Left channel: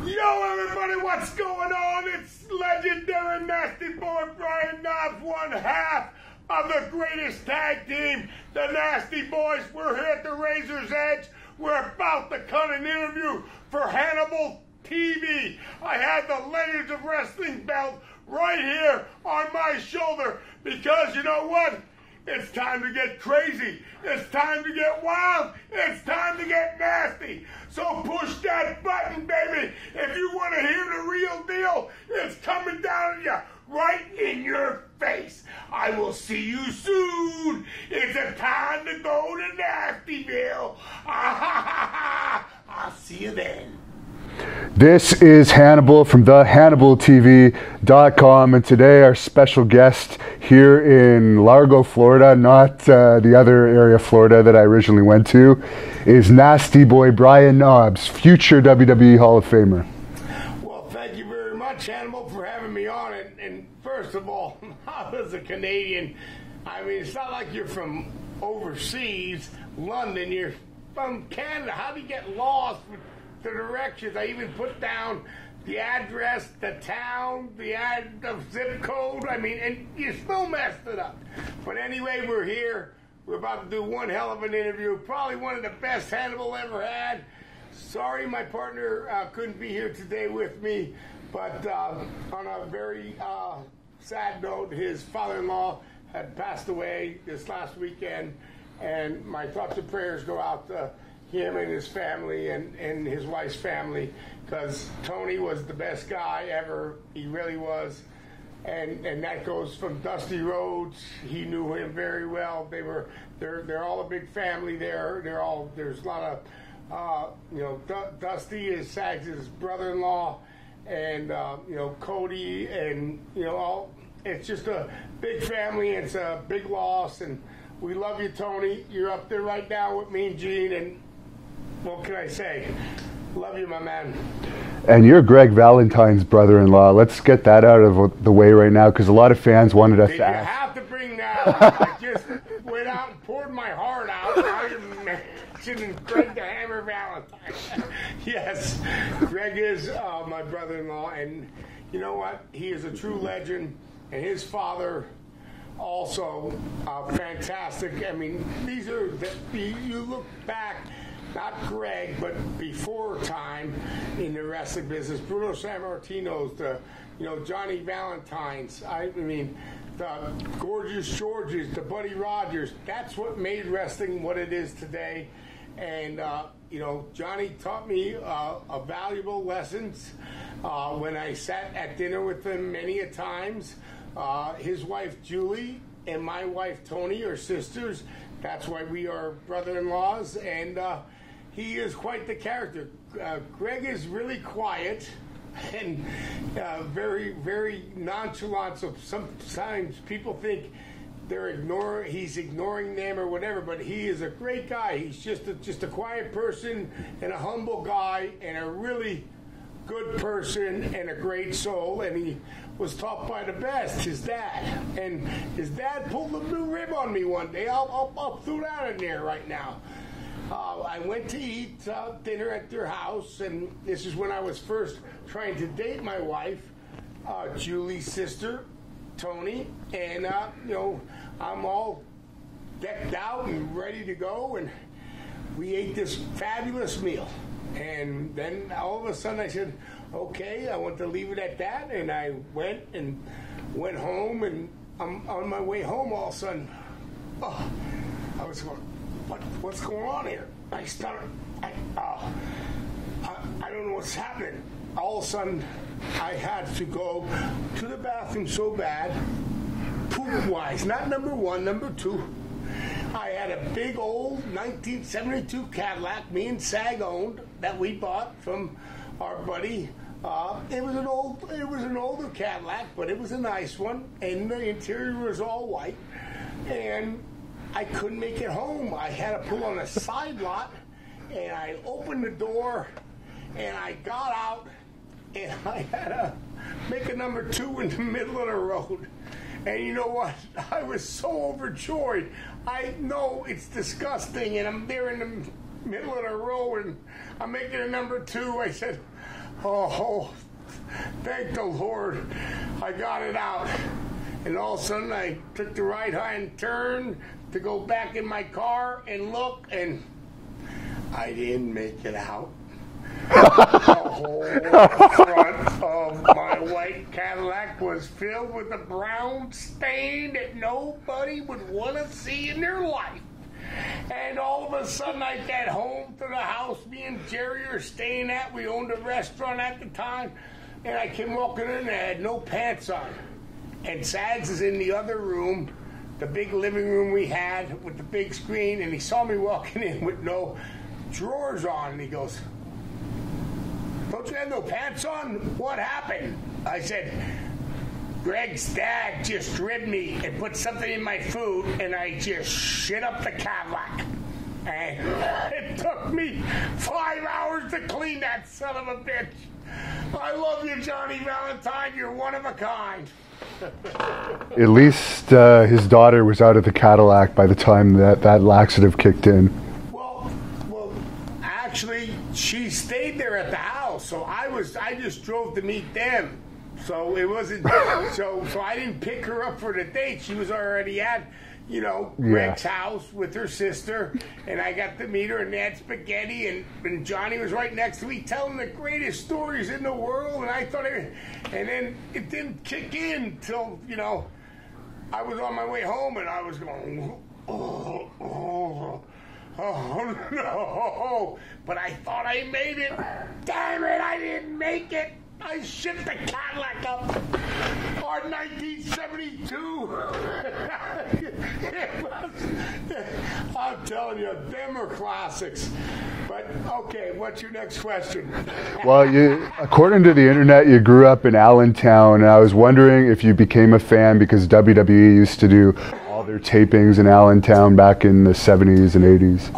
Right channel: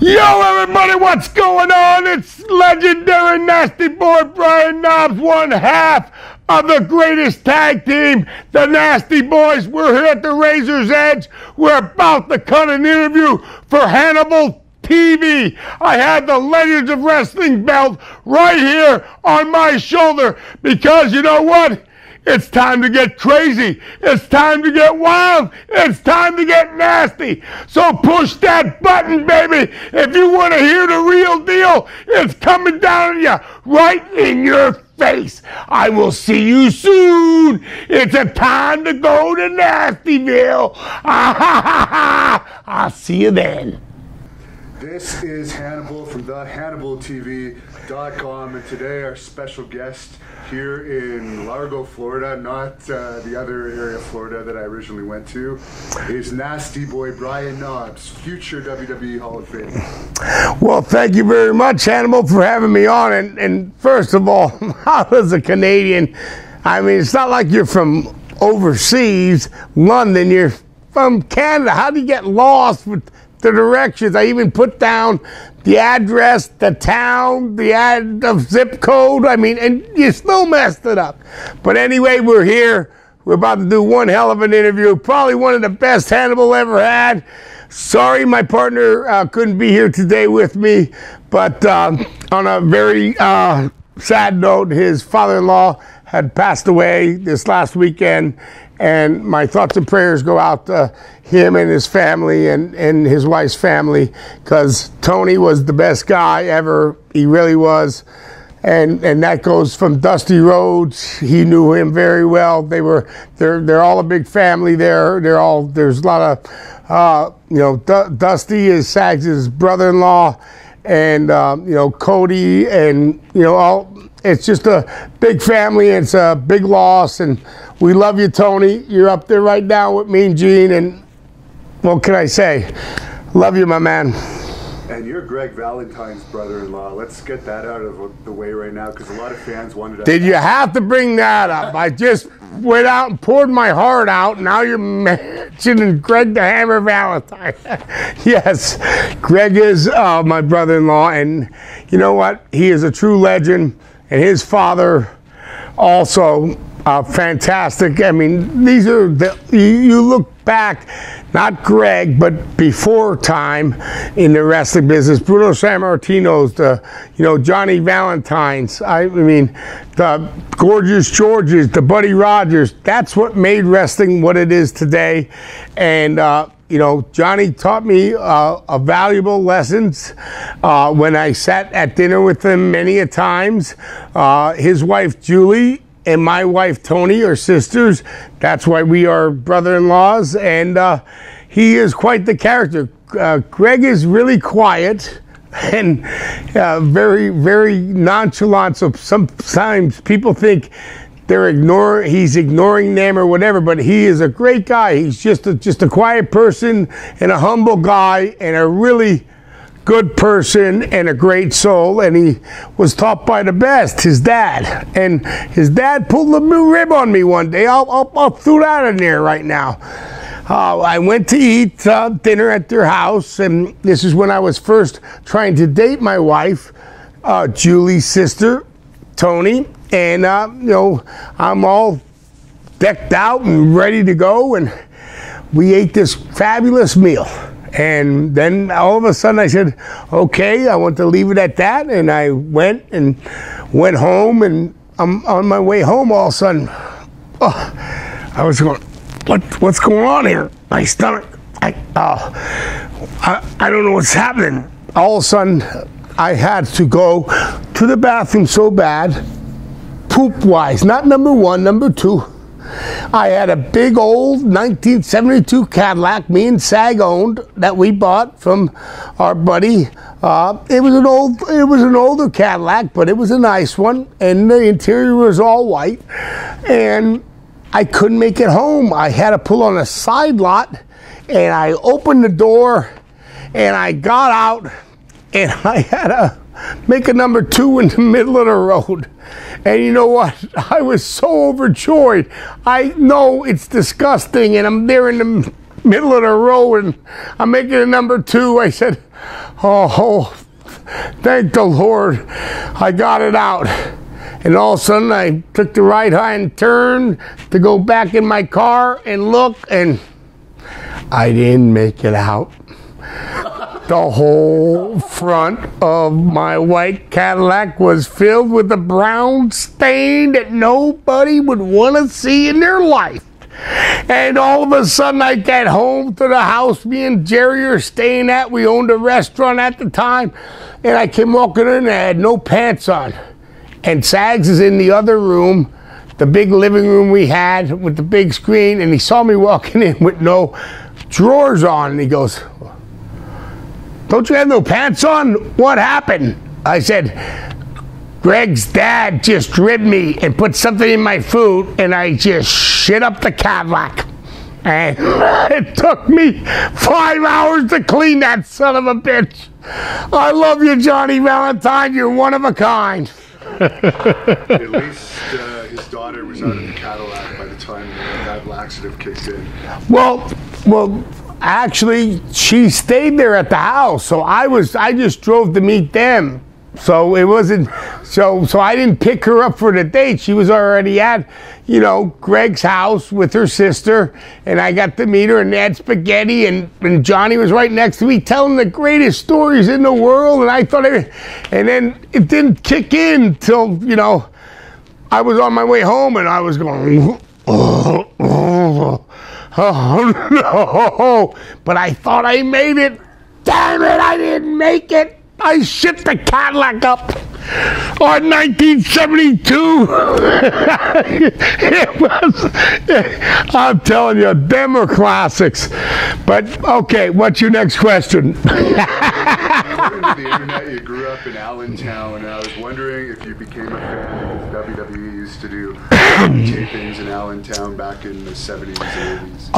Yo, everybody, what's going on? It's legendary Nasty Boy Brian Knobbs, one half of the greatest tag team, the Nasty Boys. We're here at the Razor's Edge. We're about to cut an interview for Hannibal TV. I have the Legends of Wrestling belt right here on my shoulder because you know what? It's time to get crazy. It's time to get wild. It's time to get nasty. So push that button, baby. If you want to hear the real deal, it's coming down on you, right in your face. I will see you soon. It's a time to go to Nastyville. I'll see you then. This is Hannibal from the HannibalTV.com, and today our special guest here in Largo, Florida, not the other area of Florida that I originally went to, is Nasty Boy Brian Knobbs, future WWE Hall of Famer. Well, thank you very much, Hannibal, for having me on. And first of all, as a Canadian, I mean, it's not like you're from overseas, London, you're from Canada. How do you get lost with the directions? I even put down the address, the town, the zip code. I mean, and you still messed it up. But anyway, we're here. We're about to do one hell of an interview. Probably one of the best Hannibal ever had. Sorry my partner couldn't be here today with me. But on a very sad note, his father-in-law had passed away this last weekend. And my thoughts and prayers go out to him and his family and his wife's family, because Tony was the best guy ever. He really was. And that goes from Dusty Rhodes. He knew him very well. They're all a big family there. There's a lot of Dusty is Sags' brother-in-law, and Cody, and it's just a big family. It's a big loss, and we love you, Tony. You're up there right now with me and Gene, and what can I say? Love you, my man. And you're Greg Valentine's brother-in-law. Let's get that out of the way right now, because a lot of fans wanted us. Did you have to bring that up? I just went out and poured my heart out, and now you're mentioning Greg the Hammer Valentine. Yes, Greg is my brother-in-law, and you know what? He is a true legend, and his father also fantastic. I mean, these are you look back, not Greg, but before time in the wrestling business. Bruno Sammartino's, Johnny Valentine's. I mean, the Gorgeous Georges, the Buddy Rogers. That's what made wrestling what it is today. And Johnny taught me valuable lessons when I sat at dinner with him many a times. His wife Julie and my wife Tony are sisters. That's why we are brother-in-laws, and he is quite the character. Greg is really quiet and very, very nonchalant. So sometimes people think he's ignoring them or whatever, but he is a great guy. He's just a quiet person and a humble guy and a really good person and a great soul, and he was taught by the best, his dad. And his dad pulled a rib on me one day. I'll throw that in there right now. I went to eat dinner at their house, and this is when I was first trying to date my wife, Julie's sister, Tony. And I'm all decked out and ready to go, and we ate this fabulous meal. And then all of a sudden I said, okay, I want to leave it at that. And I went home, and I'm on my way home all of a sudden. I was going, what's going on here? My stomach, I don't know what's happening. All of a sudden I had to go to the bathroom so bad, poop-wise, not number one, number two. I had a big old 1972 Cadillac, me and Sag owned, that we bought from our buddy. It was an older Cadillac, but it was a nice one, and the interior was all white. And I couldn't make it home. I had to pull on a side lot, and I opened the door, and I got out, and I had to make a number two in the middle of the road. And you know what? I was so overjoyed. I know it's disgusting, and I'm there in the middle of the road, and I'm making a number two. I said, Oh, thank the Lord, I got it out. And all of a sudden, I took the right-hand turn to go back in my car and look, and I didn't make it out. The whole front of my white Cadillac was filled with a brown stain that nobody would want to see in their life. And all of a sudden, I get home to the house me and Jerry are staying at. We owned a restaurant at the time. And I came walking in and I had no pants on. And Sags is in the other room, the big living room we had with the big screen, and he saw me walking in with no drawers on, and he goes, "Don't you have no pants on? What happened?" I said, "Greg's dad just ribbed me and put something in my food, and I just shit up the Cadillac. And it took me 5 hours to clean that son of a bitch. I love you, Johnny Valentine. You're one of a kind." At least his daughter was out of the Cadillac by the time that laxative kicked in. Well, actually, she stayed there at the house, so I just drove to meet them. So it wasn't, so I didn't pick her up for the date. She was already at, Greg's house with her sister, and I got to meet her, and they had spaghetti, and Johnny was right next to me telling the greatest stories in the world, and I thought, and then it didn't kick in till, I was on my way home, and I was going, oh no, but I thought I made it. Damn it, I didn't make it. I shipped the Cadillac up on 1972. It was, I'm telling you, them are classics. But, okay, what's your next question? Well, according to the internet, you grew up in Allentown, and I was wondering if you became a fan because WWE used to do tapings in Allentown back in the 70s and 80s.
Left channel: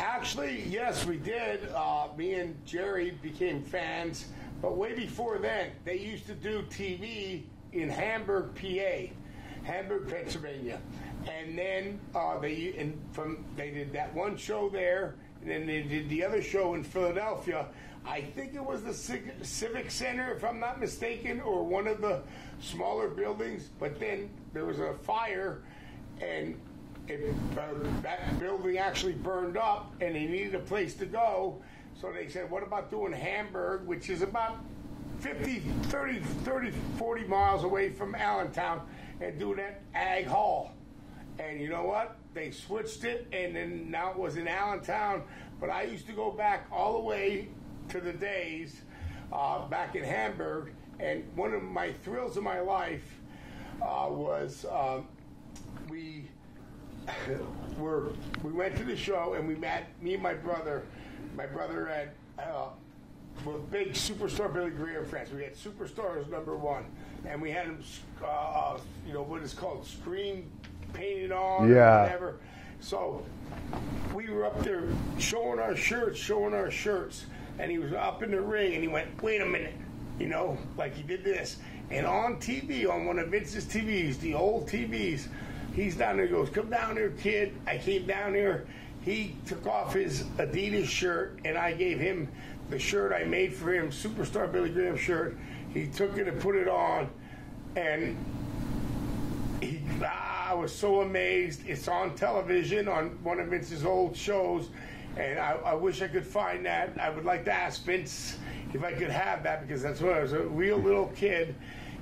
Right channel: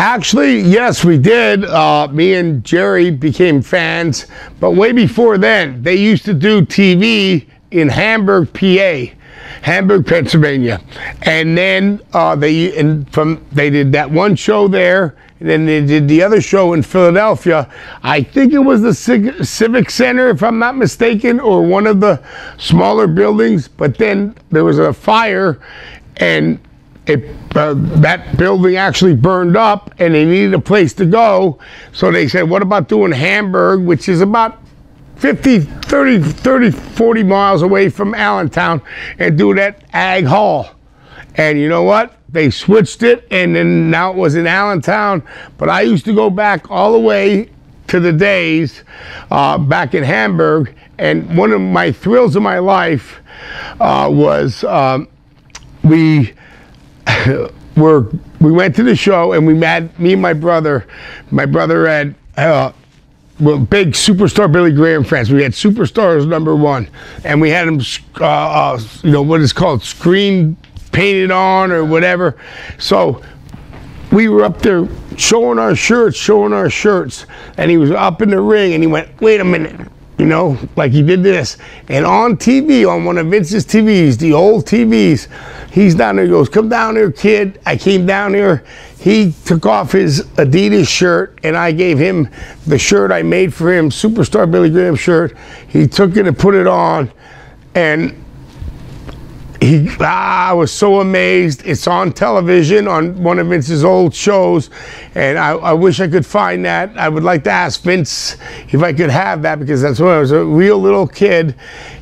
Actually, yes, we did. Me and Jerry became fans, but way before then, they used to do TV in Hamburg, PA, Hamburg, Pennsylvania, and then they did that one show there, and then they did the other show in Philadelphia. I think it was the Civic Center, if I'm not mistaken, or one of the smaller buildings. But then there was a fire, and that building actually burned up, and they needed a place to go. So they said, what about doing Hamburg, which is about 40 miles away from Allentown, and do that Ag Hall. And you know what? They switched it, and then now it was in Allentown. But I used to go back all the way to the days back in Hamburg, and one of my thrills of my life was we went to the show, and me and my brother had big Superstar Billy Graham fans. We had Superstars #1, and we had them what is called screen painted on or whatever. So we were up there showing our shirts, and he was up in the ring, and he went, "Wait a minute," like he did this, and on TV, on one of Vince's TVs, the old TVs, he's down there, he goes, "Come down here, kid." I came down here. He took off his Adidas shirt, and I gave him the shirt I made for him, Superstar Billy Graham shirt. He took it and put it on, and I was so amazed. It's on television on one of Vince's old shows, and I wish I could find that. I would like to ask Vince if I could have that, because that's when I was a real little kid,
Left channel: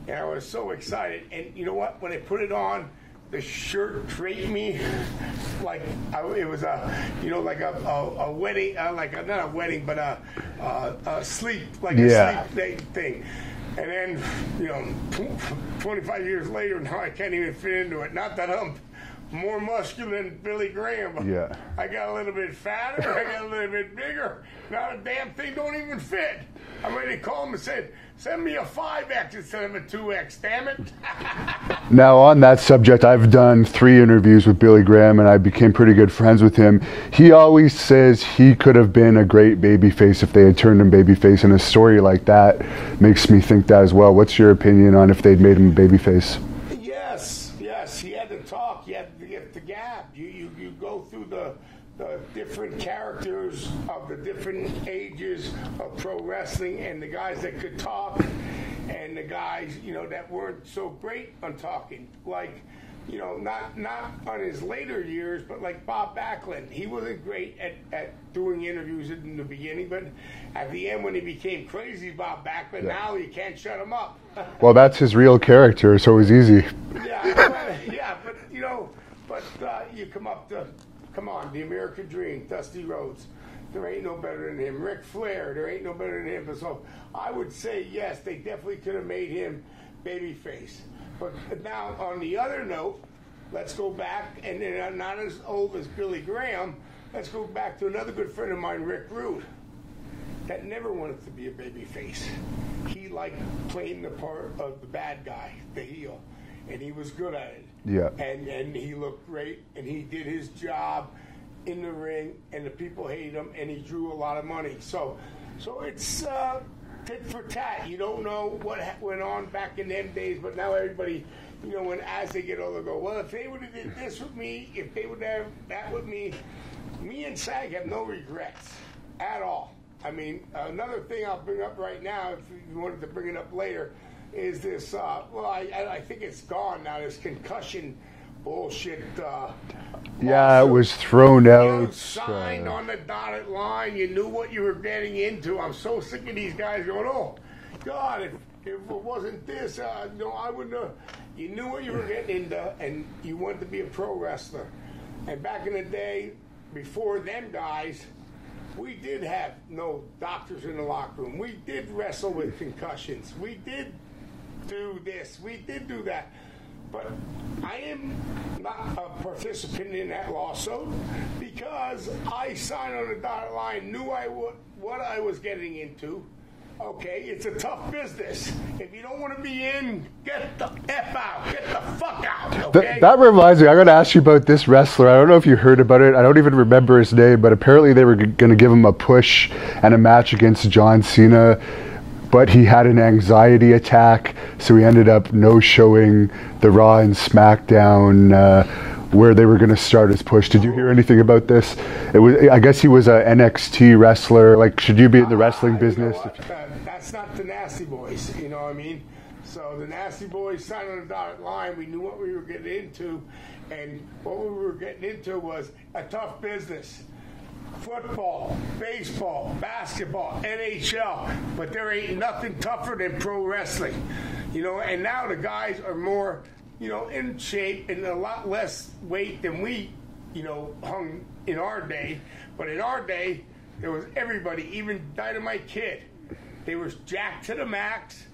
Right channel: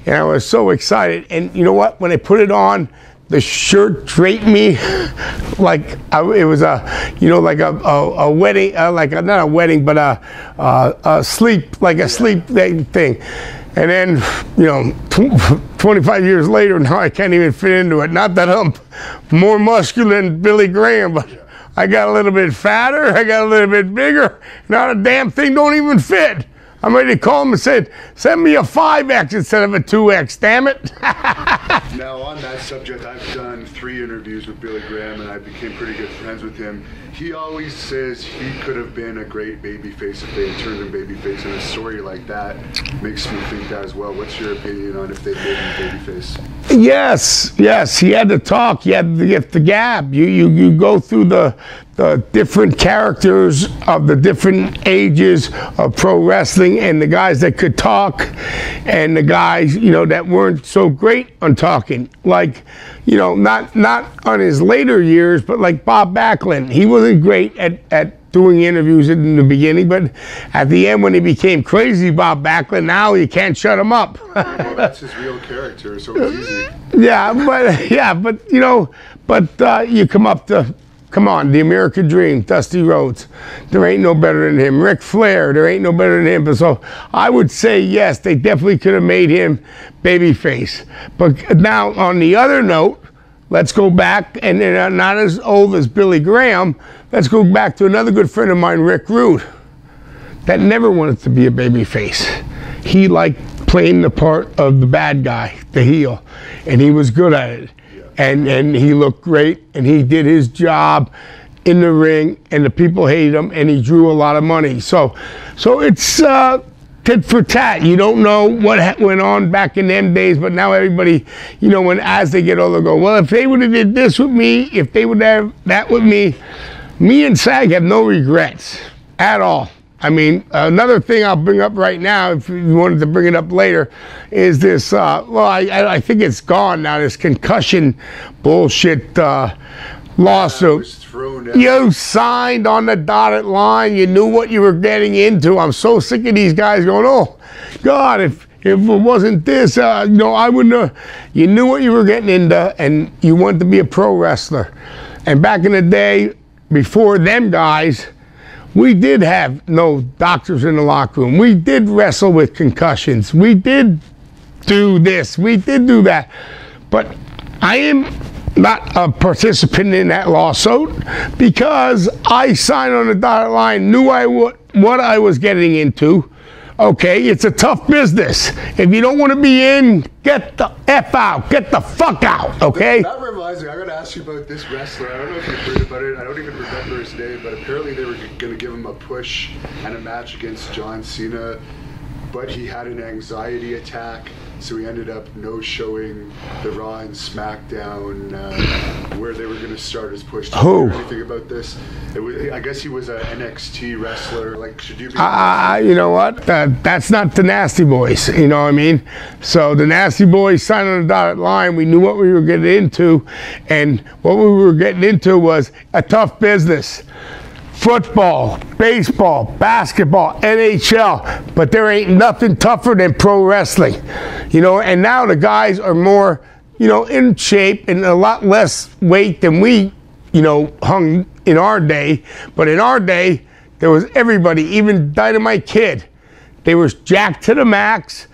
and I was so excited. And you know what? When I put it on, the shirt draped me like it was a wedding, not a wedding, but a sleep, like a sleep thing. And then, 25 years later, now I can't even fit into it. Not that I'm more muscular than Billy Graham, but I got a little bit fatter, I got a little bit bigger. Not a damn thing don't even fit. I'm ready to call him and say, "Send me a 5X instead of a 2X, damn it." Now, on that subject, I've done 3 interviews with Billy Graham, and I became pretty good friends with him. He always says he could have been a great babyface if they had turned him babyface, and a story like that makes me think that as well. What's your opinion on if they'd made him babyface? Yes, he had to talk. He had to get the gab. You go through the the different characters of the different ages of pro wrestling, and the guys that could talk and the guys, you know, that weren't so great on talking. Like, you know, not on his later years, but like Bob Backlund. He wasn't great at doing interviews in the beginning, but at the end when he became crazy Bob Backlund, now you can't shut him up. Well, that's his real character, so it was easy. Yeah, but you know, you come on, the American Dream, Dusty Rhodes. There ain't no better than him. Ric Flair, there ain't no better than him. But so I would say yes, they definitely could have made him babyface. But now on the other note, let's go back, and not as old as Billy Graham. Let's go back to another good friend of mine, Rick Rude, that never wanted to be a babyface. He liked playing the part of the bad guy, the heel, and he was good at it. Yeah. And he looked great, and he did his job in the ring, and the people hated him, and he drew a lot of money. So it's tit for tat. You don't know what went on back in them days, but now everybody, you know, as they get older, go, well, if they would have did this with me, if they would have that with me and SAG have no regrets at all. I mean, another thing I'll bring up right now, if you wanted to bring it up later, is this, well, I think it's gone now, this concussion bullshit lawsuit. It was thrown out. You signed on the dotted line. You knew what you were getting into. I'm so sick of these guys going, oh, God, if it wasn't this, you know, I wouldn't have. You knew what you were getting into, and you wanted to be a pro wrestler. And back in the day, before them guys, we did have no doctors in the locker room. We did wrestle with concussions. We did do this. We did do that. But I am not a participant in that lawsuit because I signed on the dotted line, knew what I was getting into. Okay, it's a tough business. If you don't want to be in, get the F out. Get the fuck out, okay? That reminds me, I'm going to ask you about this wrestler. I don't know if you heard about it. I don't even remember his name, but apparently they were going to give him a push and a match against John Cena, but he had an anxiety attack, so he ended up no-showing the Raw and SmackDown where they were going to start his push. Did you hear anything about this? It was, I guess he was a NXT wrestler. Like, should you be in the wrestling business? You know what? That's not the Nasty Boys. You know what I mean? So the Nasty Boys signed on the dotted line. We knew what we were getting into, and what we were getting into was a tough business. Football, baseball, basketball, NHL, but there ain't nothing tougher than pro wrestling. You know, and now the guys are more, you know, in shape and a lot less weight than we, you know, hung in our day. But in our day, there was everybody, even Dynamite Kid. They was jacked to the max.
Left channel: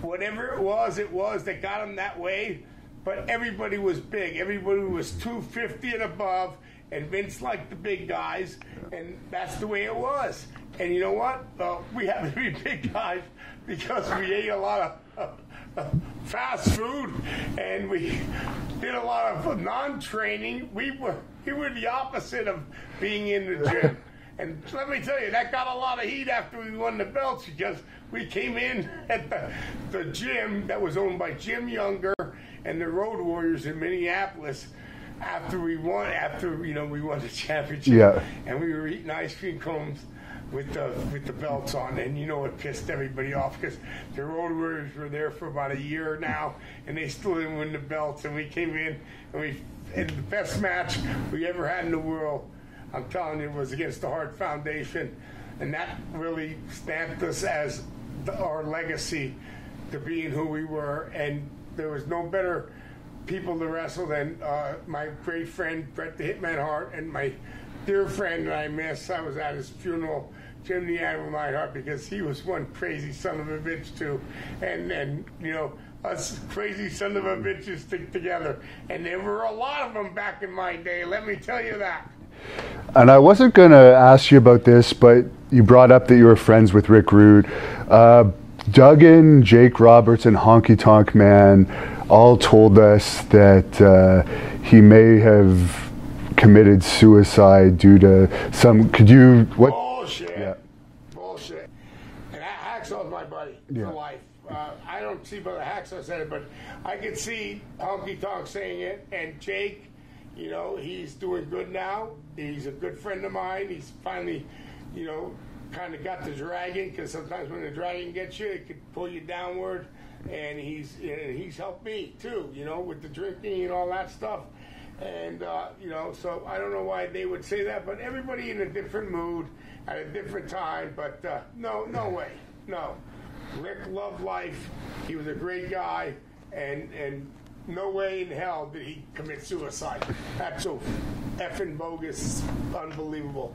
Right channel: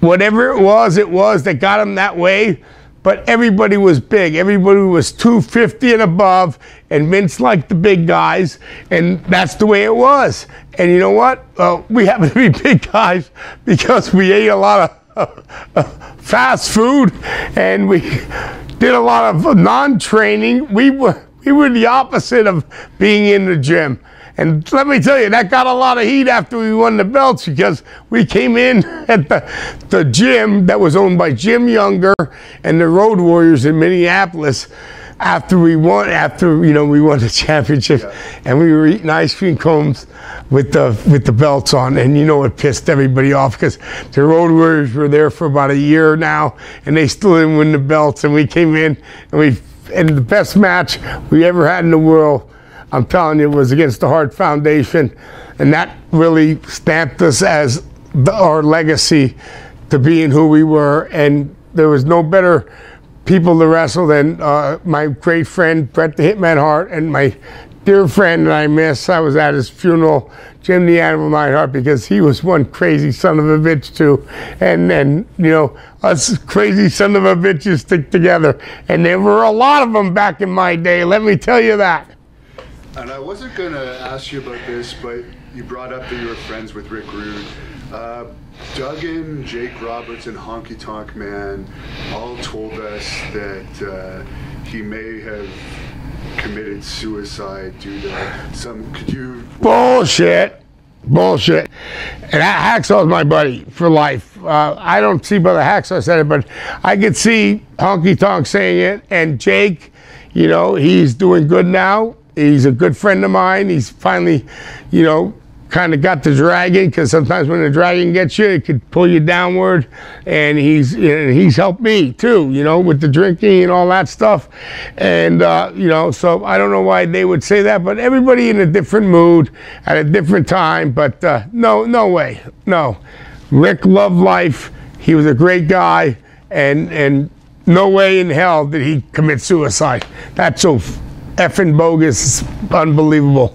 Whatever it was that got them that way. But everybody was big. Everybody was 250 and above, and Vince liked the big guys, and that's the way it was. And you know what? We happen to be big guys because we ate a lot of fast food, and we did a lot of non-training. We were the opposite of being in the gym. And let me tell you, that got a lot of heat after we won the belts because we came in at the gym that was owned by Jim Younger and the Road Warriors in Minneapolis after we won the championship. Yeah. And we were eating ice cream cones with the belts on, and you know it pissed everybody off because the Road Warriors were there for about a year now, and they still didn't win the belts. And we came in and the best match we ever had in the world, I'm telling you, was against the Hart Foundation, and that really stamped us as our legacy to being who we were. And there was no better people to wrestle than my great friend Bret the Hitman Hart and my dear friend that I miss. I was at his funeral, Jim the Animal Neidhart, because he was one crazy son of a bitch too. And then, you know, us crazy son of a bitches stick together. And there were a lot of them back in my day, let me tell you that. And I wasn't going to ask you about this, but you brought up that you were friends with Rick Rude. Duggan, Jake Roberts, and Honky Tonk Man all told us that he may have committed suicide due to some, Bullshit. And Hacksaw's my buddy for life. I don't see Brother Hacksaw said it, but I could see Honky Tonk saying it, and Jake, you know, he's doing good now. He's a good friend of mine. He's finally, you know, kind of got the dragon, because sometimes when the dragon gets you, it could pull you downward. And he's helped me too, you know, with the drinking and all that stuff. And you know, so I don't know why they would say that, but everybody in a different mood at a different time. But no way, no. Rick loved life. He was a great guy, and no way in hell did he commit suicide. That's so effing bogus, unbelievable.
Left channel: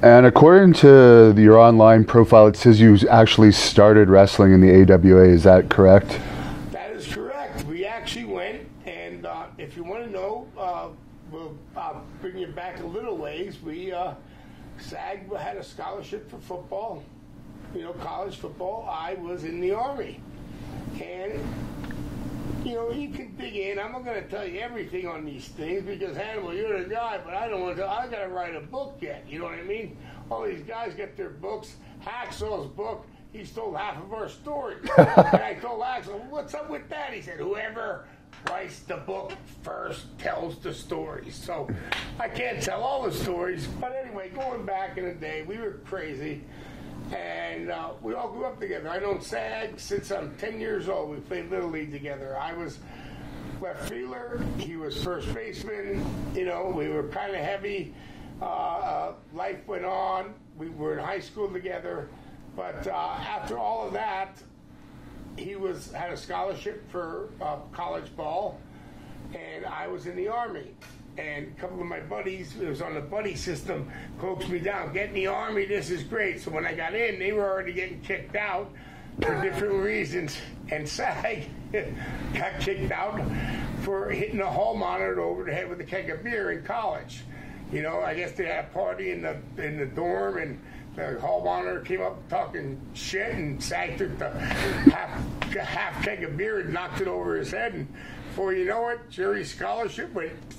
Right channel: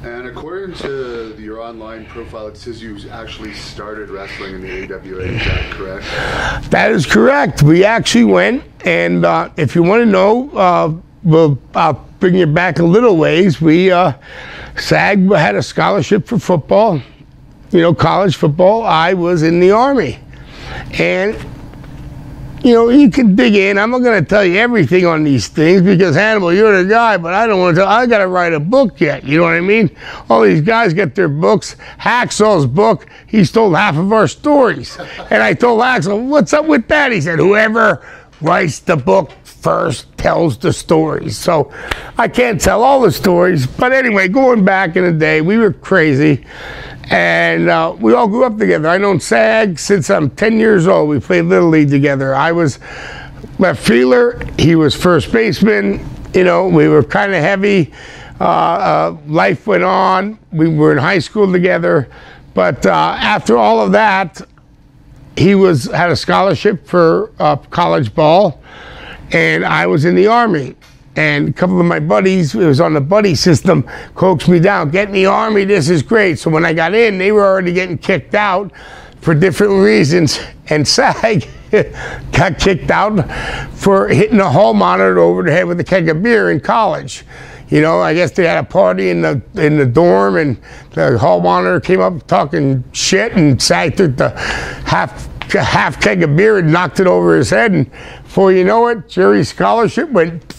And according to your online profile, it says you actually started wrestling in the AWA. Is that correct? That is correct. We actually went, and if you want to know, I'll bring you back a little ways. SAG had a scholarship for football, you know, college football. I was in the Army. And you know, you can dig in. I'm not going to tell you everything on these things because, Hannibal, you're the guy, but I don't want to tell. I got to write a book yet. You know what I mean? All these guys get their books. Hacksaw's book, he's told half of our stories. And I told Hacksaw, what's up with that? He said, whoever writes the book first tells the stories. So I can't tell all the stories. But anyway, going back in the day, we were crazy. And we all grew up together. I've known SAG since I'm 10 years old. We played Little League together. I was left fielder. He was first baseman. You know, we were kind of heavy. Life went on. We were in high school together. But after all of that, he had a scholarship for college ball. And I was in the Army. And a couple of my buddies, it was on the buddy system, coaxed me down. Get in the Army, this is great. So when I got in, they were already getting kicked out for different reasons. And SAG got kicked out for hitting a hall monitor over the head with a keg of beer in college. You know, I guess they had a party in the dorm, and the hall monitor came up talking shit, and SAG took the half keg of beer and knocked it over his head. And before you know it, Jerry's scholarship went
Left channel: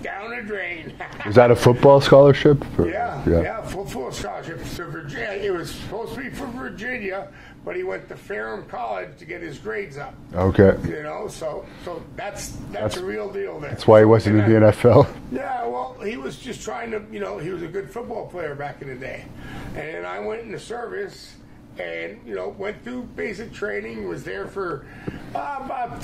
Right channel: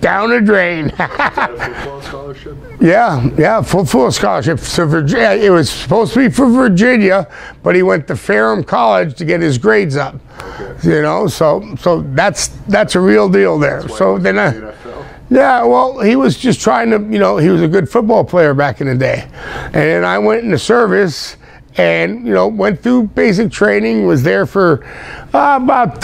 down the drain. Is that a football scholarship? Yeah, full scholarship. So Virginia, it was supposed to be for Virginia, but he went to Ferrum College to get his grades up. Okay. You know, so that's a real deal there. That's why he wasn't in the NFL. Yeah, well, he was just trying to, you know, he was a good football player back in the day. And then I went in the service and, you know, went through basic training, was there for about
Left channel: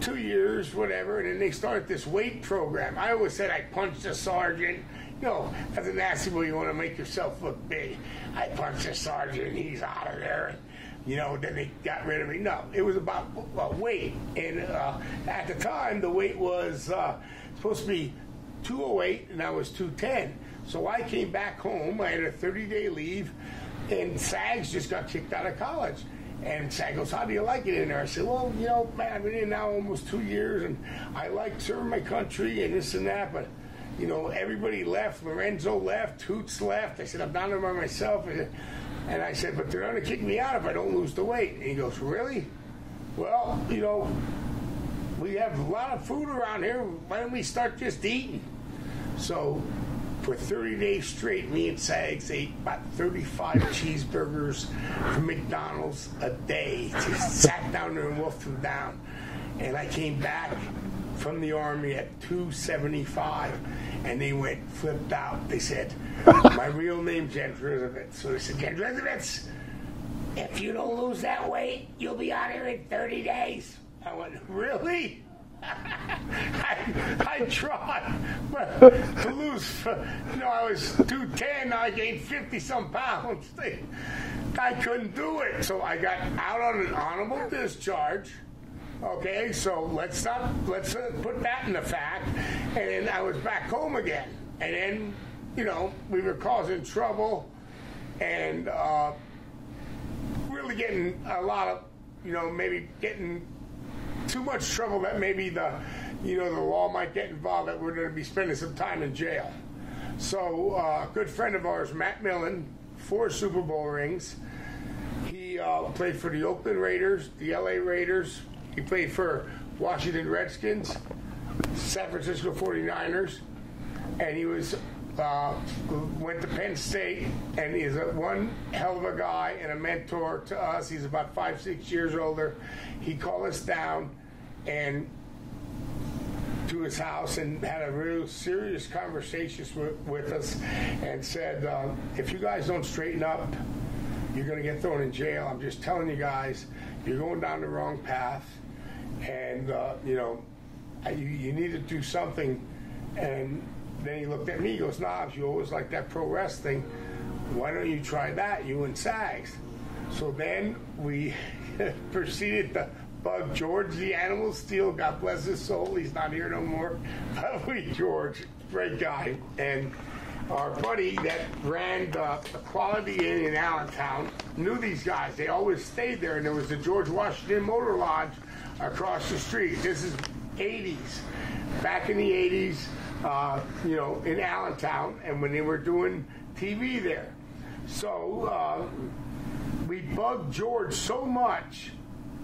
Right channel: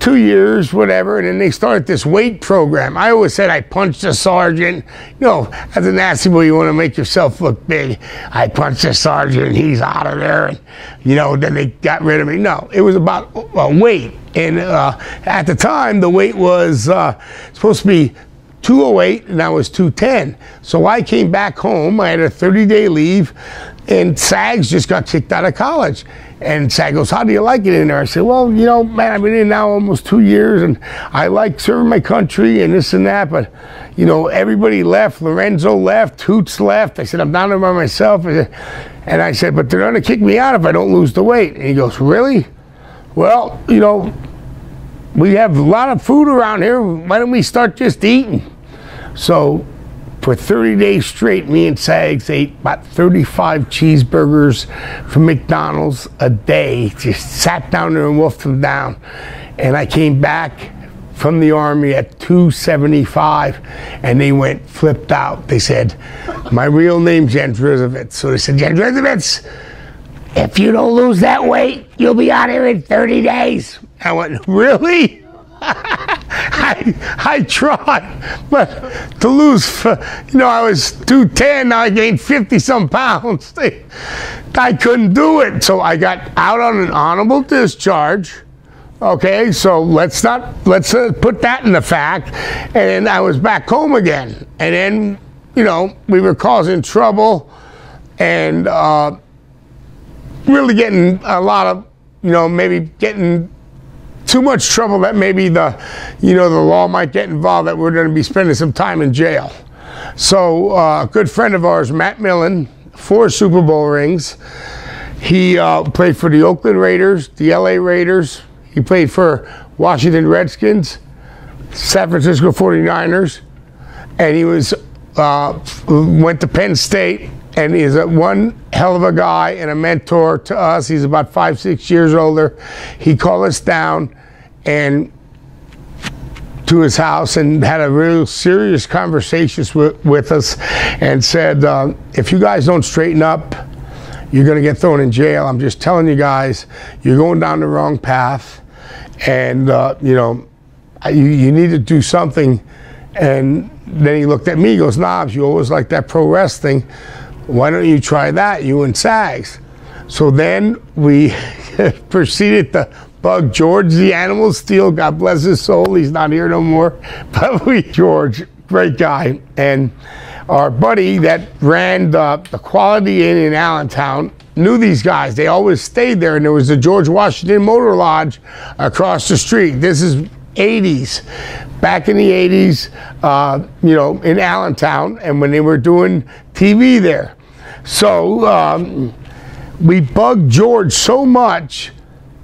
2 years, whatever, and then they started this weight program. I always said I punched a sergeant. You know, as a nasty boy, you want to make yourself look big. I punched a sergeant, he's out of there, and, you know, then they got rid of me. No, it was about weight. And at the time, the weight was supposed to be 208, and I was 210. So I came back home, I had a 30-day leave, and SAGs just got kicked out of college. And SAG goes, how do you like it in there? I said, well, you know, man, I've been in now almost 2 years, and I like serving my country and this and that, but, you know, everybody left. Lorenzo left, Hoots left. I said, I'm down there by myself. And I said, but they're going to kick me out if I don't lose the weight. And he goes, really? Well, you know, we have a lot of food around here. Why don't we start just eating? So for 30 days straight, me and Sags ate about 35 cheeseburgers from McDonald's a day. Just sat down there and wolfed them down. And I came back from the Army at 275, and they went flipped out. They said, my real name's Jendrizovitz. So they said, Jendrizovitz, if you don't lose that weight, you'll be out here in 30 days. I went, really? I tried, but to lose, you know, I was 210, now I gained 50-some pounds. I couldn't do it, so I got out on an honorable discharge. Okay, so let's put that in the fact, and I was back home again, and then, you know, we were causing trouble, and really getting a lot of, you know, maybe getting too much trouble that maybe the law might get involved, that we're going to be spending some time in jail. So a good friend of ours, Matt Millen, 4 Super Bowl rings. He played for the Oakland Raiders, the LA Raiders. He played for Washington Redskins, San Francisco 49ers, and he went to Penn State. And he's one hell of a guy and a mentor to us. He's about 5, 6 years older. He called us down, and to his house and had a real serious conversation with us and said, if you guys don't straighten up, you're going to get thrown in jail. I'm just telling you guys, you're going down the wrong path, and you know, you need to do something. And then he looked at me, he goes, Knobs, you always like that pro wrestling. Why don't you try that, you and Sags? So then we proceeded to bug George the Animal Steel. God bless his soul, he's not here no more. But George, great guy. And our buddy that ran the Quality Inn in Allentown knew these guys. They always stayed there, and there was the George Washington Motor Lodge across the street. This is 80s. Back in the 80s, you know, in Allentown, and when they were doing TV there. So we bugged George so much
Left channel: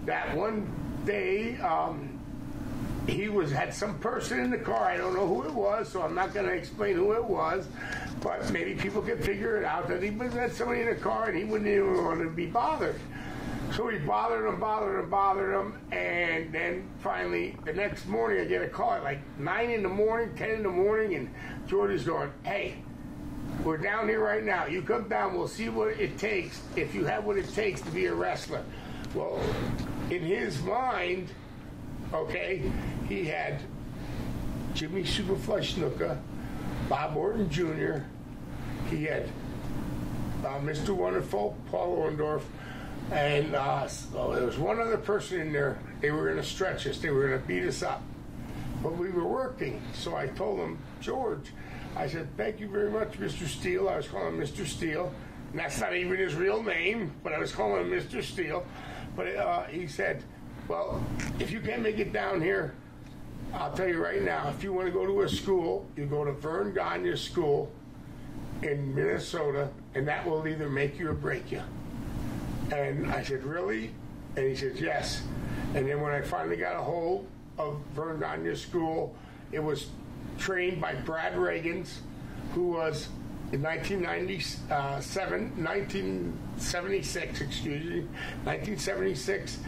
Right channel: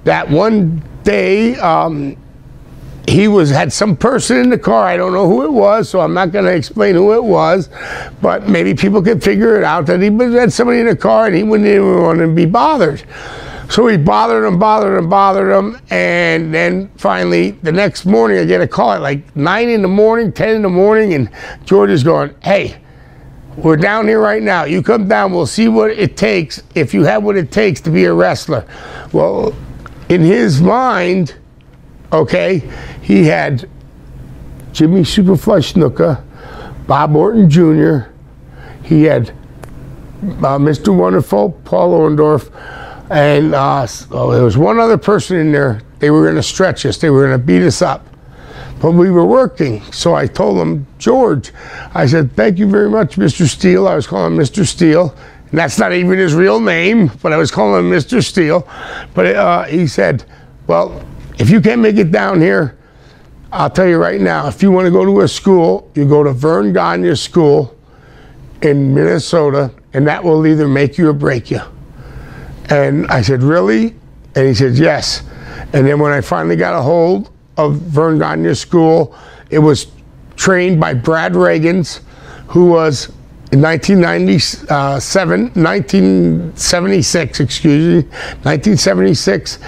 that one day he had some person in the car. I don't know who it was, so I'm not going to explain who it was, but maybe people could figure it out that he had somebody in the car and he wouldn't even want to be bothered. So he bothered him, and then finally the next morning I get a call at like 9 in the morning, 10 in the morning, and George is going, hey, we're down here right now. You come down, we'll see what it takes, if you have what it takes to be a wrestler. Well, in his mind, okay, he had Jimmy Superfly Snuka, Bob Orton Jr., he had Mr. Wonderful, Paul Orndorff, and there was one other person in there. They were going to stretch us. They were going to beat us up. But we were working. So I told him, George, I said, thank you very much, Mr. Steele. I was calling him Mr. Steele. And that's not even his real name, but I was calling him Mr. Steele. But he said, well, if you can't make it down here, I'll tell you right now, if you want to go to a school, you go to Vern Gagne School in Minnesota, and that will either make you or break you. And I said, really? And he said, yes. And then when I finally got a hold of Vern Gagne School, it was trained by Brad Reagans, who was in 1976,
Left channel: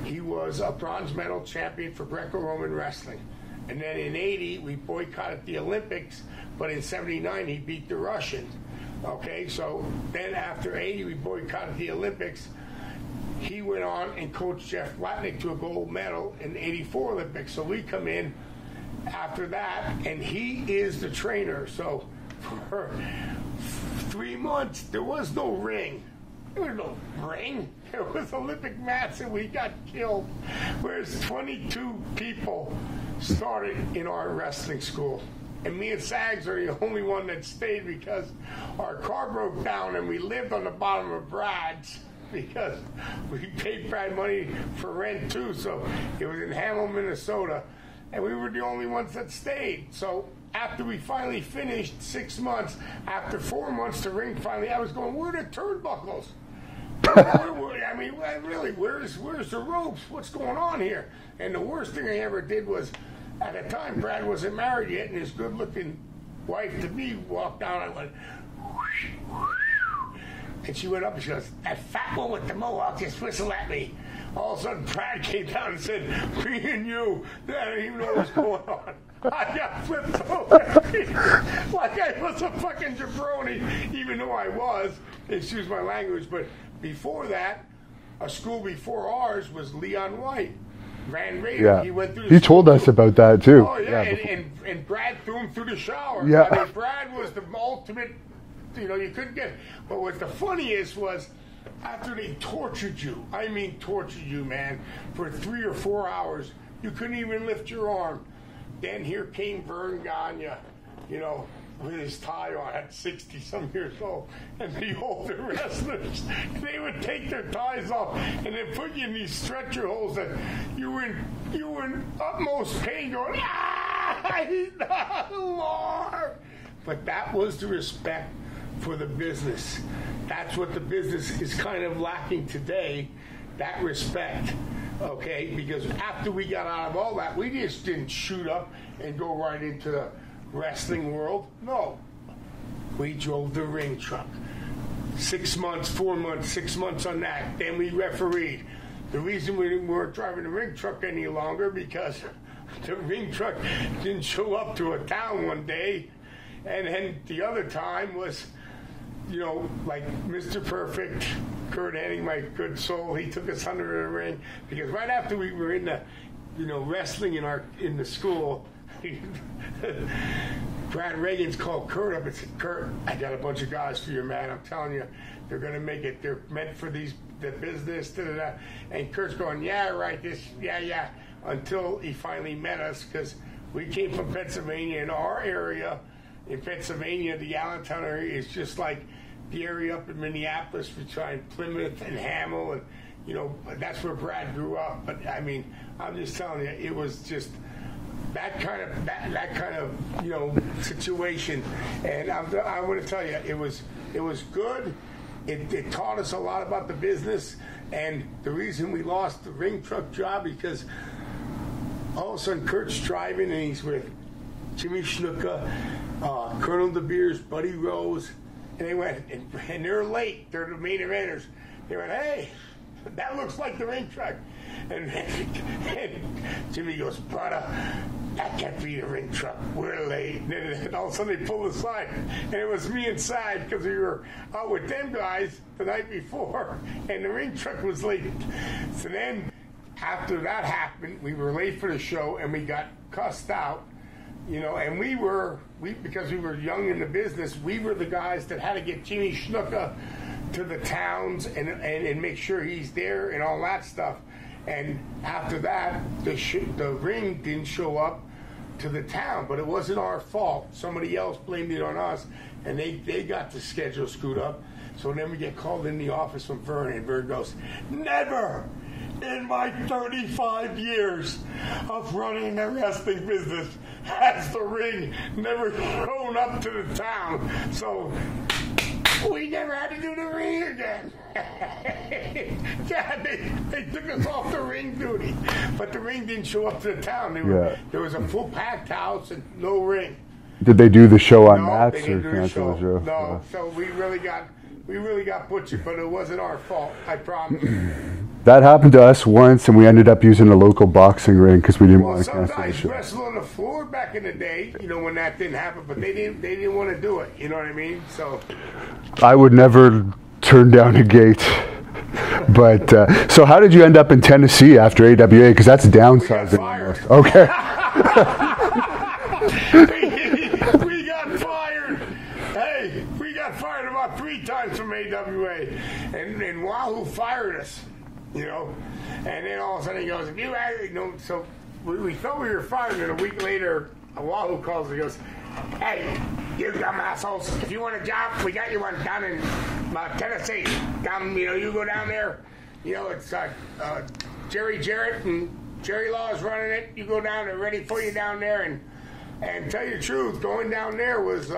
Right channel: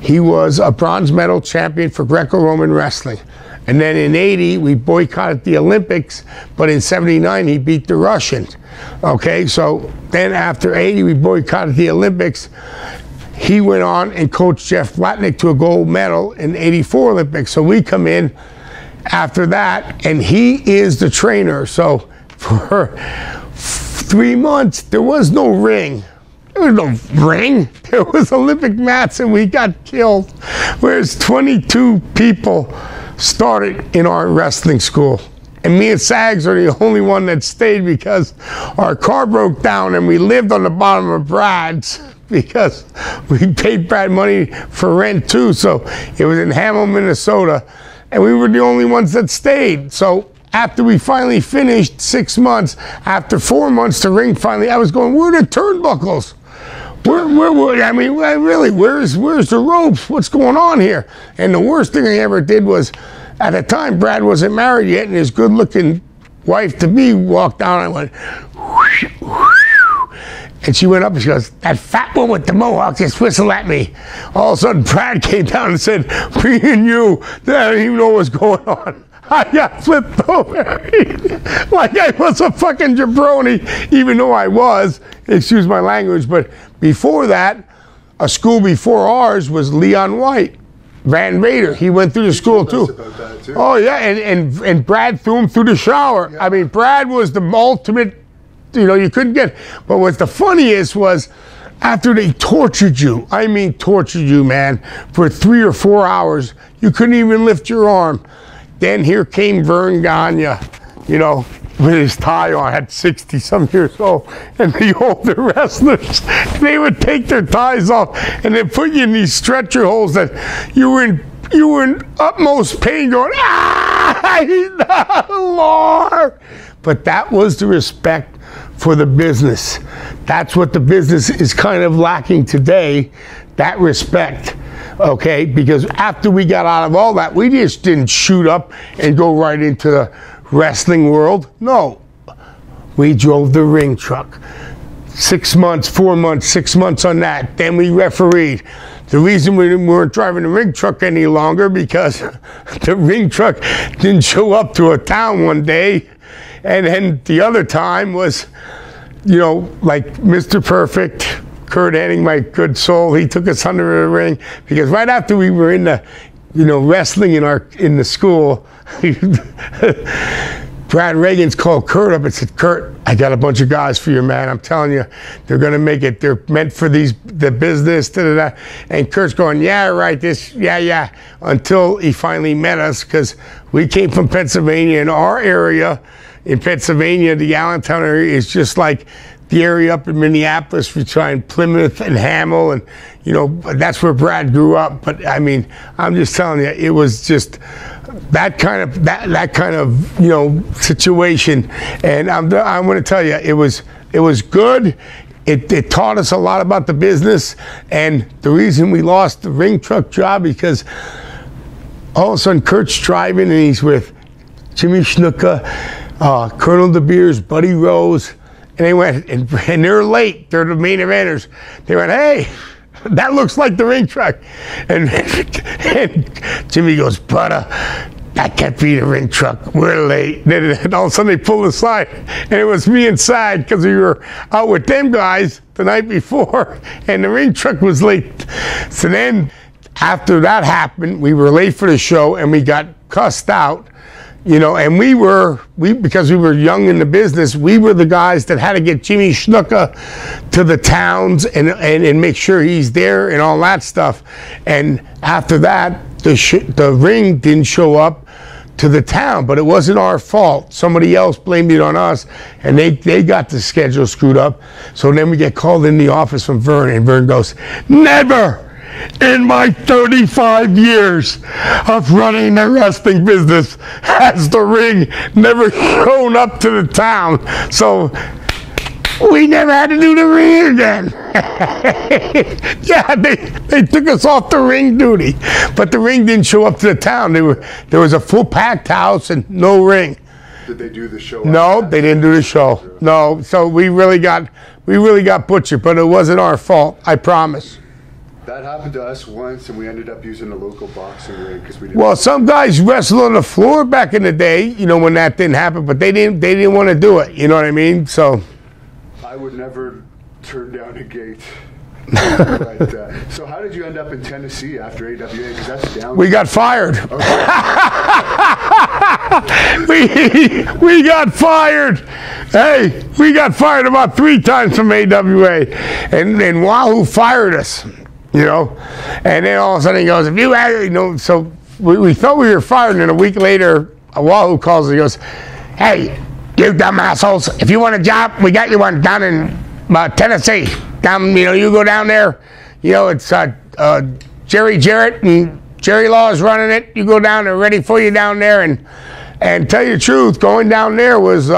he was a bronze medal champion for Greco-Roman wrestling. And then in 80, we boycotted the Olympics, but in 79, he beat the Russians. Okay, so then after 80, we boycotted the Olympics. He went on and coached Jeff Blatnick to a gold medal in 84 Olympics. So we come in after that, and he is the trainer. So for 3 months, there was no ring. There was no ring. There was Olympic mats, and we got killed. Whereas 22 people started in our wrestling school. And me and Sags are the only one that stayed because our car broke down and we lived on the bottom of Brad's because we paid Brad money for rent too. So it was in Hamill, Minnesota, and we were the only ones that stayed. So after we finally finished 6 months, after 4 months, the ring finally, I was going, where are the turnbuckles? I mean, really, where's the ropes? What's going on here? And the worst thing I ever did was, at the time, Brad wasn't married yet, and his good-looking wife-to-be walked down, and I went, whoosh, whoosh. And she went up and she goes, that fat one with the mohawk just whistled at me. All of a sudden, Brad came down and said, me and you, I don't even know what's going on. I got flipped over like I was a fucking jabroni, even though I was, excuse my language, but before that, a school before ours was Leon White, Van Vader. Yeah. He went through the school too. You told us about that too. Oh yeah, and Brad threw him through the shower. Yeah. I mean, Brad was the ultimate, you know, you couldn't get, but what's the funniest was, after they tortured you, I mean tortured you, man, for 3 or 4 hours, you couldn't even lift your arm. Then here came Vern Gagne, you know, with his tie on, at 60-some years old, and the older wrestlers, they would take their ties off and then put you in these stretcher holes that you were in utmost pain, going, ah, Lord. But that was the respect for the business. That's what the business is kind of lacking today, that respect. Okay, because after we got out of all that, we just didn't shoot up and go right into the wrestling world. No, we drove the ring truck. 6 months, 4 months, 6 months on that. Then we refereed. the reason we weren't driving the ring truck any longer because the ring truck didn't show up to a town one day. And then the other time was, you know, like Mr. Perfect, Kurt Hennig, my good soul, he took us under the ring because right after we were in the, you know, wrestling in the school, Brad Reagan's called Kurt up and said, Kurt, I got a bunch of guys for you, man. I'm telling you, they're going to make it. They're meant for the business. Da, da, da. And Kurt's going, yeah, right, yeah. Until he finally met us because we came from Pennsylvania. In our area, in Pennsylvania, the Allentown area is just like the area up in Minneapolis. We try in Plymouth and Hamel, and, you know, that's where Brad grew up. But, I mean, I'm just telling you, it was just that kind of you know, situation, and I'm going to tell you, it was good. It taught us a lot about the business, and the reason we lost the ring truck job because all of a sudden Kurt's driving and he's with Jimmy Snuka, Colonel De Beers, Buddy Rose, and they went and they're late. They're the main eventers. They went, hey, that looks like the ring truck. And Jimmy goes, brother, that can't be the ring truck. We're late. And all of a sudden they pulled aside. And it was me inside because we were out with them guys the night before. And the ring truck was late. So then after that happened, we were late for the show and we got cussed out. You know, and because we were young in the business, we were the guys that had to get Jimmy Snuka to the towns and make sure he's there and all that stuff. And after that, the ring didn't show up to the town, but it wasn't our fault. Somebody else blamed it on us, and they got the schedule screwed up. So then we get called in the office from Vern, and Vern goes, never in my 35 years of running the wrestling business has the ring never shown up to the town. So we never had to do the ring again. Yeah, they took us off the ring duty, but the ring didn't show up to the town. There was a full packed house and no ring. Did they do the show? No, they didn't do the show. No, so we really got butchered, but it wasn't our fault. I promise. That happened to us once, and we ended up using a local boxing ring because we didn't. Well, some guys wrestled on the floor back in the day, you know, when that didn't happen, but they didn't want to do it. You know what I mean? So, I would never turn down a gate. But so, how did you end up in Tennessee after AWA? Because that's down. We got fired. Okay. we got fired. Hey, we got fired about 3 times from AWA, and Wahoo fired us. You know, and then all of a sudden he goes, if you had, you know, so we thought we were fired, and a week later, Wahoo calls and he goes, hey, you dumb assholes, if you want a job, we got you one down in Tennessee. Down, you know, you go down there, you know, it's Jerry Jarrett and Jerry Law is running it. You go down there, ready for you down there, and tell you the truth, going down there was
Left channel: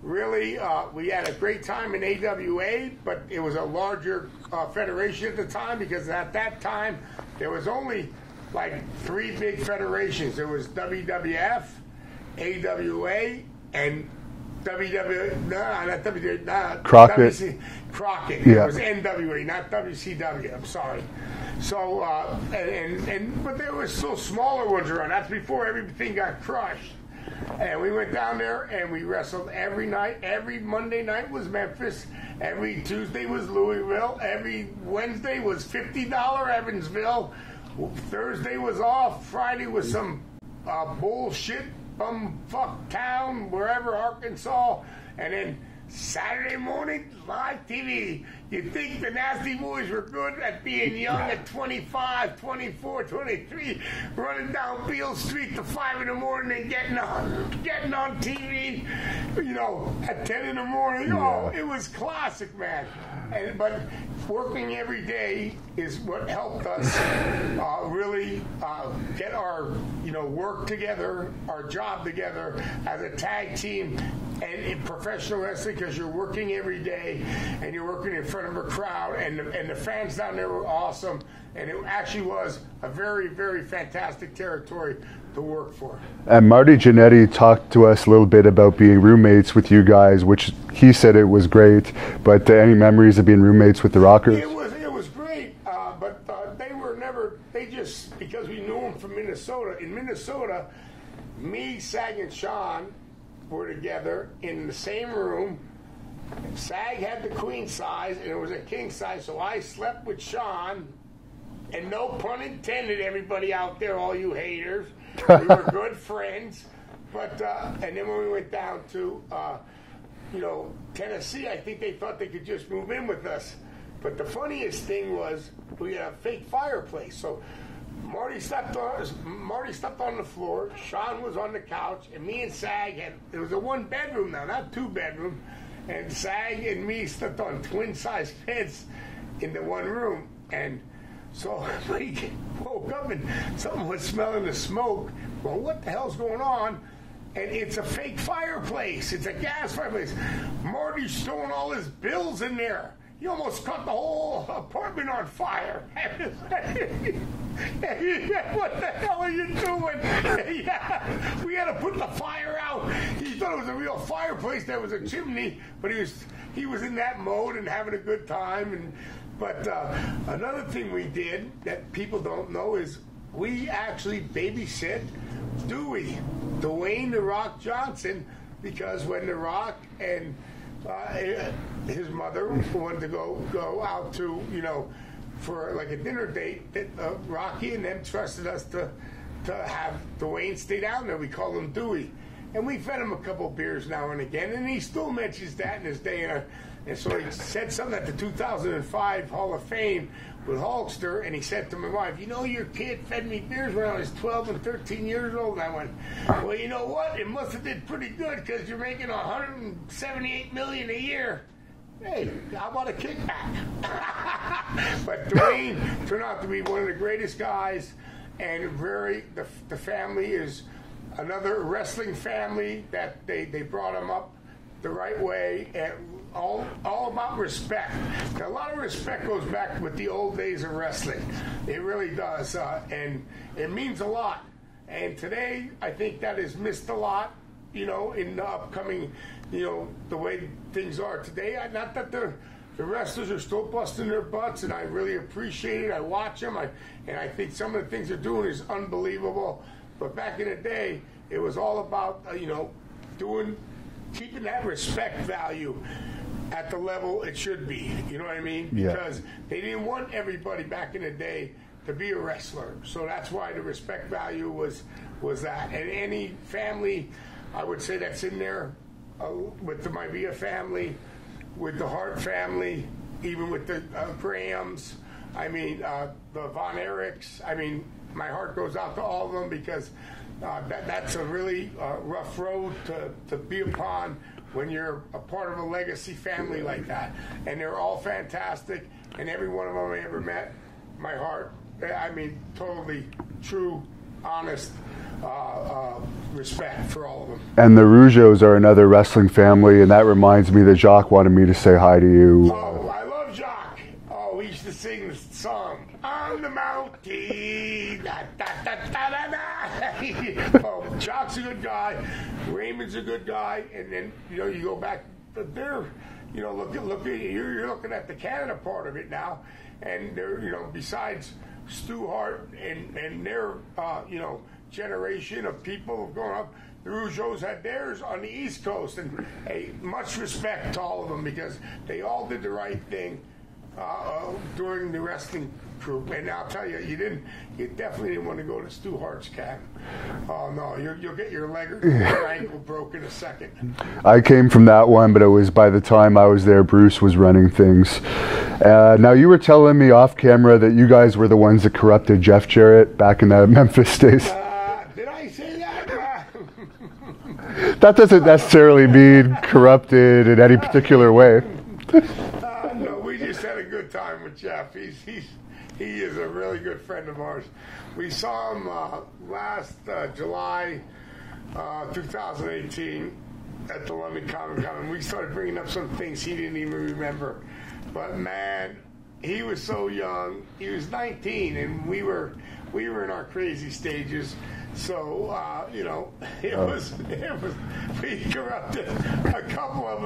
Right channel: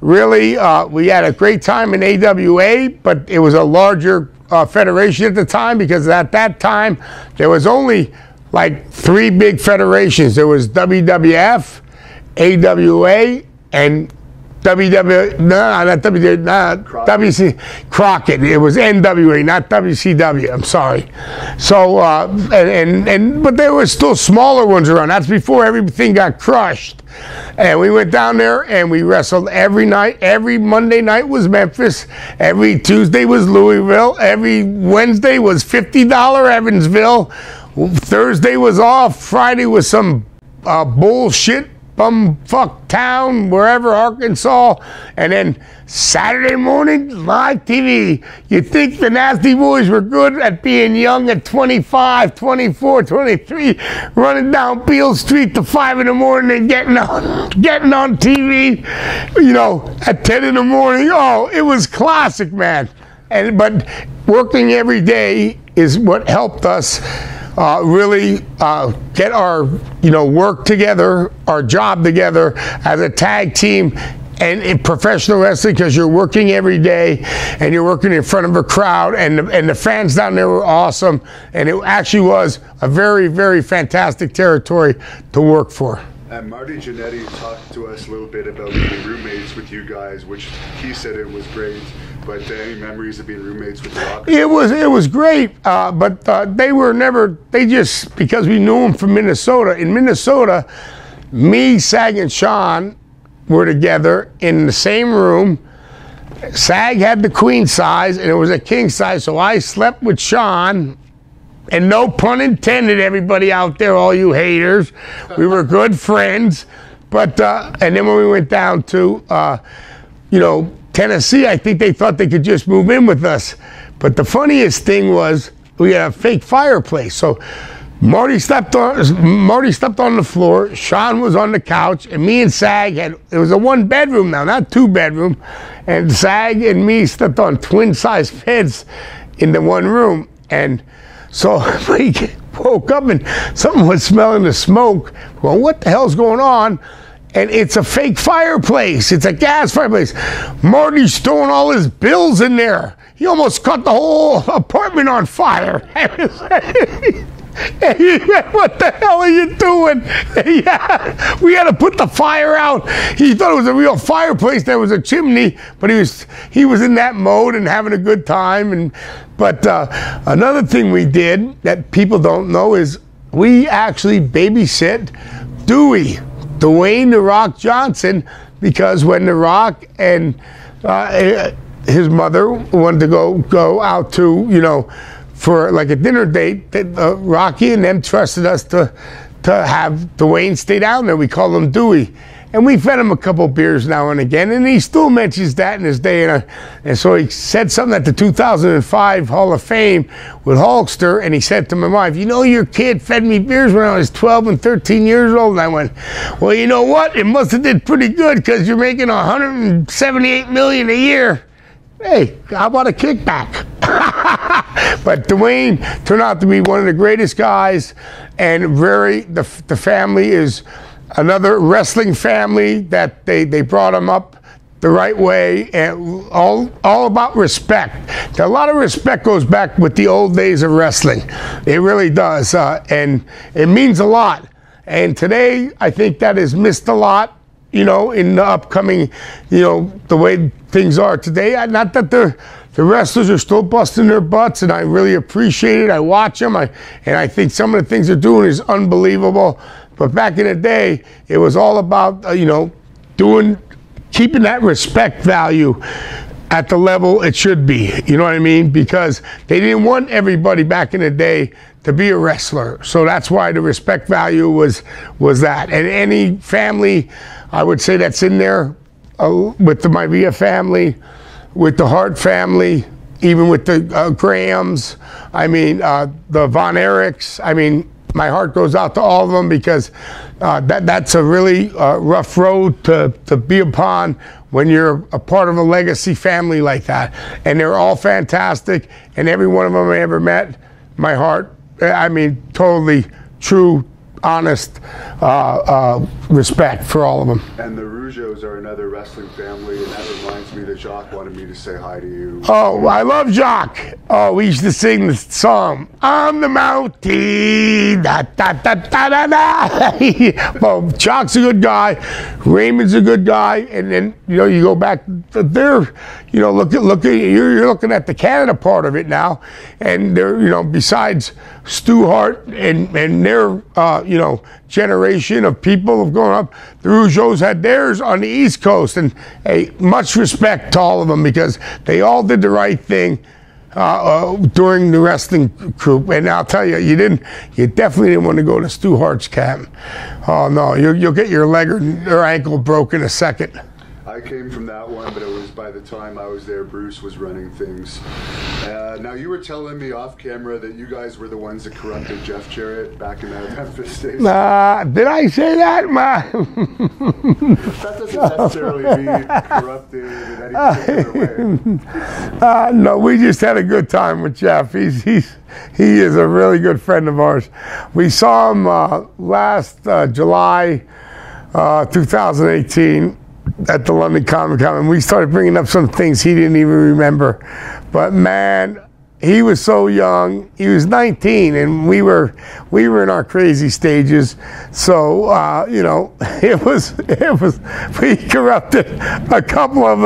really, we had a great time in AWA, but it was a larger federation at the time, because at that time there was only like 3 big federations. There was WWF, AWA, and WC Crockett. It was NWA, not WCW. I'm sorry. So but there were still smaller ones around. That's before everything got crushed. And we went down there and we wrestled every night. Every Monday night was Memphis. Every Tuesday was Louisville. Every Wednesday was $50 Evansville. Thursday was off. Friday was some bullshit bumfuck town, wherever, Arkansas. And then Saturday morning, live TV. You'd think the Nasty Boys were good at being young at 25, 24, 23, running down Beale Street to 5 in the morning and getting on TV, you know, at 10 in the morning. Oh, it was classic, man. But working every day is what helped us really get our, you know, work together, our job together as a tag team. And in professional wrestling, because you're working every day and you're working in front of a crowd, and the fans down there were awesome, and it actually was a very, very fantastic territory to work for. And Marty Jannetty talked to us a little bit about being roommates with you guys, which he said it was great. But any memories of being roommates with the Rockers? It was great, but they were never. They just, because we knew them from Minnesota. In Minnesota, me, Sag, and Sean were together in the same room. Sag had the queen size, and it was a king size, so I slept with Sean. And no pun intended, everybody out there, all you haters. We were good friends. But, and then when we went down to, you know, Tennessee, I think they thought they could just move in with us. But the funniest thing was we had a fake fireplace. So Marty slept on the floor, Sean was on the couch, and me and Sag had, it was a 1-bedroom now, not 2-bedroom. And Sag and me slept on twin-sized beds in the one room. And so we woke up and something was smelling the smoke. Well, what the hell's going on? And it's a fake fireplace. It's a gas fireplace. Marty's throwing all his bills in there. He almost caught the whole apartment on fire. What the hell are you doing? Yeah, we had to put the fire out. He thought it was a real fireplace. There was a chimney, but he was in that mode and having a good time. But another thing we did that people don't know is we actually babysit Dwayne "The Rock" Johnson, because when The Rock and his mother wanted to go out to, you know, for like a dinner date, Rocky and them trusted us to have Dwayne stay down there. We call him Dewey. And we fed him a couple beers now and again, and he still mentions that in his day. And so he said something at the 2005 Hall of Fame with Hulkster, and he said to my wife, you know, your kid fed me beers when I was 12 and 13 years old. And I went, well, you know what? It must have did pretty good, because you're making $178 million a year. Hey, how about a kickback? But Dwayne turned out to be one of the greatest guys, and the family is another wrestling family that they brought him up the right way, and all about respect. A lot of respect goes back with the old days of wrestling. It really does, and it means a lot. And today, I think that is missed a lot, you know, in the upcoming, you know, the way things are today. Not that the wrestlers are still busting their butts, and I really appreciate it. I watch them, and I think some of the things they're doing is unbelievable. But back in the day, it was all about, you know, keeping that respect value at the level it should be. You know what I mean? Because they didn't want everybody back in the day to be a wrestler. So that's why the respect value was that. And any family, I would say, that's in there, with the Maivia family, with the Hart family, even with the Grahams, I mean, the Von Erichs, I mean, my heart goes out to all of them, because that's a really rough road to be upon when you're a part of a legacy family like that. And they're all fantastic, and every one of them I ever met, my heart, I mean, totally true, honest respect for all of them. And the Rougeaus are another wrestling family, and that reminds me that Jacques wanted me to say hi to you. Oh, I love Jacques. Oh, we used to sing the song, on the mountain, da da da da da da. Well, Jacques' a good guy, Raymond's a good guy, and then, you know, you go back there, you know, look at you're looking at the Canada part of it now, and they're, you know, besides Stu Hart and their you know, generation of people have grown up, the Rougeaus had theirs on the East Coast, and hey, much respect to all of them, because they all did the right thing during the wrestling group. And I'll tell you, you definitely didn't want to go to Stu Hart's camp. Oh no, you'll get your leg or your ankle broken in a second. I came from that one, but it was by the time I was there, Bruce was running things. Now, you were telling me off camera that you guys were the ones that corrupted Jeff Jarrett back in the Memphis days. Did I say that? That doesn't necessarily mean corrupted in any particular way. No, we just had a good time with Jeff. He is a really good friend of ours. We saw him last July 2018 at the London Comic Con, and we started bringing up some things he didn't even remember. But man, he was so young. He was 19, and we were in our crazy stages. So you know, it was we corrupted a couple of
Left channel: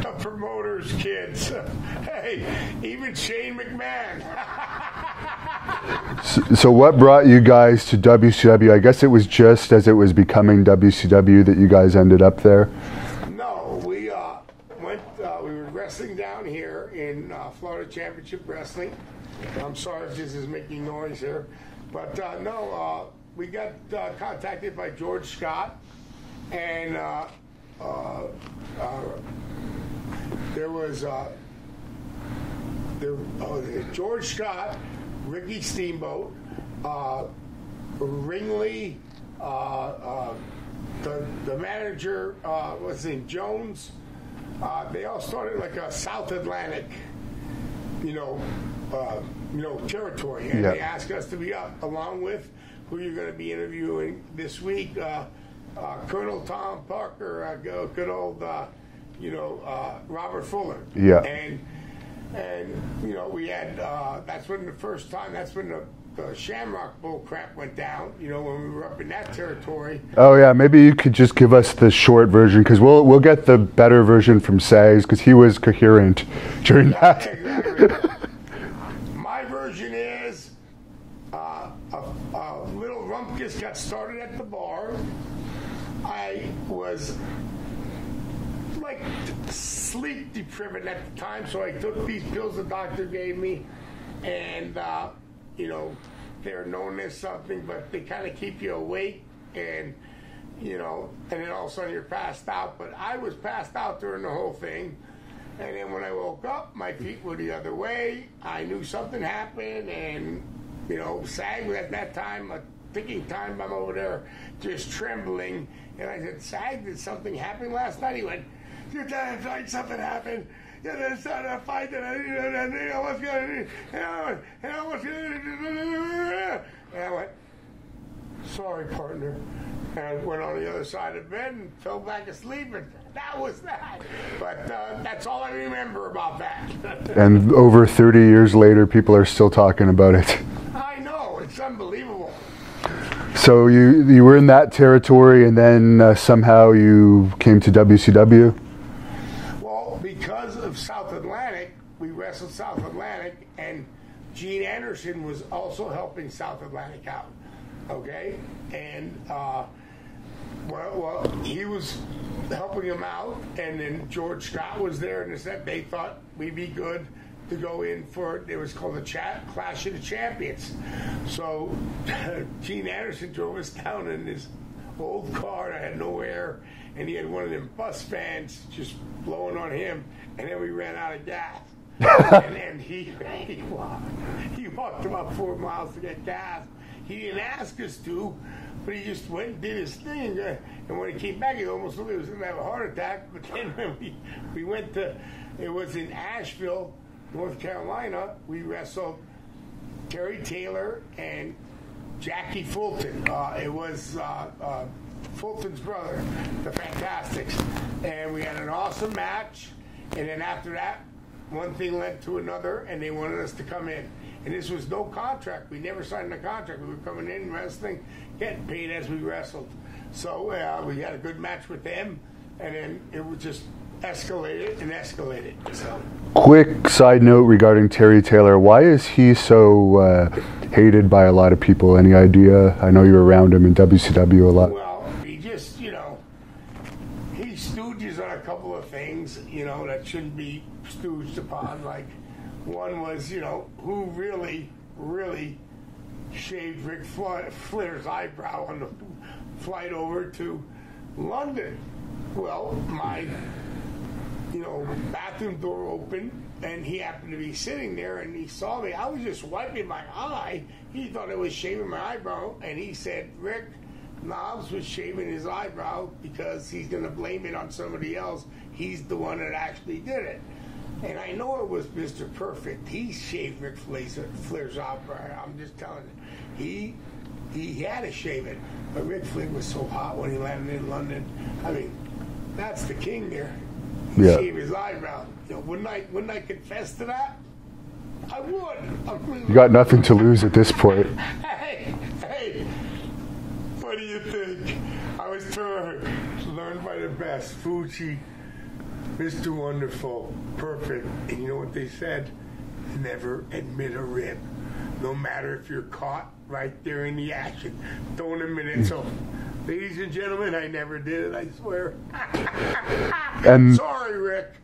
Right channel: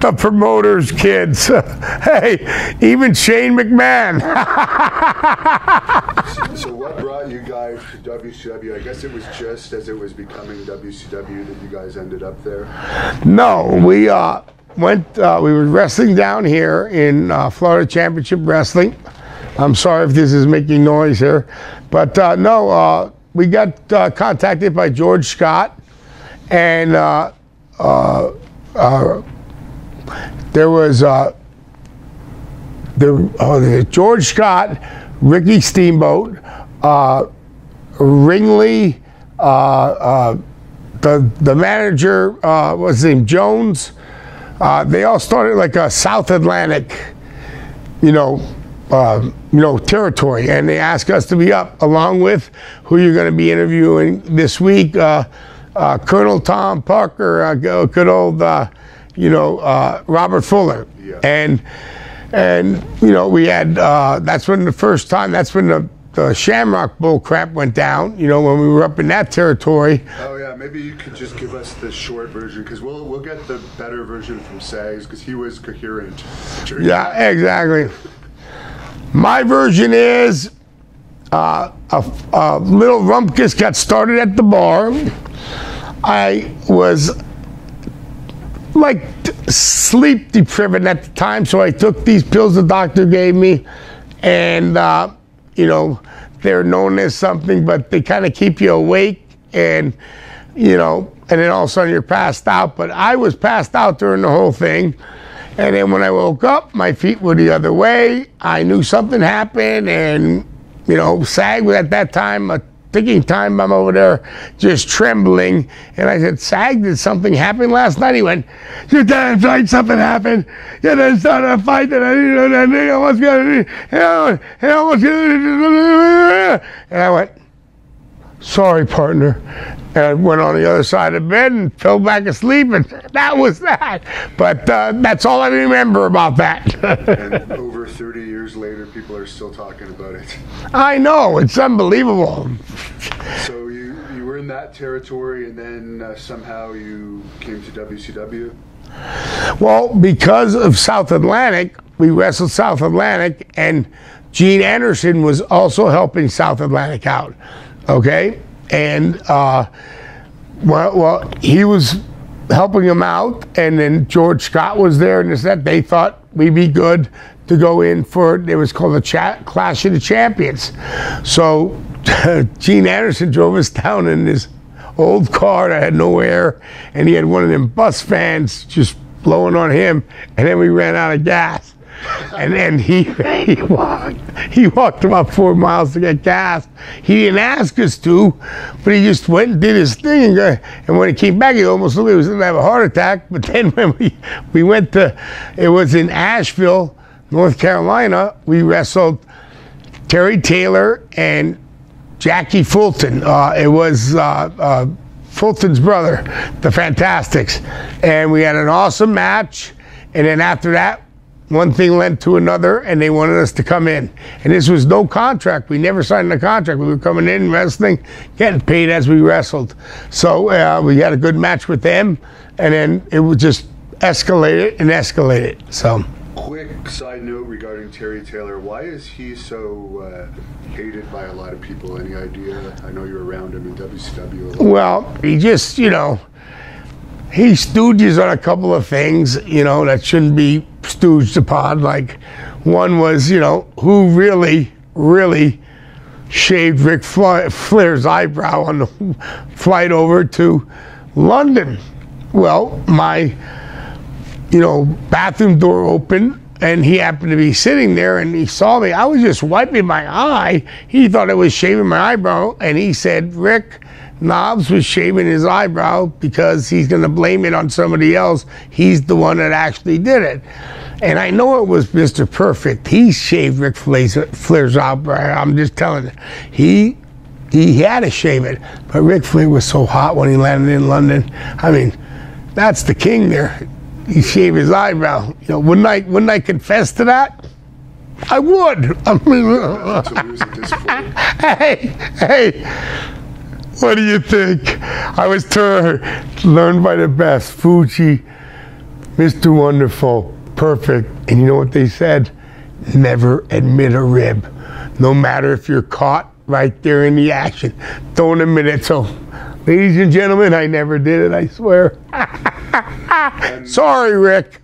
the promoters' kids. Hey, even Shane McMahon. So what brought you guys to WCW? I guess it was just as it was becoming WCW that you guys ended up there. No, we were wrestling down here in Florida Championship Wrestling. I'm sorry if this is making noise here, but no, we got contacted by George Scott, and there was George Scott, Ricky Steamboat, Ringley, the manager, what's his name, Jones. They all started like a South Atlantic, territory, and they asked us to be up along with who you're going to be interviewing this week, Colonel Tom Parker, good old, Robert Fuller. Yeah. And we had that's when the Shamrock bull crap went down, when we were up in that territory. Oh yeah, maybe you could just give us the short version, because we'll get the better version from Sags, because he was coherent during that. Exactly. My version is a little rumpus got started at the bar. I was like sleep deprived at the time, so I took these pills the doctor gave me, and they're known as something, but they kind of keep you awake, and then all of a sudden you're passed out. But I was passed out during the whole thing, and then when I woke up, my feet were the other way. I knew something happened, and Sag was at that time a ticking time bomb over there, just trembling. And I said, Sag, did something happen last night? He went, "You're damn right, something happened. You done started a fight that I didn't know that thing. I was gonna and I went, sorry, partner. And I went on the other side of the bed and fell back asleep, and that was that. But that's all I remember about that. And over 30 years later, people are still talking about it. I know, it's unbelievable. So you were in that territory, and then somehow you came to WCW? Well, because of South Atlantic, we wrestled South Atlantic, and Gene Anderson was also helping South Atlantic out, okay? And, he was helping him out, and then George Scott was there, and they thought we'd be good to go in for, it was called the Clash of the Champions. So Gene Anderson drove us down in this old car that had no air, and he had one of them bus fans just blowing on him, and then we ran out of gas. And then he walked about 4 miles to get gas. He didn't ask us to, but he just went and did his thing. And when he came back, he almost looked like he was going to have a heart attack. But then when we went to, it was in Asheville, North Carolina, we wrestled Terry Taylor and Jackie Fulton. It was Fulton's brother, the Fantastics. And we had an awesome match. And then after that, one thing led to another, and they wanted us to come in. And this was no contract. We never signed a contract. We were coming in, wrestling, getting paid as we wrestled. So we had a good match with them, and then it would just escalate and escalate. So, quick side note regarding Terry Taylor. Why is he so hated by a lot of people? Any idea? I know you're around him in WCW a lot. Well, he just, he stooges on a couple of things, that shouldn't be stooged upon. Like, one was, who really shaved Ric Flair's eyebrow on the flight over to London. Well, my, bathroom door opened, and he happened to be sitting there, and he saw me. I was just wiping my eye. He thought I was shaving my eyebrow, and he said, Rick, Knobs was shaving his eyebrow because he's going to blame it on somebody else. He's the one that actually did it. And I know it was Mr. Perfect. He shaved Ric Flair's eyebrow. I'm just telling you. He had to shave it. But Ric Flair was so hot when he landed in London. I mean, that's the king there. He shaved his eyebrow. Wouldn't I confess to that? I would. I mean, You got nothing to lose at this point. Hey, what do you think? I was learned by the best. Fuji, Mr. Wonderful, perfect. And you know what they said? Never admit a rib. No matter if you're caught right there in the action. Don't admit it. So, ladies and gentlemen, I never did it, I swear. And sorry, Rick.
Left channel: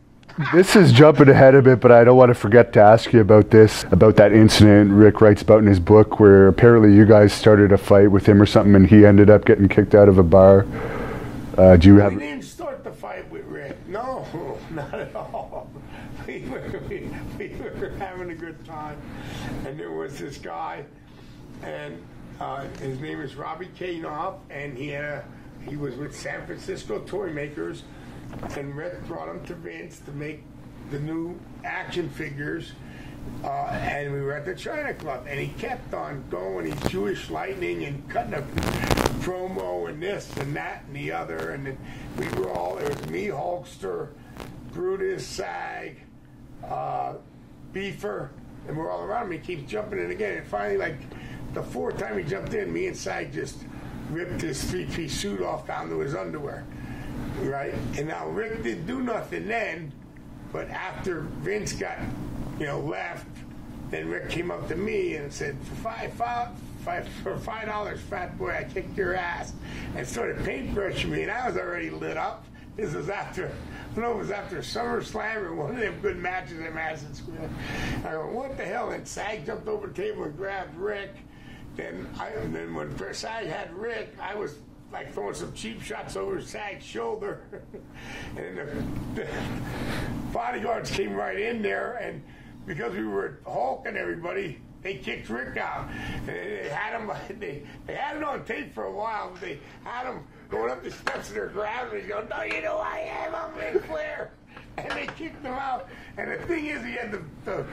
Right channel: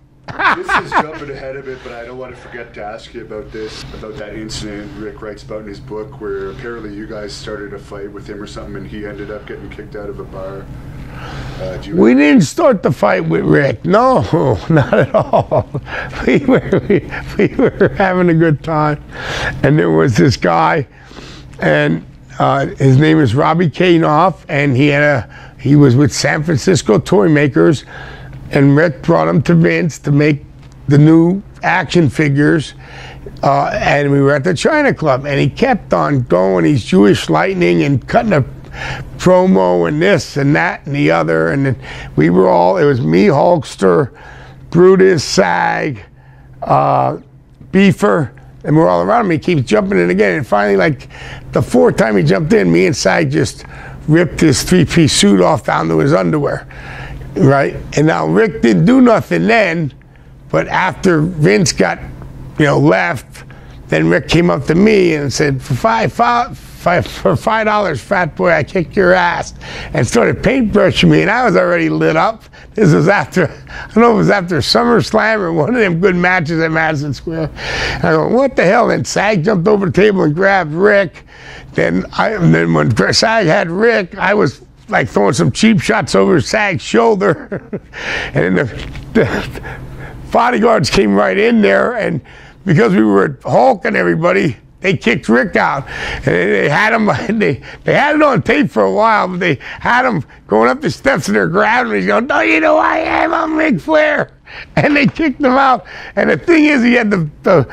this is jumping ahead a bit, but I don't want to forget to ask you about that incident Rick writes about in his book where apparently you guys started a fight with him or something and he ended up getting kicked out of a bar. We didn't start the fight with Rick. No, not at all. We were having a good time. And there was this guy, and his name is Robbie Kanoff, and he was with San Francisco Toy Makers, and Rick brought him to Vince to make the new action figures. And we were at the China Club, and he kept on going. He's Jewish Lightning and cutting a promo and this and that and the other. And then it was me, Hulkster, Brutus, Sag, Beefer, and we're all around him. He keeps jumping in again. And finally, like the fourth time he jumped in, me and Sag just ripped his three-piece suit off down to his underwear, right? And now Rick didn't do nothing then, but after Vince got left, then Rick came up to me and said, for $5, fat boy, I kicked your ass, and started paintbrushing me, and I was already lit up. This was after, I don't know if it was after SummerSlam or one of them good matches at Madison Square. And I go, what the hell? And Sag jumped over the table and grabbed Rick. Then when Sag had Rick, I was like throwing some cheap shots over Sag's shoulder. And then the bodyguards came right in there, and because we were Hulk and everybody, they kicked Rick out. And they had him, they had it on tape for a while, but they had him going up the steps and they're grabbing him. He's going, "No, you know who I am, I'm Ric Flair." And they kicked him out. And the thing is, he had the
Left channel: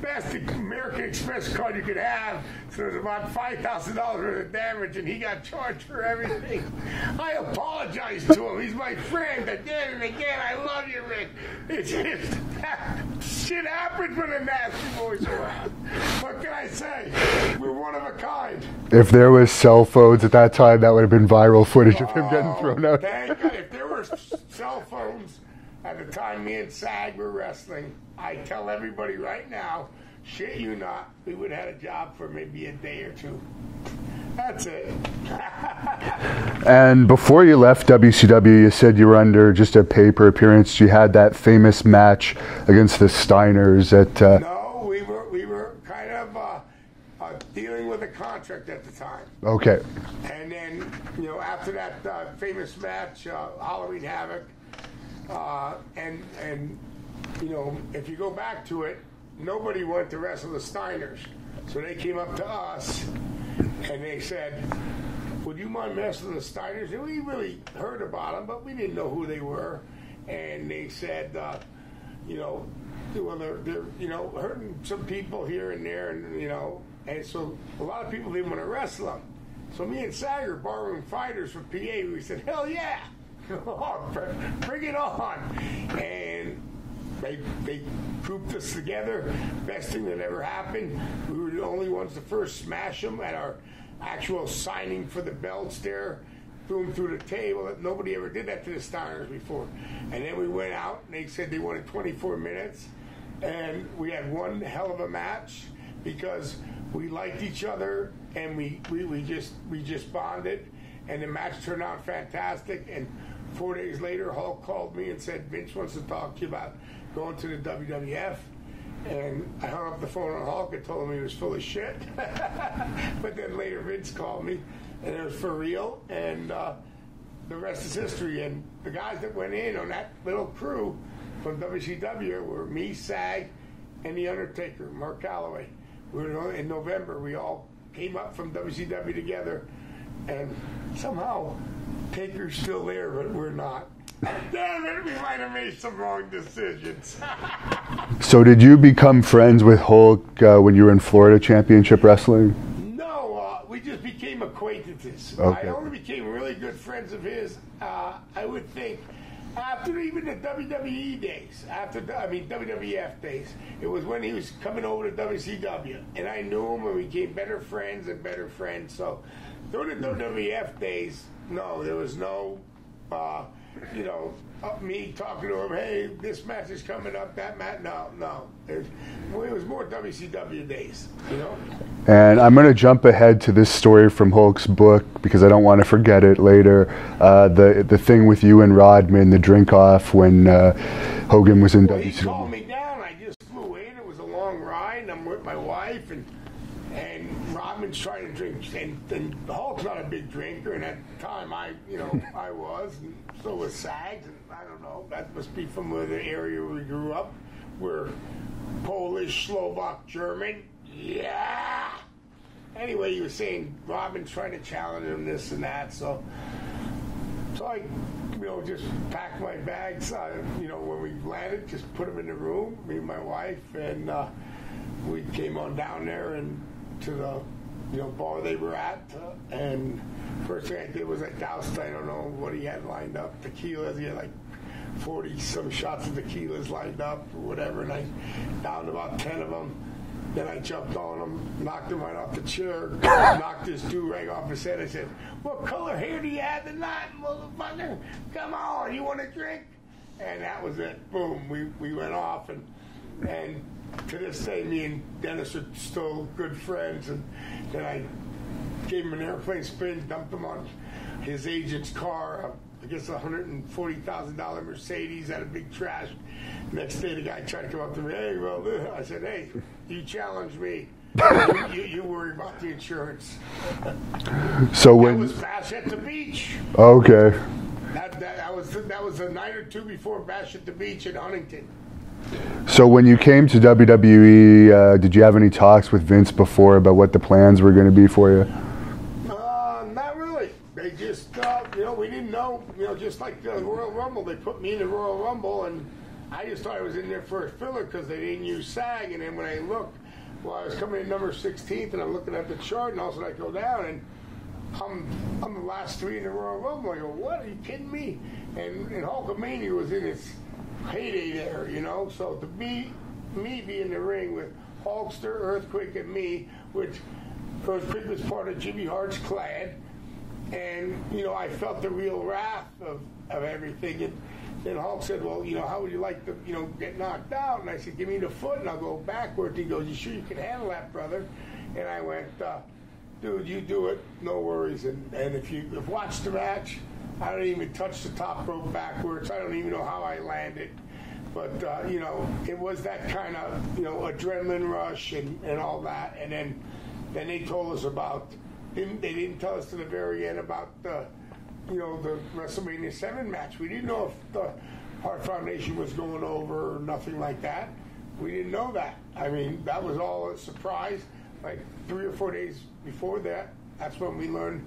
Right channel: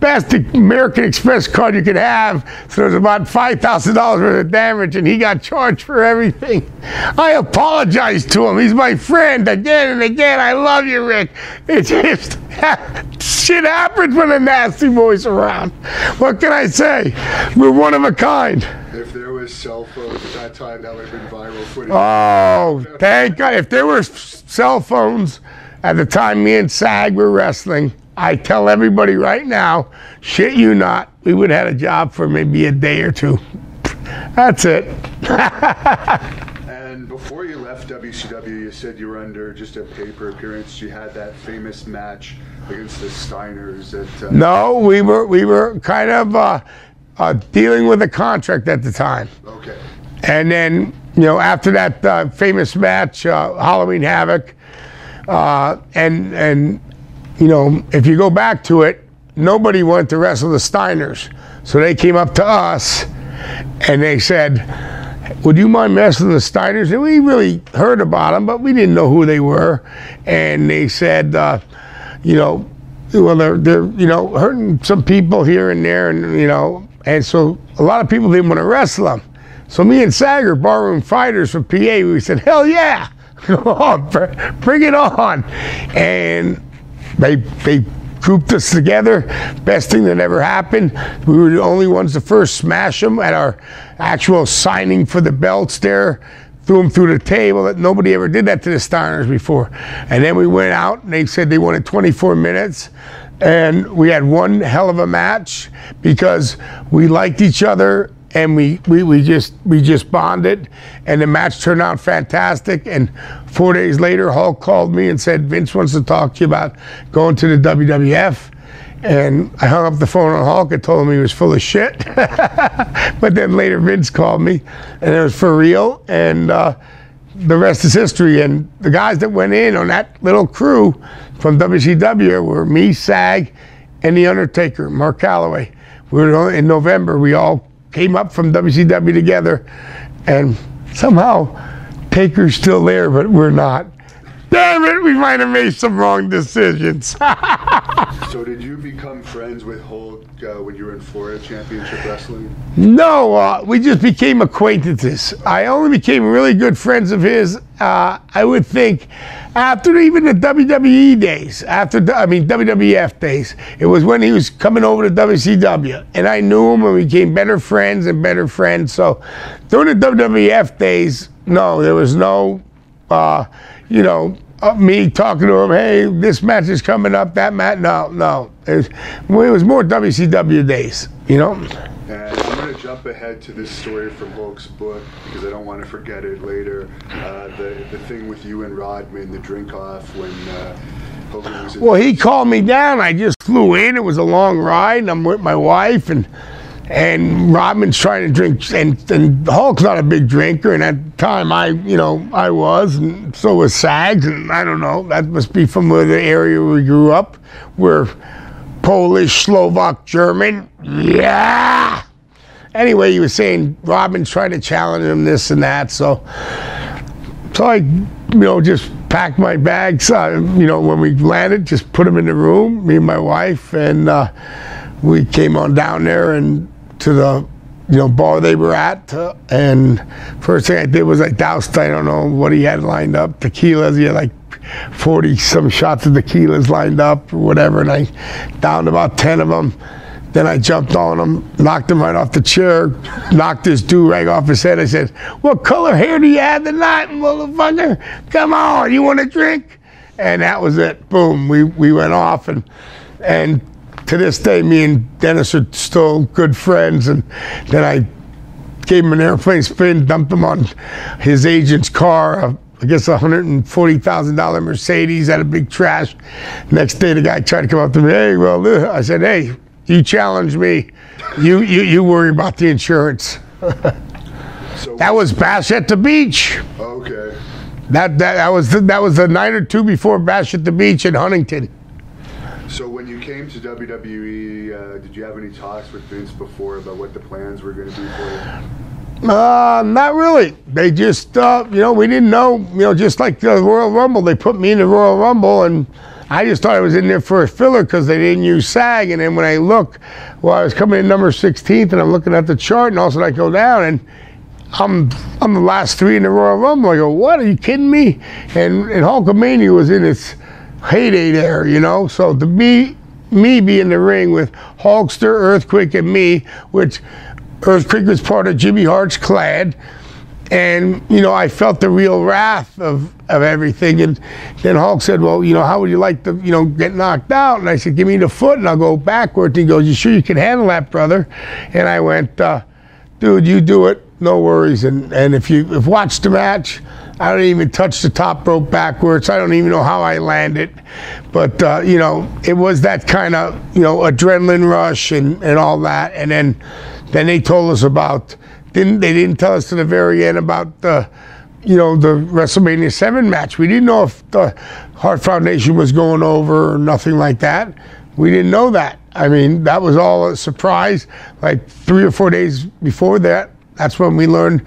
best American Express card you could have, so it was about $5,000 worth of damage, and he got charged for everything. I apologized to him. He's my friend again and again. I love you, Rick. It just, shit happens when the nasty boy's around. What can I say? We're one of a kind. If there was cell phones at that time, that would have been viral footage. Oh, thank God. If there were cell phones at the time me and Sag were wrestling, I tell everybody right now, shit you not, we would have had a job for maybe a day or two. That's it. And before you left WCW, you said you were under just a paper appearance. You had that famous match against the Steiners at... No, we were kind of dealing with a contract at the time. Okay. And then, after that famous match, Halloween Havoc, and if you go back to it, nobody wanted to wrestle the Steiners. So they came up to us and they said, "Would you mind wrestling the Steiners?" And we really heard about them, but we didn't know who they were. And they said, well, they're hurting some people here and there, and so a lot of people didn't want to wrestle them. So me and Sag are barroom fighters from PA. We said, hell yeah, bring it on. And they grouped us together. Best thing that ever happened. We were the only ones to first smash them at our actual signing for the belts there. Threw them through the table. That nobody ever did that to the Steiners before. And then we went out and they said they wanted 24 minutes. And we had one hell of a match because we liked each other and we just bonded, and the match turned out fantastic. And 4 days later, Hulk called me and said, "Vince wants to talk to you about going to the WWF." And I hung up the phone on Hulk and told him he was full of shit. But then later Vince called me, and it was for real, and the rest is history. And the guys that went in on that little crew from WCW were me, Sag, and The Undertaker, Mark Calloway. In November, we all came up from WCW together, and somehow Taker's still there, but we're not. Damn it, we might have made some wrong decisions. So did you become friends with Hulk when you were in Florida Championship Wrestling? No, we just became acquaintances. Okay. I only became really good friends of his, I would think, after even the WWE days, WWF days. It was when he was coming over to WCW, and I knew him, and we became better friends and better friends. So during the WWF days, no, there was no, me talking to him, hey, this match is coming up, that match, no. It was more WCW days, And I'm going to jump ahead to this story from Hulk's book because I don't want to forget it later. The thing with you and Rodman, the drink off when Hogan was in. Well, he called me down. I just flew in. It was a long ride, and I'm with my wife, and Rodman's trying to drink, and Hulk's not a big drinker, and at the time I was, and so was Sags, and I don't know, that must be from the area we grew up. We're Polish, Slovak, German. Yeah. Anyway, he was saying Rodman's trying to challenge him, this and that. So I, just packed my bags. When we landed, just put them in the room, me and my wife, and we came on down there and to the bar they were at. And first thing I did was I doused, I don't know what he had lined up, tequilas. He had like 40 some shots of tequilas lined up or whatever, and I downed about 10 of them. Then I jumped on him, knocked him right off the chair, knocked his do-rag off his head. I said, what color hair do you have tonight, motherfucker? Come on, you want a drink? And that was it. Boom, we went off, and to this day, me and Dennis are still good friends. And then I gave him an airplane spin, dumped him on his agent's car, I guess a $140,000 Mercedes, had a big trash. Next day, the guy tried to come up to me, hey, well, I said, hey, you challenge me. You worry about the insurance. So that was Bash at the Beach. Okay. That was the night or two before Bash at the Beach in Huntington. So when you came to WWE, did you have any talks with Vince before about what the plans were going to be for you? Not really. They just, we didn't know, just like the Royal Rumble, they put me in the Royal Rumble, and I just thought I was in there for a filler because they didn't use SAG. And then when I look, I was coming in number 16th, and I'm looking at the chart, and all of a sudden I go down, and I'm the last three in the Royal Rumble. I go, what? Are you kidding me? And Hulkamania was in its heyday there, So to me be in the ring with Hulkster, Earthquake, and me, which Earthquake was part of Jimmy Hart's clan, and I felt the real wrath of everything. And then Hulk said, well, how would you like to get knocked out? And I said, give me the foot and I'll go backwards. And he goes, you sure you can handle that, brother? And I went, dude, you do it, no worries. And if you've watched the match, I don't even touch the top rope backwards. I don't even know how I landed. But, it was that kind of, adrenaline rush and all that. And then they told us about, they didn't tell us to the very end about the WrestleMania 7 match. We didn't know if the Hart Foundation was going over or nothing like that. We didn't know that. I mean, that was all a surprise. Like 3 or 4 days before that, that's when we learned,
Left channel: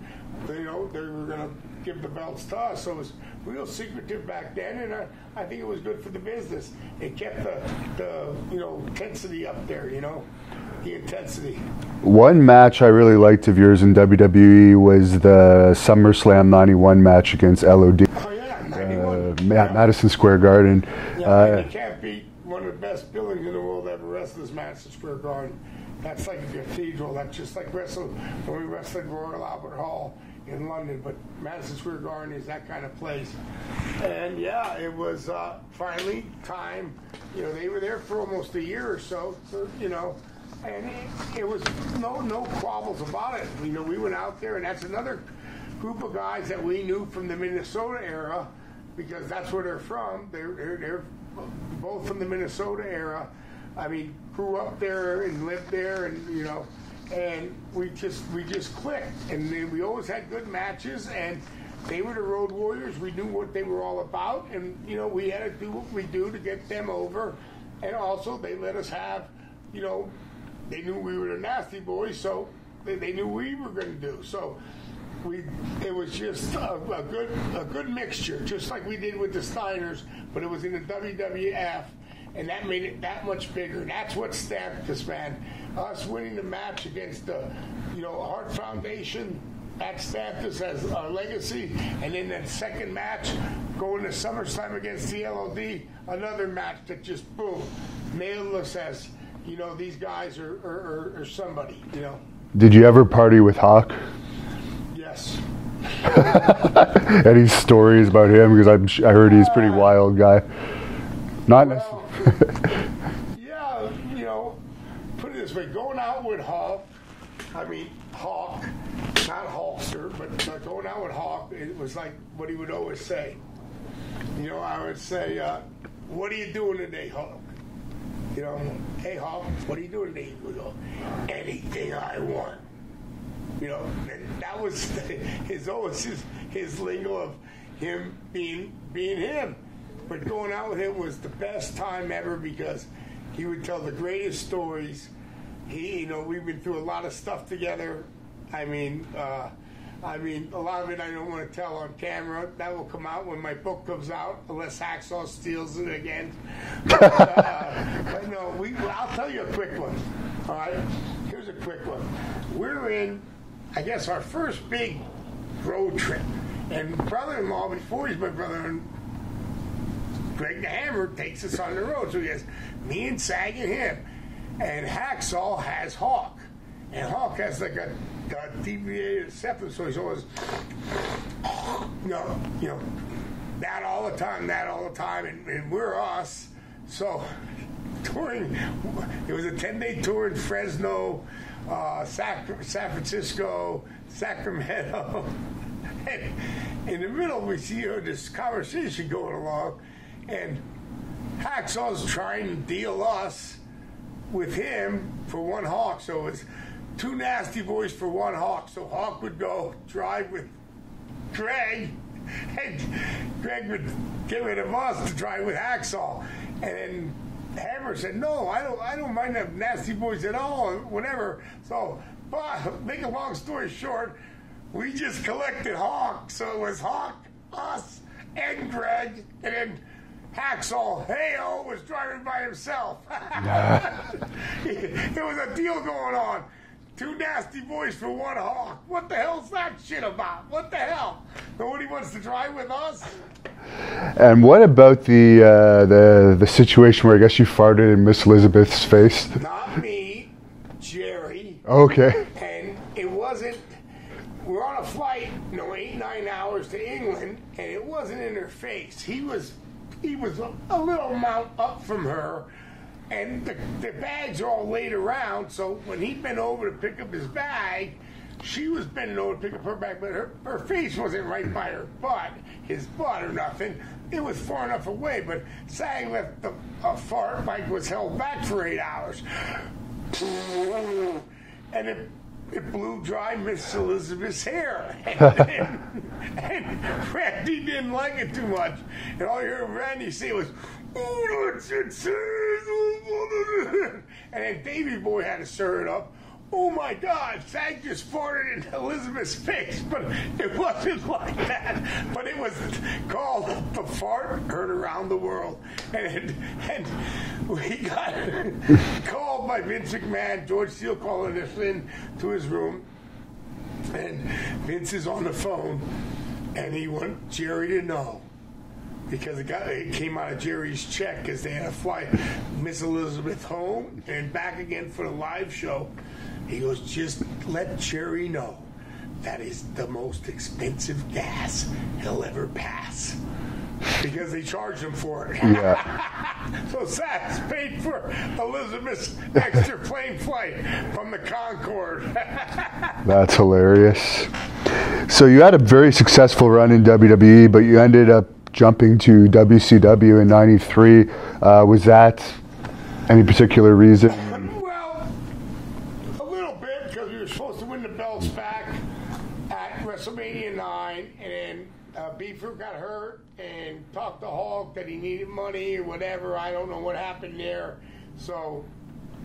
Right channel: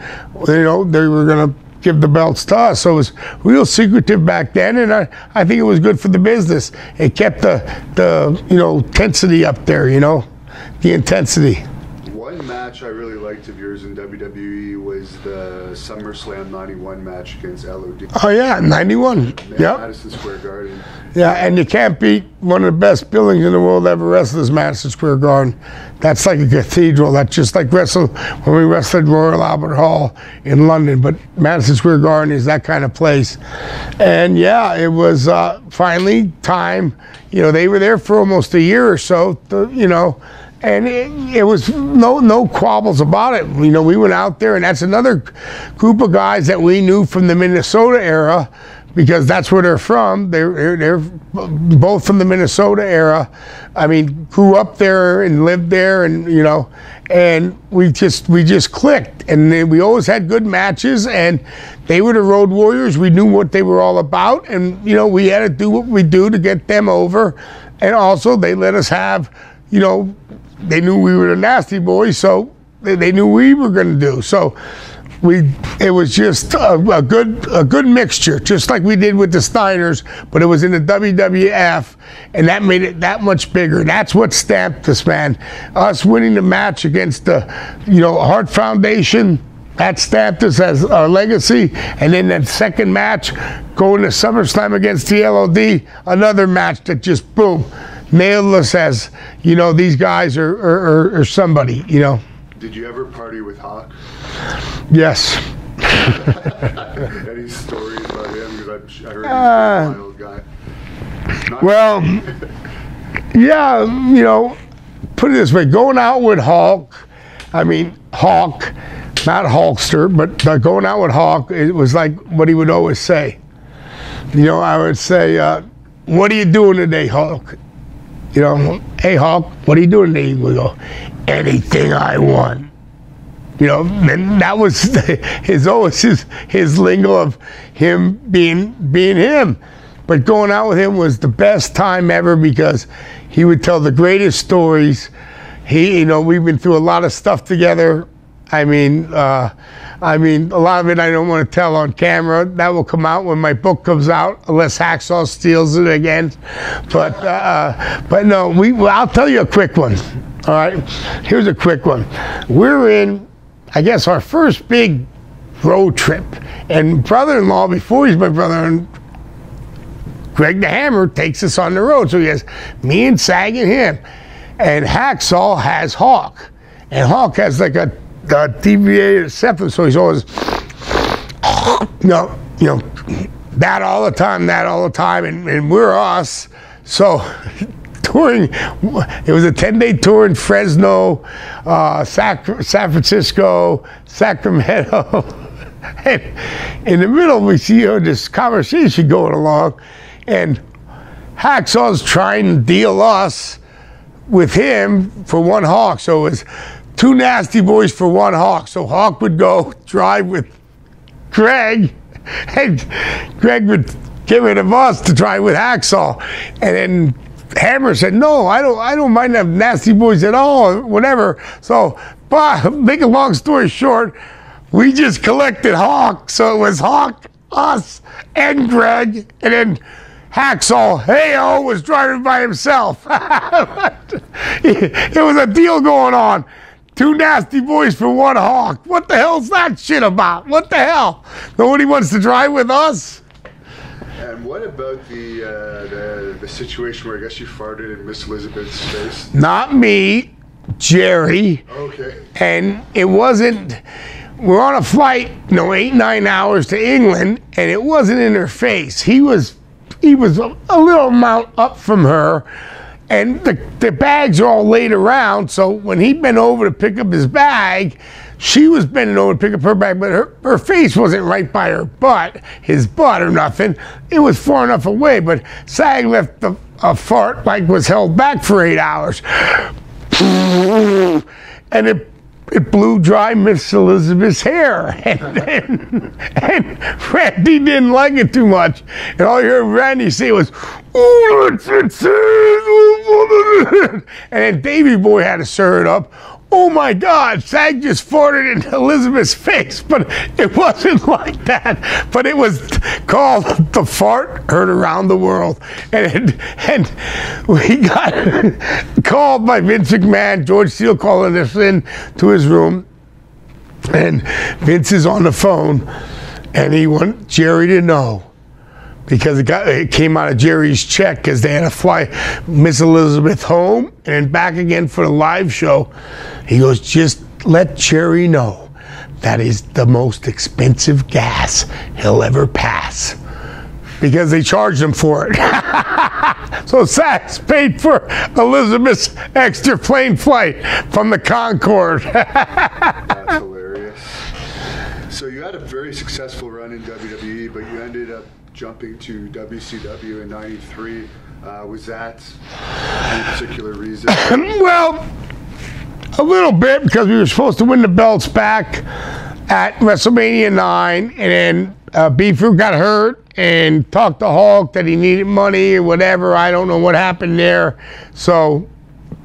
they were going to give the belts to us. So it was real secretive back then, and I think it was good for the business. It kept the intensity up there, the intensity. One match I really liked of yours in WWE was the SummerSlam 91 match against LOD. Oh yeah, 91. Madison Square Garden. Yeah, and you can't beat one of the best buildings in the world ever wrestled is Madison Square Garden. That's like a cathedral. That's just like when we wrestled Royal Albert Hall in London. But Madison Square Garden is that kind of place. And yeah, it was finally time. They were there for almost a year or so, and it was no quabbles about it. We went out there, and that's another group of guys that we knew from the Minnesota era, because that's where they're from. They're both from the Minnesota era. I mean, grew up there and lived there, and and we just clicked, and then we always had good matches, and they were the Road Warriors. We knew what they were all about, and we had to do what we do to get them over, and also they let us have, they knew we were the Nasty Boys, so they knew we were going to do. So it was just a good mixture, just like we did with the Steiners, but it was in the WWF, and that made it that much bigger. That's what stamped us, man. Us winning the match against the Hart Foundation, that stamped us as our legacy. And then that second match, going to SummerSlam against the LOD, another match that just, boom, nailed us as, you know, these guys are somebody, you know. Did you ever party with Hawk? Yes. Any stories about him? Because I heard he's a pretty wild guy. Well, yeah, you know, put it this way, going out with Hawk, not Hulkster, but going out with Hawk, it was like what he would always say. You know, I would say, what are you doing today, Hulk? You know, hey, Hulk, what are you doing today? He would go, anything I want. You know, and that was his lingo of him being him. But going out with him was the best time ever because he would tell the greatest stories. You know, we've been through a lot of stuff together. I mean, a lot of it I don't want to tell on camera. That will come out when my book comes out, unless Hacksaw steals it again. But no, I'll tell you a quick one. All right, here's a quick one. We're in, I guess, our first big road trip, and brother-in-law, before he's my brother, Greg the Hammer takes us on the road. So he has me and Sag and him, and Hacksaw has Hawk, and Hawk has like a deviated septum, so he's always, you know, that all the time, and we're us. So touring, it was a 10-day tour in Fresno, San Francisco, Sacramento. And in the middle, we see this conversation going along, and Hacksaw's trying to deal us with him for one Hawk. So it was two nasty boys for one Hawk. So Hawk would go drive with Greg, and Greg would give it to us to drive with Hacksaw. And then Hammer said, no, I don't mind them nasty boys at all, whatever. So, but make a long story short, we just collected Hawk. So it was Hawk, us, and Greg, and then Hacksaw, hey-oh, was driving by himself. It was a deal going on. Two nasty boys for one Hawk. What the hell's that shit about? What the hell? Nobody wants to drive with us? And what about the situation where I guess you farted in Miss Elizabeth's face? Not me, Jerry. Okay. And it wasn't, we're on a flight, 8-9 hours to England, and it wasn't in her face. He was a little amount up from her, and the bags are all laid around, so when he bent over to pick up his bag, she was bending over to pick up her bag, but her face wasn't right by her butt, his butt or nothing. It was far enough away, but Sag left a fart like was held back for 8 hours. And it blew dry Miss Elizabeth's hair. And Randy didn't like it too much. And all you heard Randy say was, "Oh, and then Davey Boy had to stir it up. Oh my God, Sag just farted in Elizabeth's face, but it wasn't like that. But it was called the fart heard around the world. And we got called by Vince McMahon, George Steele calling us in to his room. And Vince is on the phone, and he wanted Jerry to know, because it came out of Jerry's check, because they had to fly Miss Elizabeth home and back again for the live show. He goes, just let Jerry know that is the most expensive gas he'll ever pass, because they charged him for it. So Sachs paid for Elizabeth's extra plane flight from the Concorde. That's hilarious. So you had a very successful run in WWE, but you ended up jumping to WCW in '93. Was that any particular reason? Well, a little bit, because we were supposed to win the belts back at WrestleMania 9, and then Beaver got hurt and talked to Hulk that he needed money or whatever. I don't know what happened there. So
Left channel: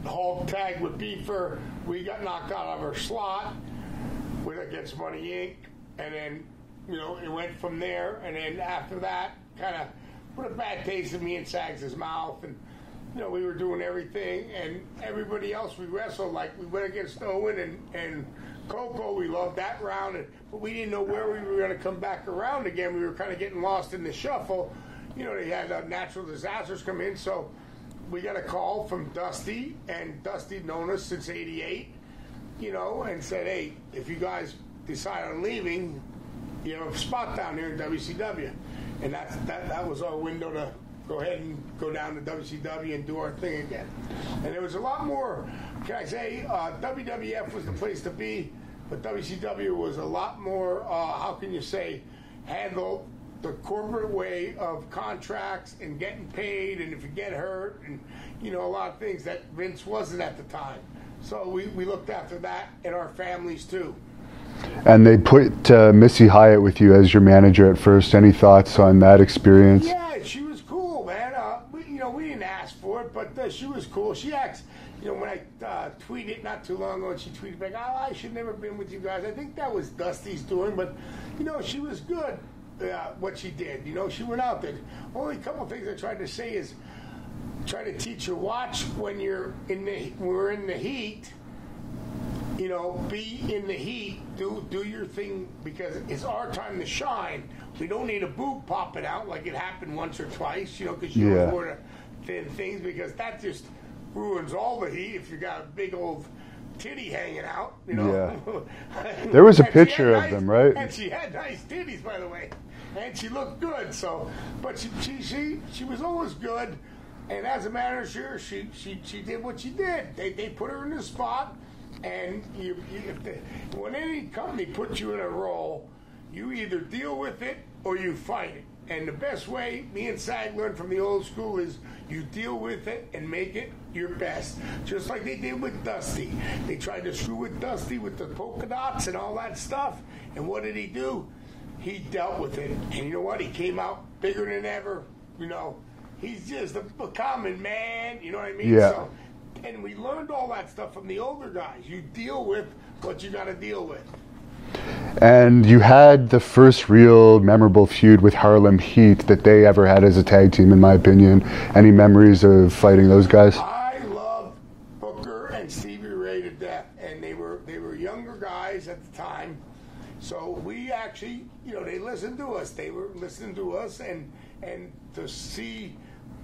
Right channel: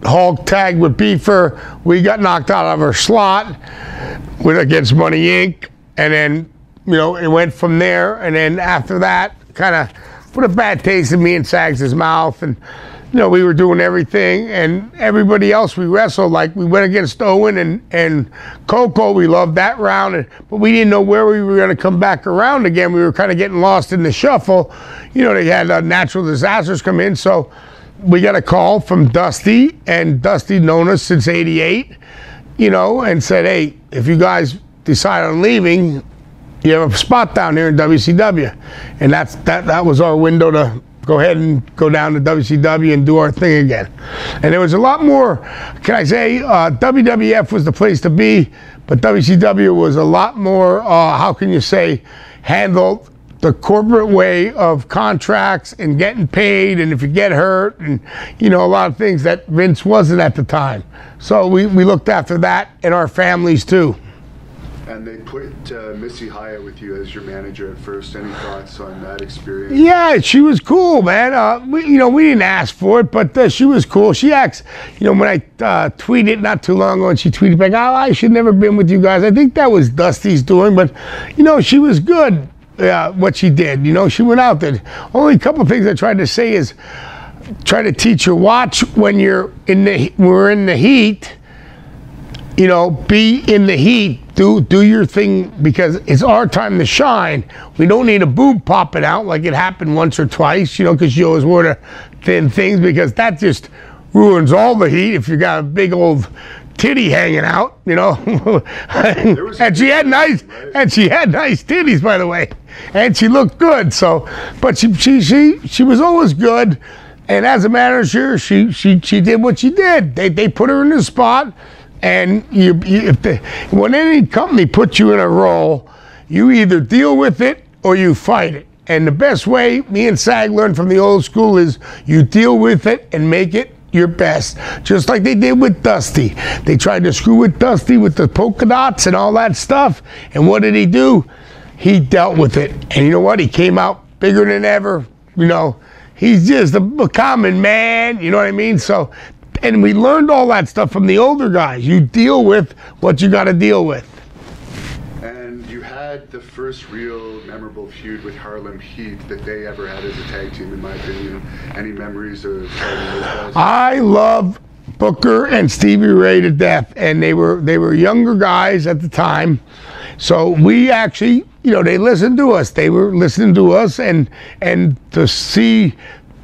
Hulk tagged with Beaver. We got knocked out of our slot against Money Inc. And then, it went from there. And then after that, kind of put a bad taste in me and Sags' mouth. And you know, we were doing everything, and everybody else we wrestled, like we went against Owen and Coco, we loved that round, but we didn't know where we were going to come back around again. We were kind of getting lost in the shuffle. You know, they had natural disasters come in, so we got a call from Dusty, and Dusty known us since '88, you know, and said, hey, if you guys decide on leaving, you have a spot down here in WCW. And that was our window to go ahead and go down to WCW and do our thing again. And there was a lot more, can I say, WWF was the place to be, but WCW was a lot more, how can you say, handled the corporate way of contracts and getting paid, and if you get hurt, and you know, a lot of things that Vince wasn't at the time. So we looked after that and our families too. And they put Missy Hyatt with you as your manager at first. Any thoughts on that experience? Yeah, she was cool, man. We didn't ask for it, but she was cool. She acts, you know, when I tweeted not too long ago, and she tweeted back, oh, I should never been with you guys. I think that was Dusty's doing, but, you know, she was good, what she did. You know, she went out there. Only a couple of things I tried to say is, try to teach her, watch when we're in the heat, you know, be in the heat, do your thing, because it's our time to shine. We don't need a boob popping out like it happened once or twice, you know, because you always wore the thin things, because that just ruins all the heat if you got a big old titty hanging out, you know. Yeah. There was a and she had nice, right? And she had nice titties, by the way, and she looked good. So, but she was always good, and as a manager, she did what she did. They put her in the spot. And when any company puts you in a role, you either deal with it or you fight it. And the best way me and Sag learned from the old school is you deal with it and make it your best. Just like they did with Dusty. They tried to screw with Dusty with the polka dots and all that stuff. And what did he do? He dealt with it. And you know what? He came out bigger than ever. You know, he's just a common man. You know what I mean? Yeah. So. And we learned all that stuff from the older guys. You deal with what you got to deal with. And you had the first real memorable feud with Harlem Heat that they ever had as a tag team, in my opinion. Any memories of fighting those guys? I love Booker and Stevie Ray to death, and they were younger guys at the time. So we actually, you know, they listened to us. They were listening to us, and to see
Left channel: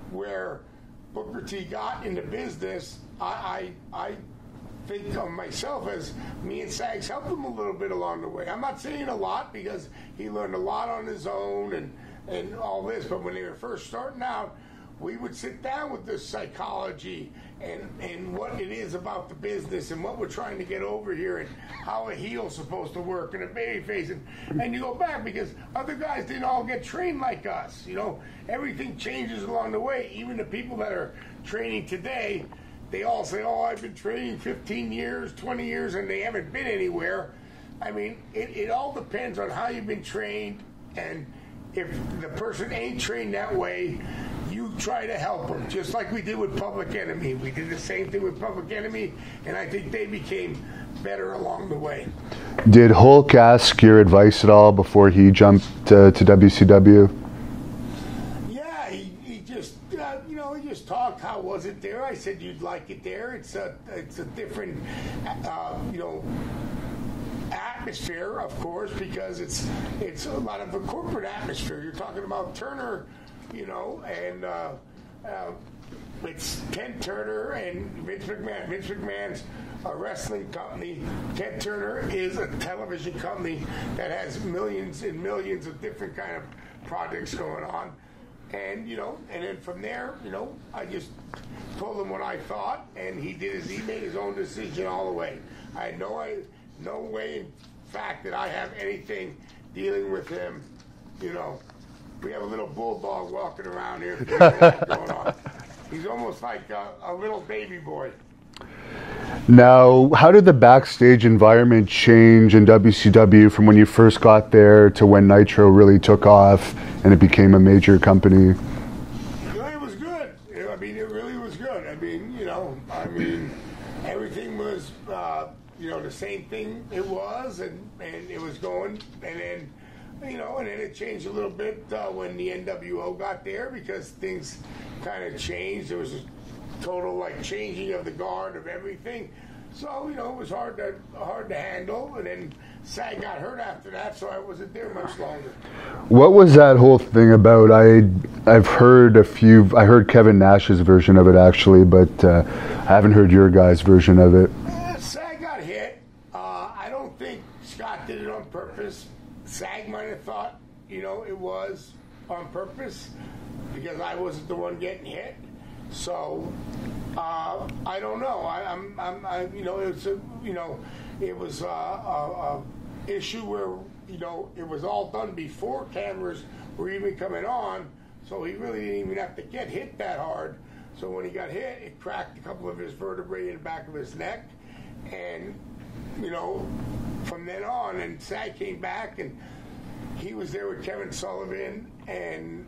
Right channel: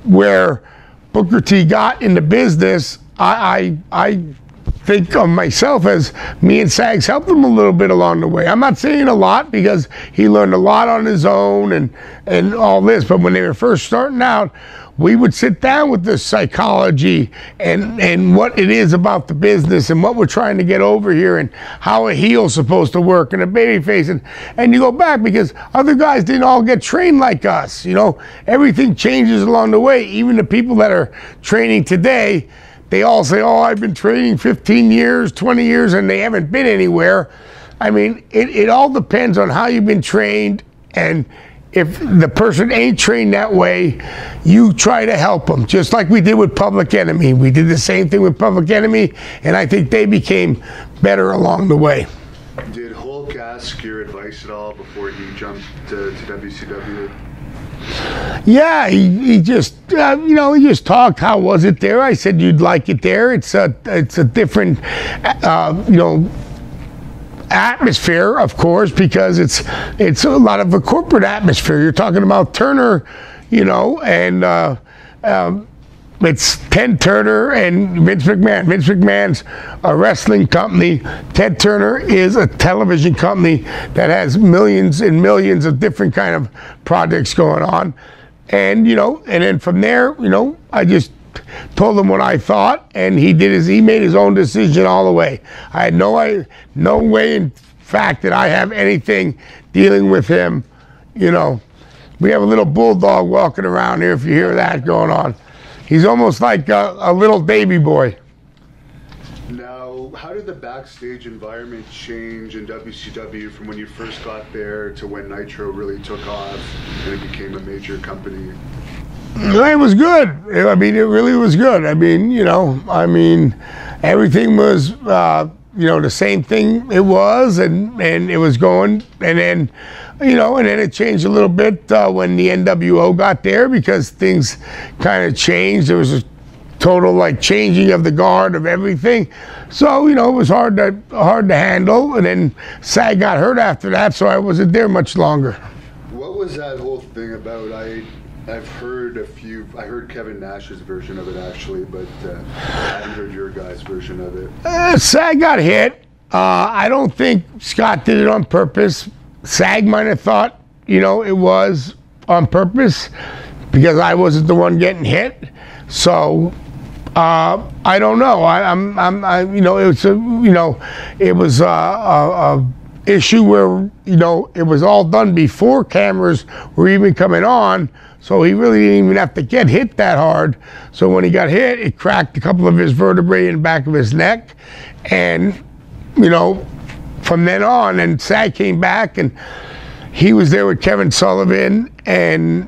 where Booker T got in the business, I think of myself as me and Sags helped him a little bit along the way. I'm not saying a lot, because he learned a lot on his own and all this, but when they were first starting out, we would sit down with the psychology and what it is about the business and what we're trying to get over here and how a heel's supposed to work and a babyface. And you go back, because other guys didn't all get trained like us. You know, everything changes along the way. Even the people that are training today, they all say, oh, I've been training 15 years, 20 years, and they haven't been anywhere. I mean, it all depends on how you've been trained, and if the person ain't trained that way, you try to help them, just like we did with Public Enemy. We did the same thing with Public Enemy, and I think they became better along the way. Did Hulk ask your advice at all before he jumped to WCW? Yeah, he just, you know, he just talked. How was it there? I said, you'd like it there. It's a different, you know, atmosphere, of course, because it's a lot of a corporate atmosphere. You're talking about Turner, you know, and it's Ted Turner and Vince McMahon. Vince McMahon's a wrestling company. Ted Turner is a television company that has millions and millions of different kind of projects going on. And, you know, and then from there, you know, I just told him what I thought, and he made his own decision all the way. I had no way in fact that I have anything dealing with him. You know, we have a little bulldog walking around here, if you hear that going on. He's almost like a little baby boy. Now, how did the backstage environment change in WCW from when you first got there to when Nitro really took off and it became a major company? It was good. I mean, it really was good. I mean, you know, everything was, you know, the same thing it was, and it was going, and then, you know, and then it changed a little bit when the NWO got there, because things kind of changed. There was total like changing of the guard of everything. So, you know, it was hard to handle. And then Sag got hurt after that, so I wasn't there much longer. What was that whole thing about? I've heard I heard Kevin Nash's version of it actually, but I haven't heard your guys' version of it. Sag got hit. I don't think Scott did it on purpose. Sag might have thought, you know, it was on purpose because I wasn't the one getting hit. So I don't know. You know, it was a issue where, you know, it was all done before cameras were even coming on. So he really didn't even have to get hit that hard. So when he got hit, it cracked a couple of his vertebrae in the back of his neck. And, you know, from then on, and Sag came back, and he was there with Kevin Sullivan and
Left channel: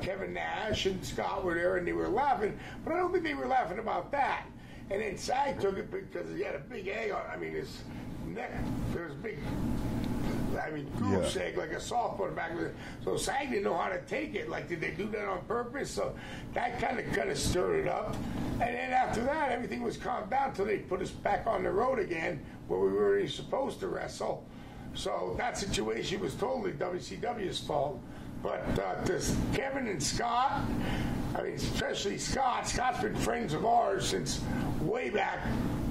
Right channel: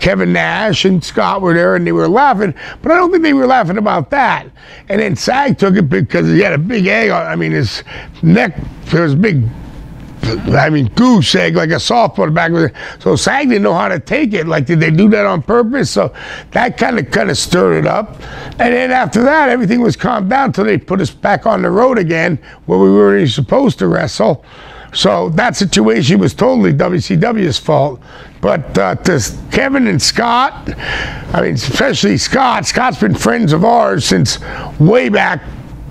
Kevin Nash and Scott were there, and they were laughing. But I don't think they were laughing about that. And then Sag took it because he had a big egg on. I mean, his neck, there was big, I mean, goose egg, like a softball in the back of it. So Sag didn't know how to take it. Like, did they do that on purpose? So that kind of stirred it up. And then after that, everything was calmed down until they put us back on the road again, where we weren't even supposed to wrestle. So that situation was totally WCW's fault. But to Kevin and Scott, I mean, especially Scott's been friends of ours since way back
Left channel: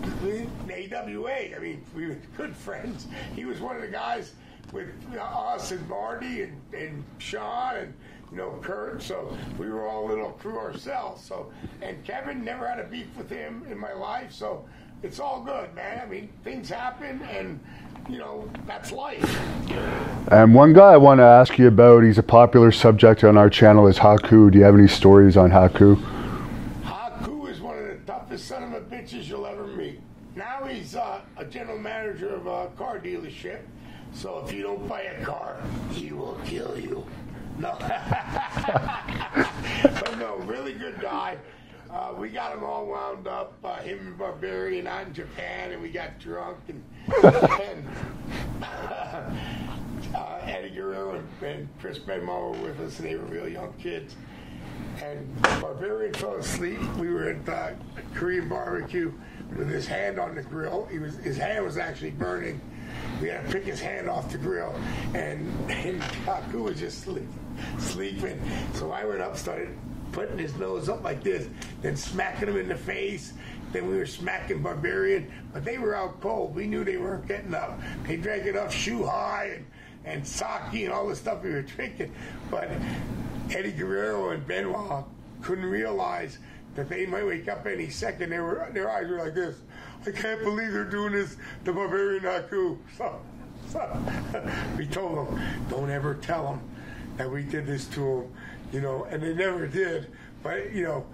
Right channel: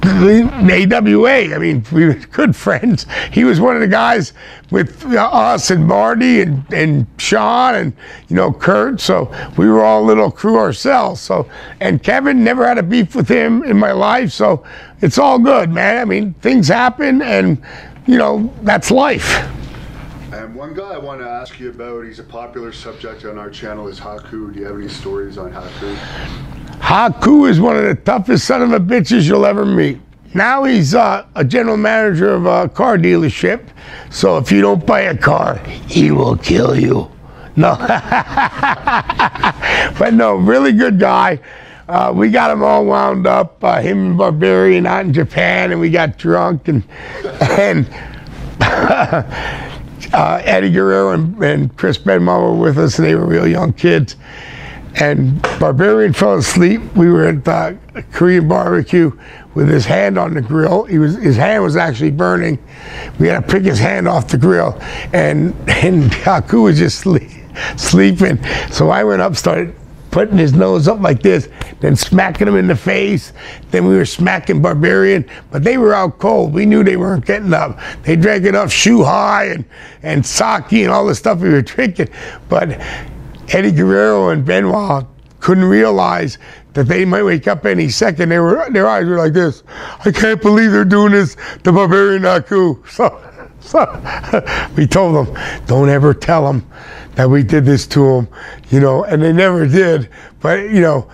in AWA. I mean, we were good friends. He was one of the guys with us and Marty and Sean and, you know, Kurt. So we were all a little crew ourselves. So, and Kevin, never had a beef with him in my life. So it's all good, man. I mean, things happen, and, you know, that's life. And one guy I want to ask you about, he's a popular subject on our channel, is Haku. Do you have any stories on Haku? Haku is one of the toughest son of a bitches you'll ever meet. Now he's a general manager of a car dealership. So if you don't buy a car, he will kill you. No. But no, really good guy. We got him all wound up, him and Barbarian out in Japan, and we got drunk and Eddie Guerrero and Chris Benoit were with us, and they were real young kids. And Barbarian fell asleep. We were at the Korean barbecue with his hand on the grill. His hand was actually burning. We had to pick his hand off the grill, and Haku was just sleeping. So I went up, started putting his nose up like this, then smacking him in the face. Then we were smacking Barbarian, but they were out cold. We knew they weren't getting up. They drank enough shoe high and sake and all the stuff we were drinking. But Eddie Guerrero and Benoit couldn't realize that they might wake up any second. Their eyes were like this. I can't believe they're doing this to Barbarian Haku. So we told them, don't ever tell them that we did this to him, you know, and they never did. But, you know,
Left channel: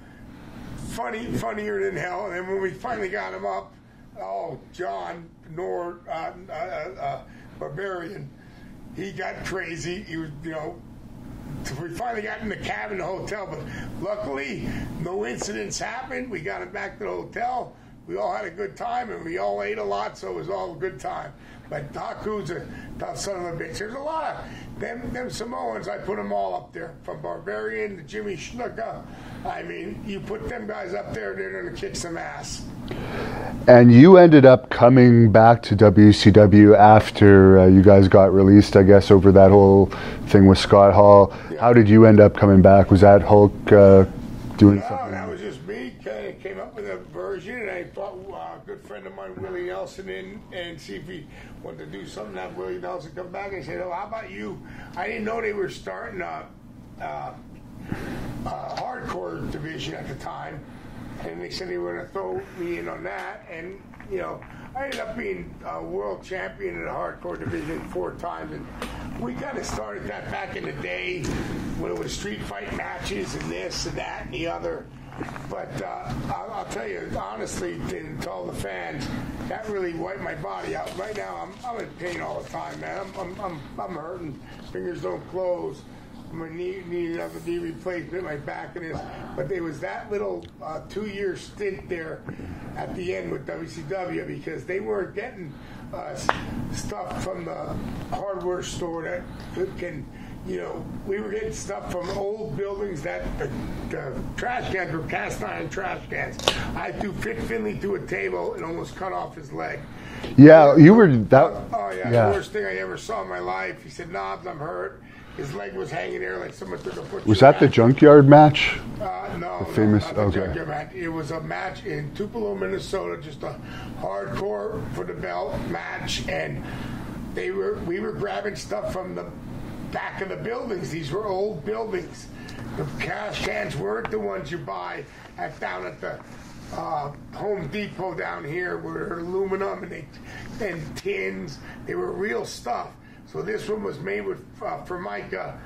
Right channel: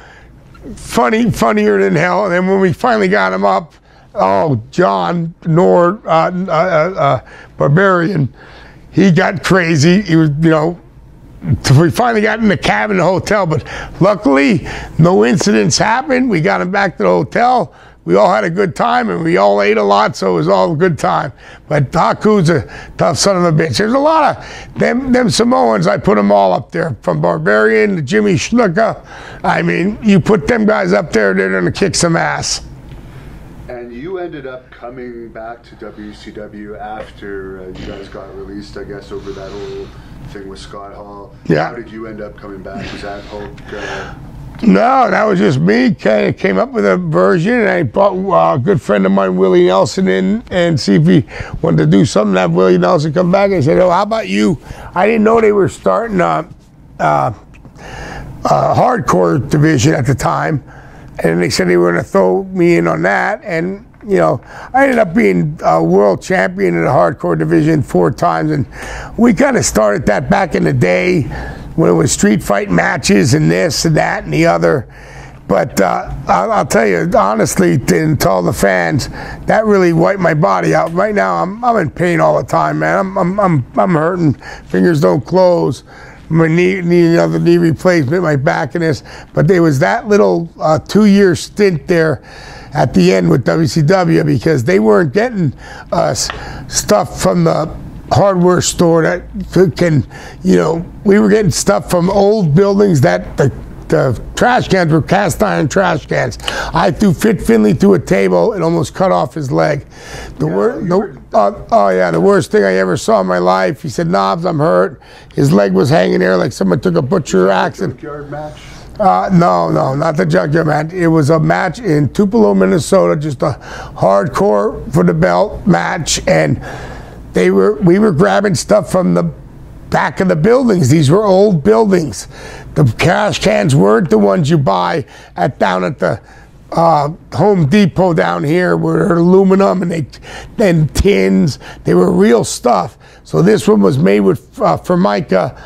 funnier than hell. And then when we finally got him up, oh, John Nord, Barbarian, he got crazy. He was, you know, we finally got in the cab in the hotel, but luckily no incidents happened. We got him back to the hotel. We all had a good time, and we all ate a lot, so it was all a good time. But Haku's a tough son of a bitch. There's a lot of them Samoans. I put them all up there, from Barbarian to Jimmy Snuka. I mean, you put them guys up there, they're going to kick some ass. And you ended up coming back to WCW after you guys got released, I guess, over that whole thing with Scott Hall. Yeah. How did you end up coming back? Was that Hulk? No, that was just me. Came up with a version, and I brought a good friend of mine, Willie Nelson, in and see if he wanted to do something. Have Willie Nelson come back. I said, "Oh, how about you?" I didn't know they were starting a hardcore division at the time, and they said they were going to throw me in on that. And you know, I ended up being a world champion in the hardcore division 4 times, and we kind of started that back in the day, when it was street fight matches and this and that and the other. But I'll tell you honestly, and to all the fans, that really wiped my body out. Right now, I'm in pain all the time, man. I'm hurting. Fingers don't close. My need another knee replacement, my back and this. But there was that little 2-year stint there at the end with WCW, because they weren't getting stuff from the hardware store that can, you know, we were getting stuff from old buildings that the the trash cans were cast iron trash cans. I threw Finley through a table and almost cut off his leg. The worst thing I ever saw in my life. He said, "Knobs, I'm hurt." His leg was hanging there like someone took a butcher axe. Was that the junkyard match? No, not the junkyard match. It was a match in Tupelo, Minnesota, just a hardcore for the belt match, and we were grabbing stuff from the back of the buildings. These were old buildings. The trash cans weren't the ones you buy down at the Home Depot down here, were aluminum and tins. They were real stuff. So this one was made with Formica,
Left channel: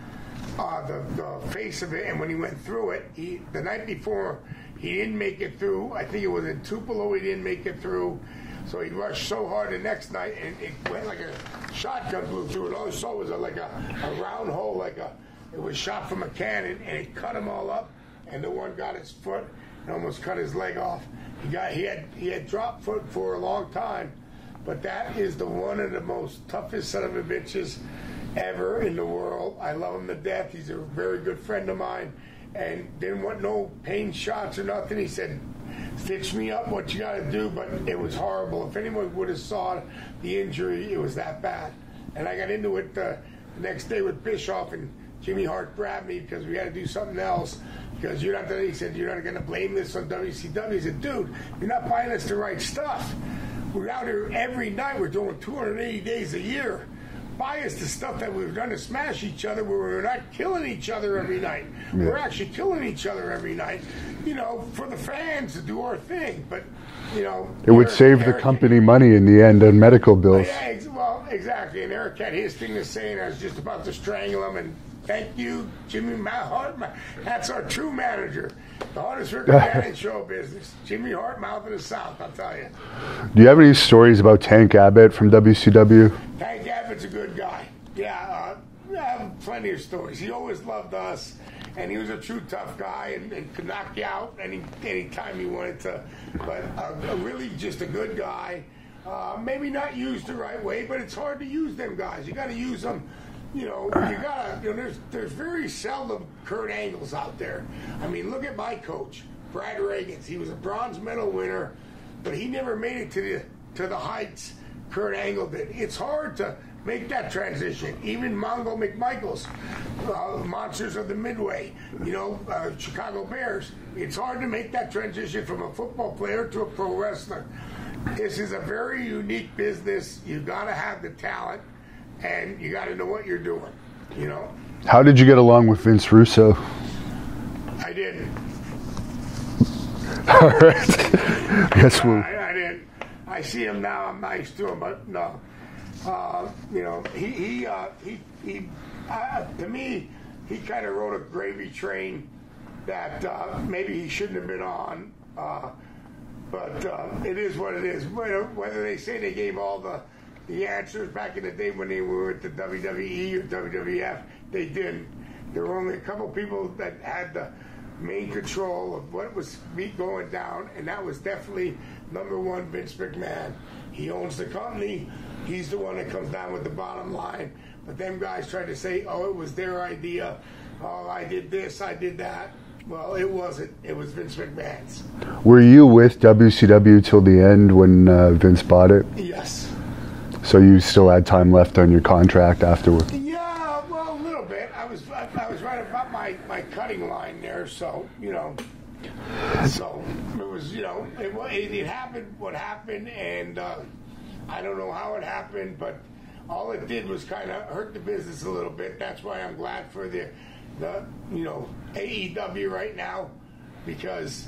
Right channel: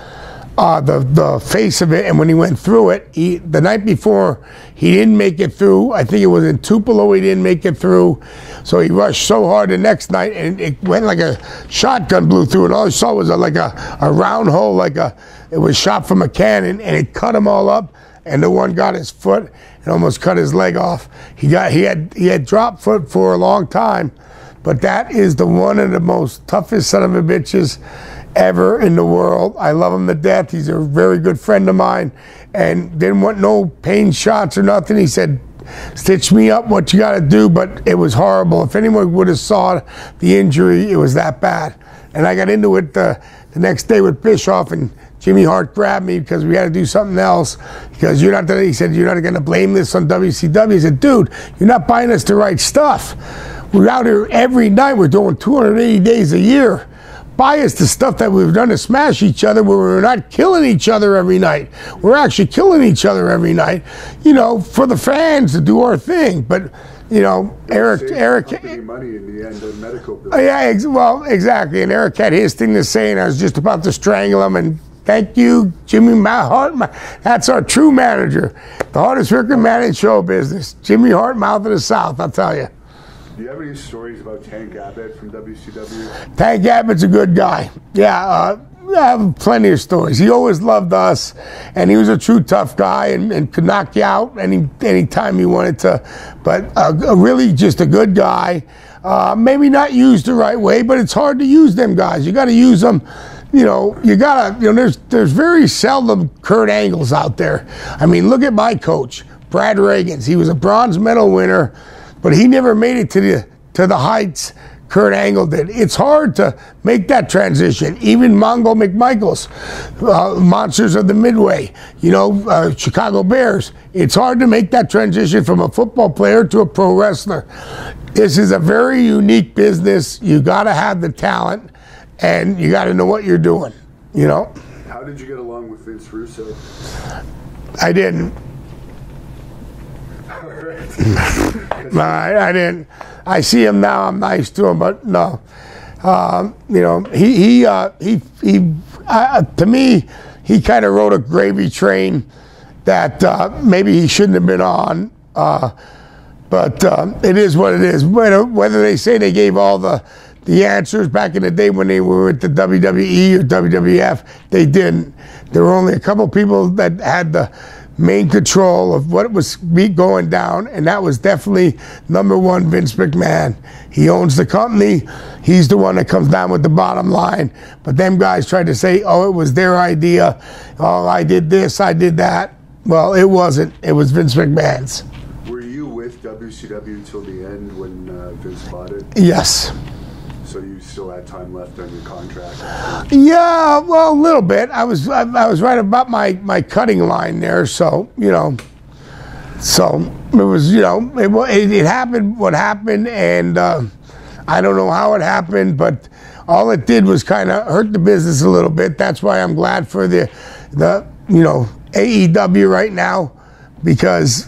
the face of it, and when he went through it, the night before he didn't make it through. I think it was in Tupelo he didn't make it through. So he rushed so hard the next night, and it went like a shotgun blew through, and all I saw was like a round hole, it was shot from a cannon, and it cut him all up, and the one got his foot and almost cut his leg off. He had drop foot for a long time, but that is one of the most toughest son of a bitches ever in the world. I love him to death. He's a very good friend of mine, and didn't want no pain shots or nothing. He said, "Stitch me up, what you got to do," but it was horrible. If anyone would have saw the injury, it was that bad. And I got into it the next day with Bischoff, and Jimmy Hart grabbed me because we had to do something else. Because he said, "You're not going to blame this on WCW." I said, "Dude, you're not buying us the right stuff. We're out here every night. We're doing 280 days a year. Buy us the stuff that we've done to smash each other, where we're not killing each other every night. We're actually killing each other every night, for the fans to do our thing." But, it would save the company money in the end on medical bills. Yeah, exactly. And Eric had his thing to say, and I was just about to strangle him. And thank you, Jimmy Hart. That's our true manager, the hardest working man in show business. Jimmy Hart, mouth of the South, I'll tell you. Do you have any stories about Tank Abbott from WCW? Tank Abbott's a good guy. Yeah, I have plenty of stories. He always loved us, and he was a true tough guy and could knock you out any time he wanted to. But really just a good guy. Maybe not used the right way, but it's hard to use them guys. You got to use them. There's very seldom Kurt Angles out there. I mean, look at my coach, Brad Reagans. He was a bronze medal winner, but he never made it to the heights Kurt Angle did. It's hard to make that transition. Even Mongo McMichaels, Monsters of the Midway, Chicago Bears. It's hard to make that transition from a football player to a pro wrestler. This is a very unique business. You got to have the talent, and you got to know what you're doing. How did you get along with Vince Russo? I didn't. All right. No, I didn't. I see him now. I'm nice to him, but no. To me, he kind of rode a gravy train that maybe he shouldn't have been on. But it is what it is. Whether they say they gave all the answers back in the day when they were at the WWE or WWF, they didn't. There were only a couple people that had the main control of what was going down, and that was definitely number one, Vince McMahon. He owns the company. He's the one that comes down with the bottom line. But them guys tried to say, "Oh, it was their idea. Oh, I did this, I did that." Well, it wasn't. It was Vince McMahon's. Were you with WCW till the end when Vince bought it? Yes. So you still had time left on your contract after? Yeah, well, a little bit. I was right about my cutting line there, so so it was it happened what happened, and I don't know how it happened, but all it did was kind of hurt the business a little bit. That's why I'm glad for the AEW right now, because.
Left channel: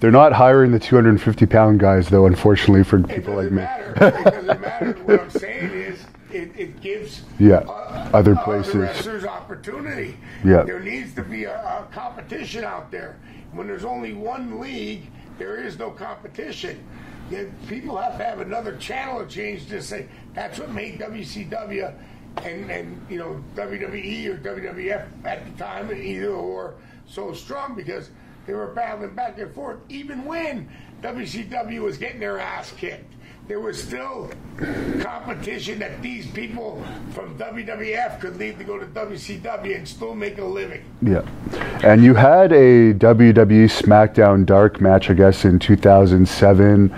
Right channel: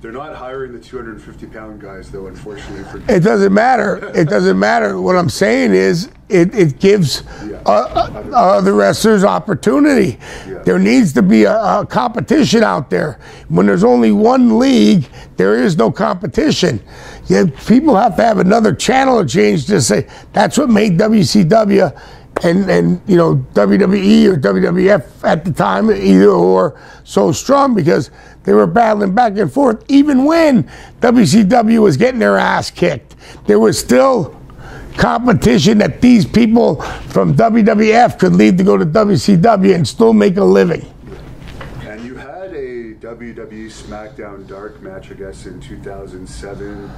They're not hiring the 250-pound guys, though, unfortunately. It doesn't matter. It doesn't matter. What I'm saying is it gives other wrestlers opportunity. Yeah. There needs to be a competition out there. When there's only one league, there is no competition. People have to have another channel to change to say that's what made WCW and WWE or WWF at the time, either or, so strong, because they were battling back and forth. Even when WCW was getting their ass kicked, there was still competition that these people from WWF could leave to go to WCW and still make a living. Yeah. And you had a WWE SmackDown Dark match, I guess, in 2007.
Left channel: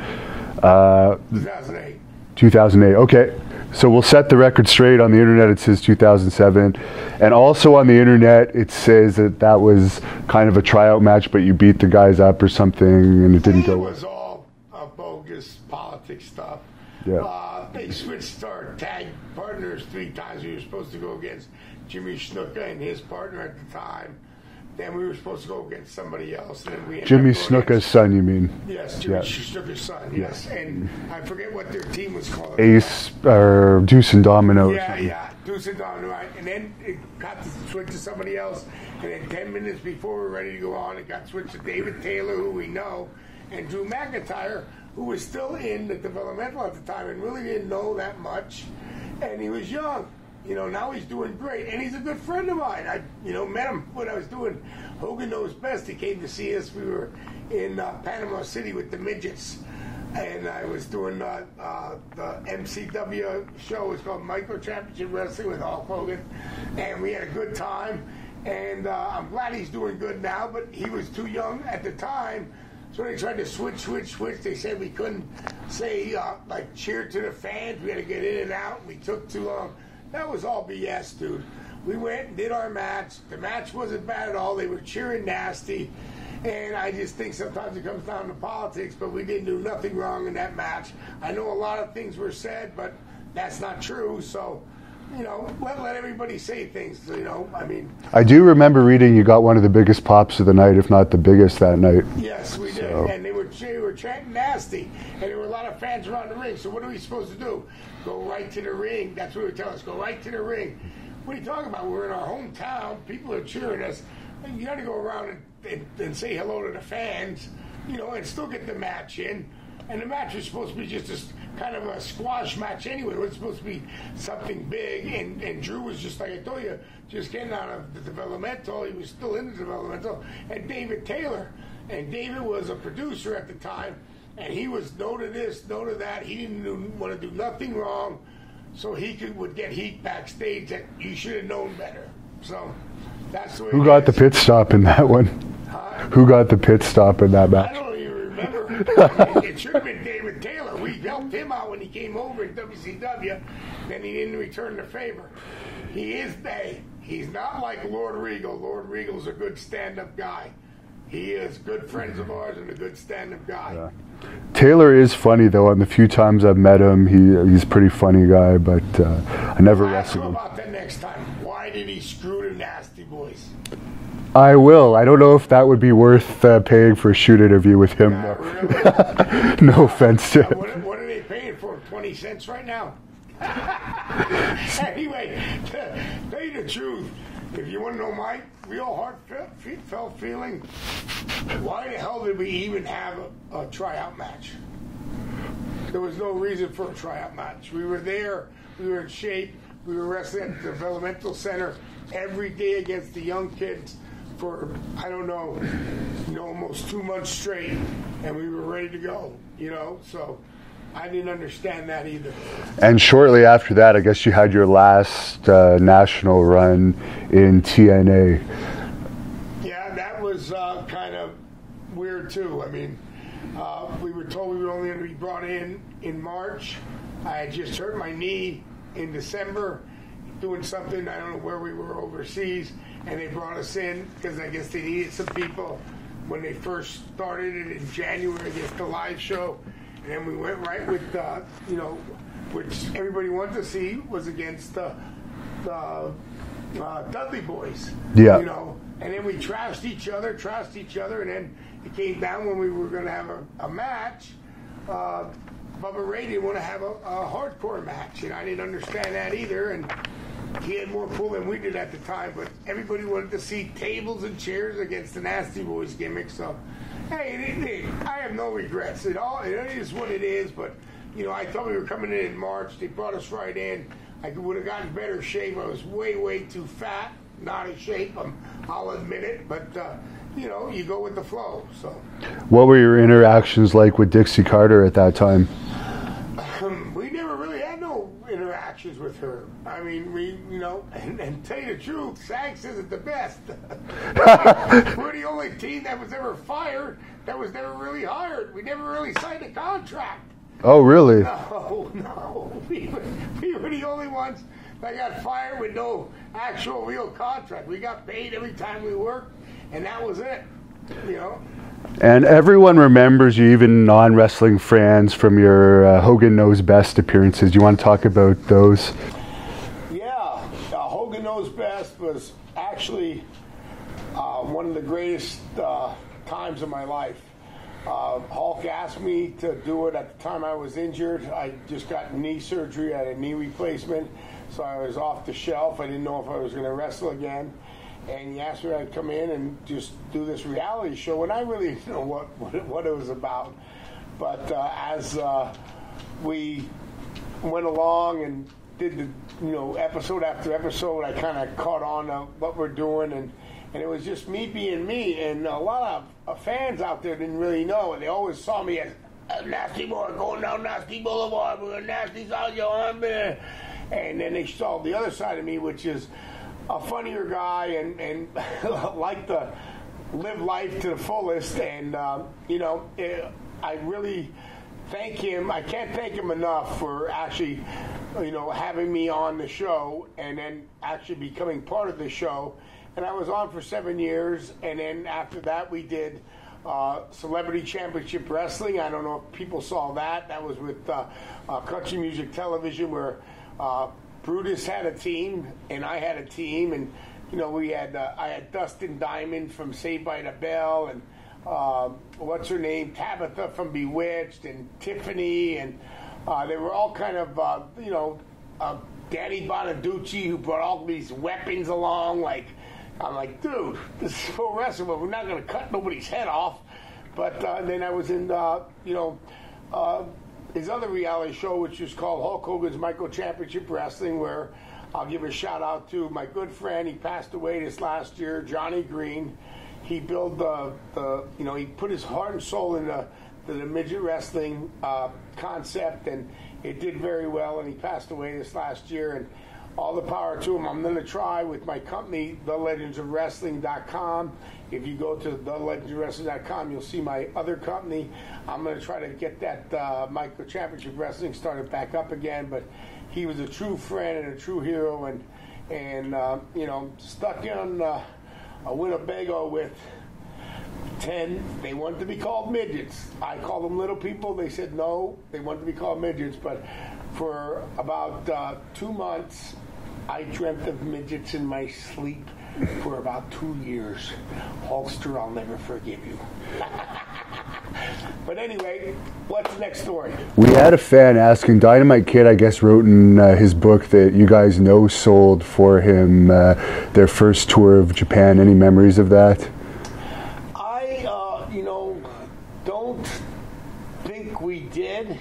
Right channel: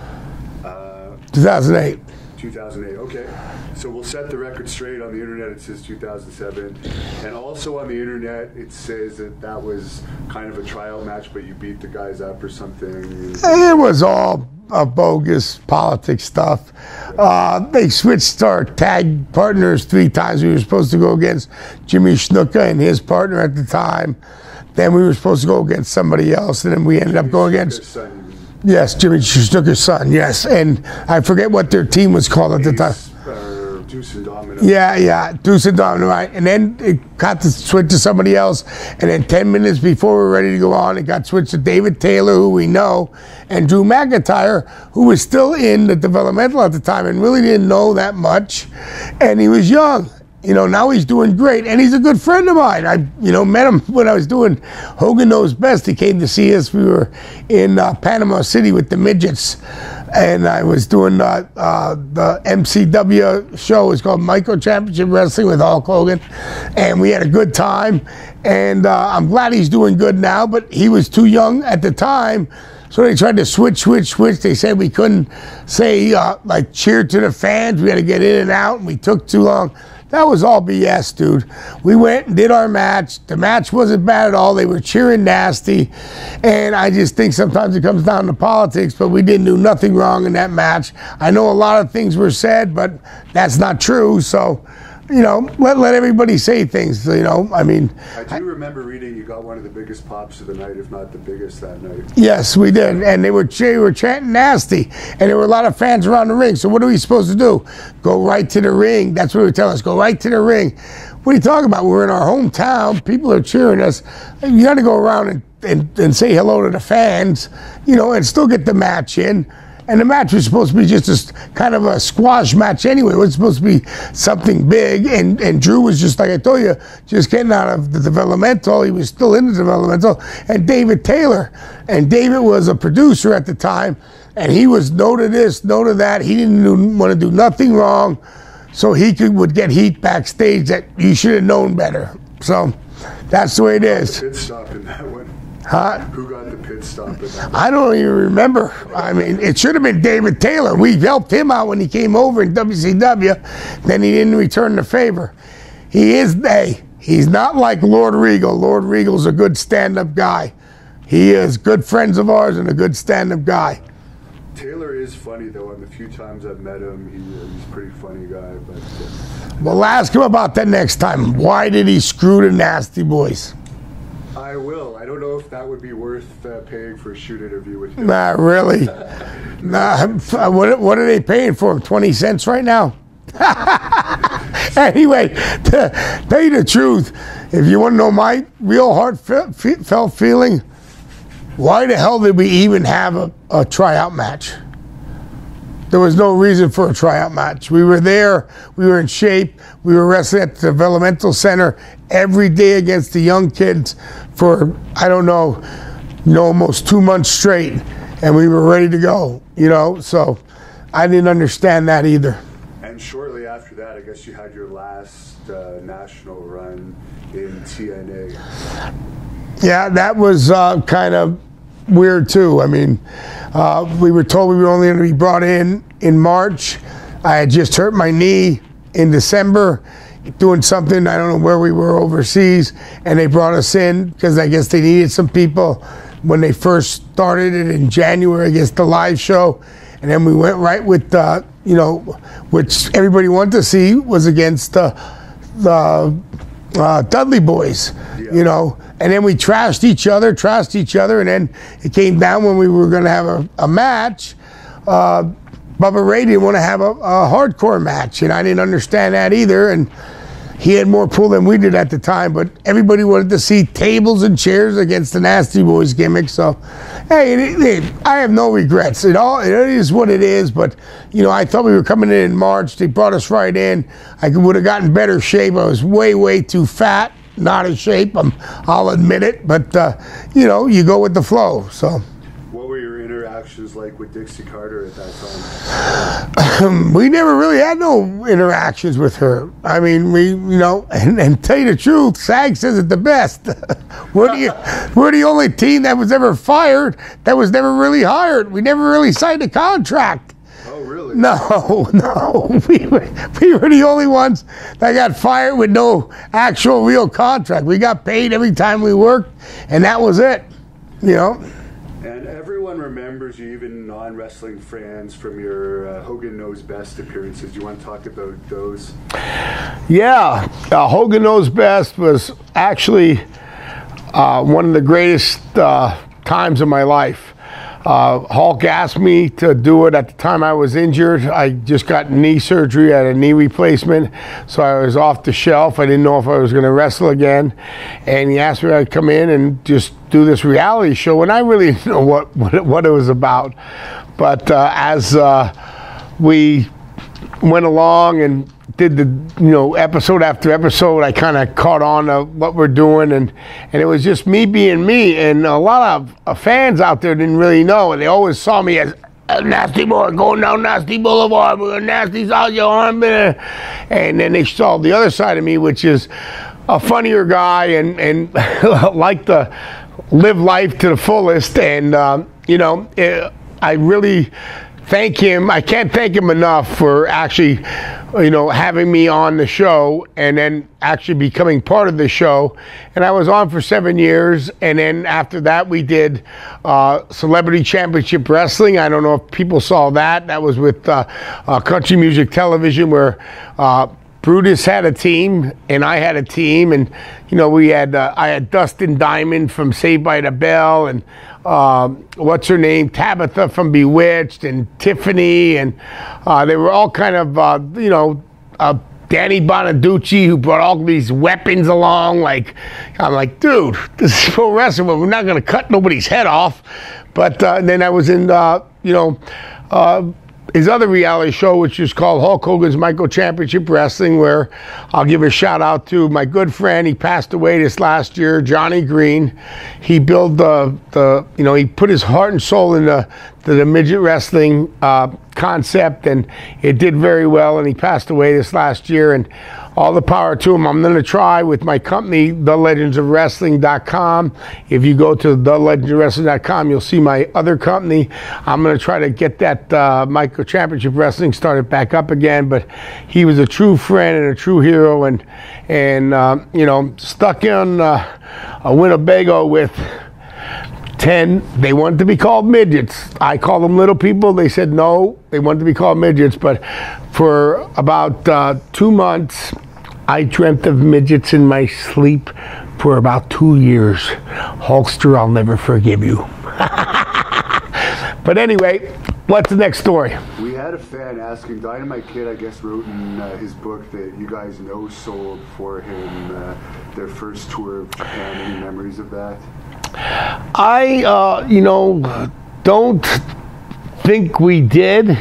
2008. 2008, okay. So we'll set the record straight. On the internet it says 2007, and also on the internet it says that that was kind of a tryout match, but you beat the guys up or something. And it was all bogus politics stuff. Yeah. They switched our tag partners 3 times. We were supposed to go against Jimmy Snuka and his partner at the time. Then we were supposed to go against somebody else, and then we ended up going against... Jimmy Snuka's son, you mean? Yes, Jimmy Snuka's son, yes. And I forget what their team was called at the time. Or Deuce and Domino. Yeah, Deuce and Domino, right. And then it got to switch to somebody else, and then 10 minutes before we were ready to go on, it got switched to David Taylor, who we know, and Drew McIntyre, who was still in the developmental at the time and really didn't know that much, and he was young. You know, now he's doing great, and he's a good friend of mine. I, met him when I was doing Hogan Knows Best. He came to see us. We were in Panama City with the midgets, and I was doing the MCW show. It's called Micro Championship Wrestling with Hulk Hogan, and we had a good time. And I'm glad he's doing good now, but he was too young at the time. So they tried to switch. They said we couldn't say, like, cheer to the fans. We had to get in and out, and we took too long. That was all BS, dude. We went and did our match. The match wasn't bad at all. They were cheering nasty. And I just think sometimes it comes down to politics, but we didn't do nothing wrong in that match. I know a lot of things were said, but that's not true. So, let everybody say things, I mean. I do remember reading you got one of the biggest pops of the night, if not the biggest that night. Yes, we did. And they were chanting nasty. And there were a lot of fans around the ring. So what are we supposed to do? Go right to the ring. That's what they were telling us. Go right to the ring. What are you talking about? We're in our hometown. People are cheering us. You got to go around and say hello to the fans, and still get the match in. And the match was supposed to be just kind of a squash match anyway. It was supposed to be something big. And Drew was just, like I told you, just getting out of the developmental. He was still in the developmental. And David Taylor. And David was a producer at the time. And he was no to this, no to that. He didn't want to do nothing wrong. So he would get heat backstage that you should have known better. So that's the way it is. Who got the pit stop in that one? Huh? Who got the pit stop in that match? I don't even remember. I mean, it should have been David Taylor. We helped him out when he came over in WCW. Then he didn't return the favor. He's not like Lord Regal. Lord Regal's a good stand-up guy. He is good friends of ours and a good stand-up guy. Taylor is funny, though. And the few times I've met him, he's a pretty funny guy. But We'll ask him about that next time. Why did he screw the Nasty Boys? I will. I don't know if that would be worth paying for a shoot interview with him. Nah, really? No offense. What are they paying for him? 20 cents right now? Anyway, to tell you the truth, if you want to know my real heartfelt feeling, why the hell did we even have a tryout match? There was no reason for a tryout match. We were there. We were in shape. We were wrestling at the developmental center every day against the young kids for, I don't know, almost 2 months straight, and we were ready to go, so I didn't understand that either. And shortly after that, I guess you had your last national run in TNA. Yeah, that was kind of weird too. I mean, we were told we were only going to be brought in March. I had just hurt my knee in December, doing something, I don't know where we were overseas, and they brought us in because I guess they needed some people when they first started it in January against the live show. And then we went right with, which everybody wanted to see was against the Dudley Boys, And then we trashed each other, and then it came down when we were going to have a match. Bubba Ray didn't want to have a hardcore match, and I didn't understand that either. And he had more pull than we did at the time, but everybody wanted to see tables and chairs against the Nasty Boys gimmick. So, hey, I have no regrets. It is what it is. But I thought we were coming in March. They brought us right in. I would have gotten better shape. I was way too fat, not in shape. I'll admit it. But you go with the flow. So. What were your interactions like with Dixie Carter at that time? We never really had no interactions with her. I mean, and tell you the truth, SAG says it the best. We're the only team that was ever fired that was never really hired. We never really signed a contract. Oh, really? No. We were the only ones that got fired with no actual real contract. We got paid every time we worked, and that was it, And everyone remembers you, even non-wrestling fans, from your Hogan Knows Best appearances. Do you want to talk about those? Yeah, Hogan Knows Best was actually one of the greatest times of my life. Hulk asked me to do it at the time I was injured. I just got knee surgery, I had a knee replacement, so I was off the shelf. I didn't know if I was going to wrestle again, and he asked me if I'd come in and just do this reality show, and I really didn't know what it was about. But as we went along and did the episode after episode, I kind of caught on to what we're doing, and it was just me being me, and a lot of fans out there didn't really know, and they always saw me as a nasty boy going down Nasty Boulevard with a nasty out your arm, and then they saw the other side of me, which is a funnier guy and like to live life to the fullest, and I really thank him. I can't thank him enough for actually having me on the show and then actually becoming part of the show. And I was on for 7 years, and then after that we did Celebrity Championship Wrestling. I don't know if people saw that. That was with Country Music Television, where Brutus had a team and I had a team, and we had I had Dustin Diamond from Saved by the Bell, and what's her name, Tabitha from Bewitched, and Tiffany, and they were all kind of Danny Bonaducci, who brought all these weapons along. I'm like, dude, this is pro wrestling, but we're not going to cut nobody's head off. But then I was in his other reality show, which is called Hulk Hogan's Micro Championship Wrestling, where I'll give a shout out to my good friend. He passed away this last year, Johnny Green. He built he put his heart and soul into the midget wrestling concept, and it did very well, and he passed away this last year, and all the power to him. I'm going to try with my company, thelegendsofwrestling.com. If you go to thelegendsofwrestling.com, you'll see my other company. I'm going to try to get that Micro Championship Wrestling started back up again. But he was a true friend and a true hero, and stuck in a Winnebago with 10. They wanted to be called midgets. I called them little people. They said no, they wanted to be called midgets. But for about 2 months, I dreamt of midgets in my sleep for about 2 years. Hulkster, I'll never forgive you. But anyway, what's the next story? We had a fan asking, Dynamite Kid, I guess, wrote in his book that you guys know sold for him their first tour of Japan. Any memories of that? I, don't think we did.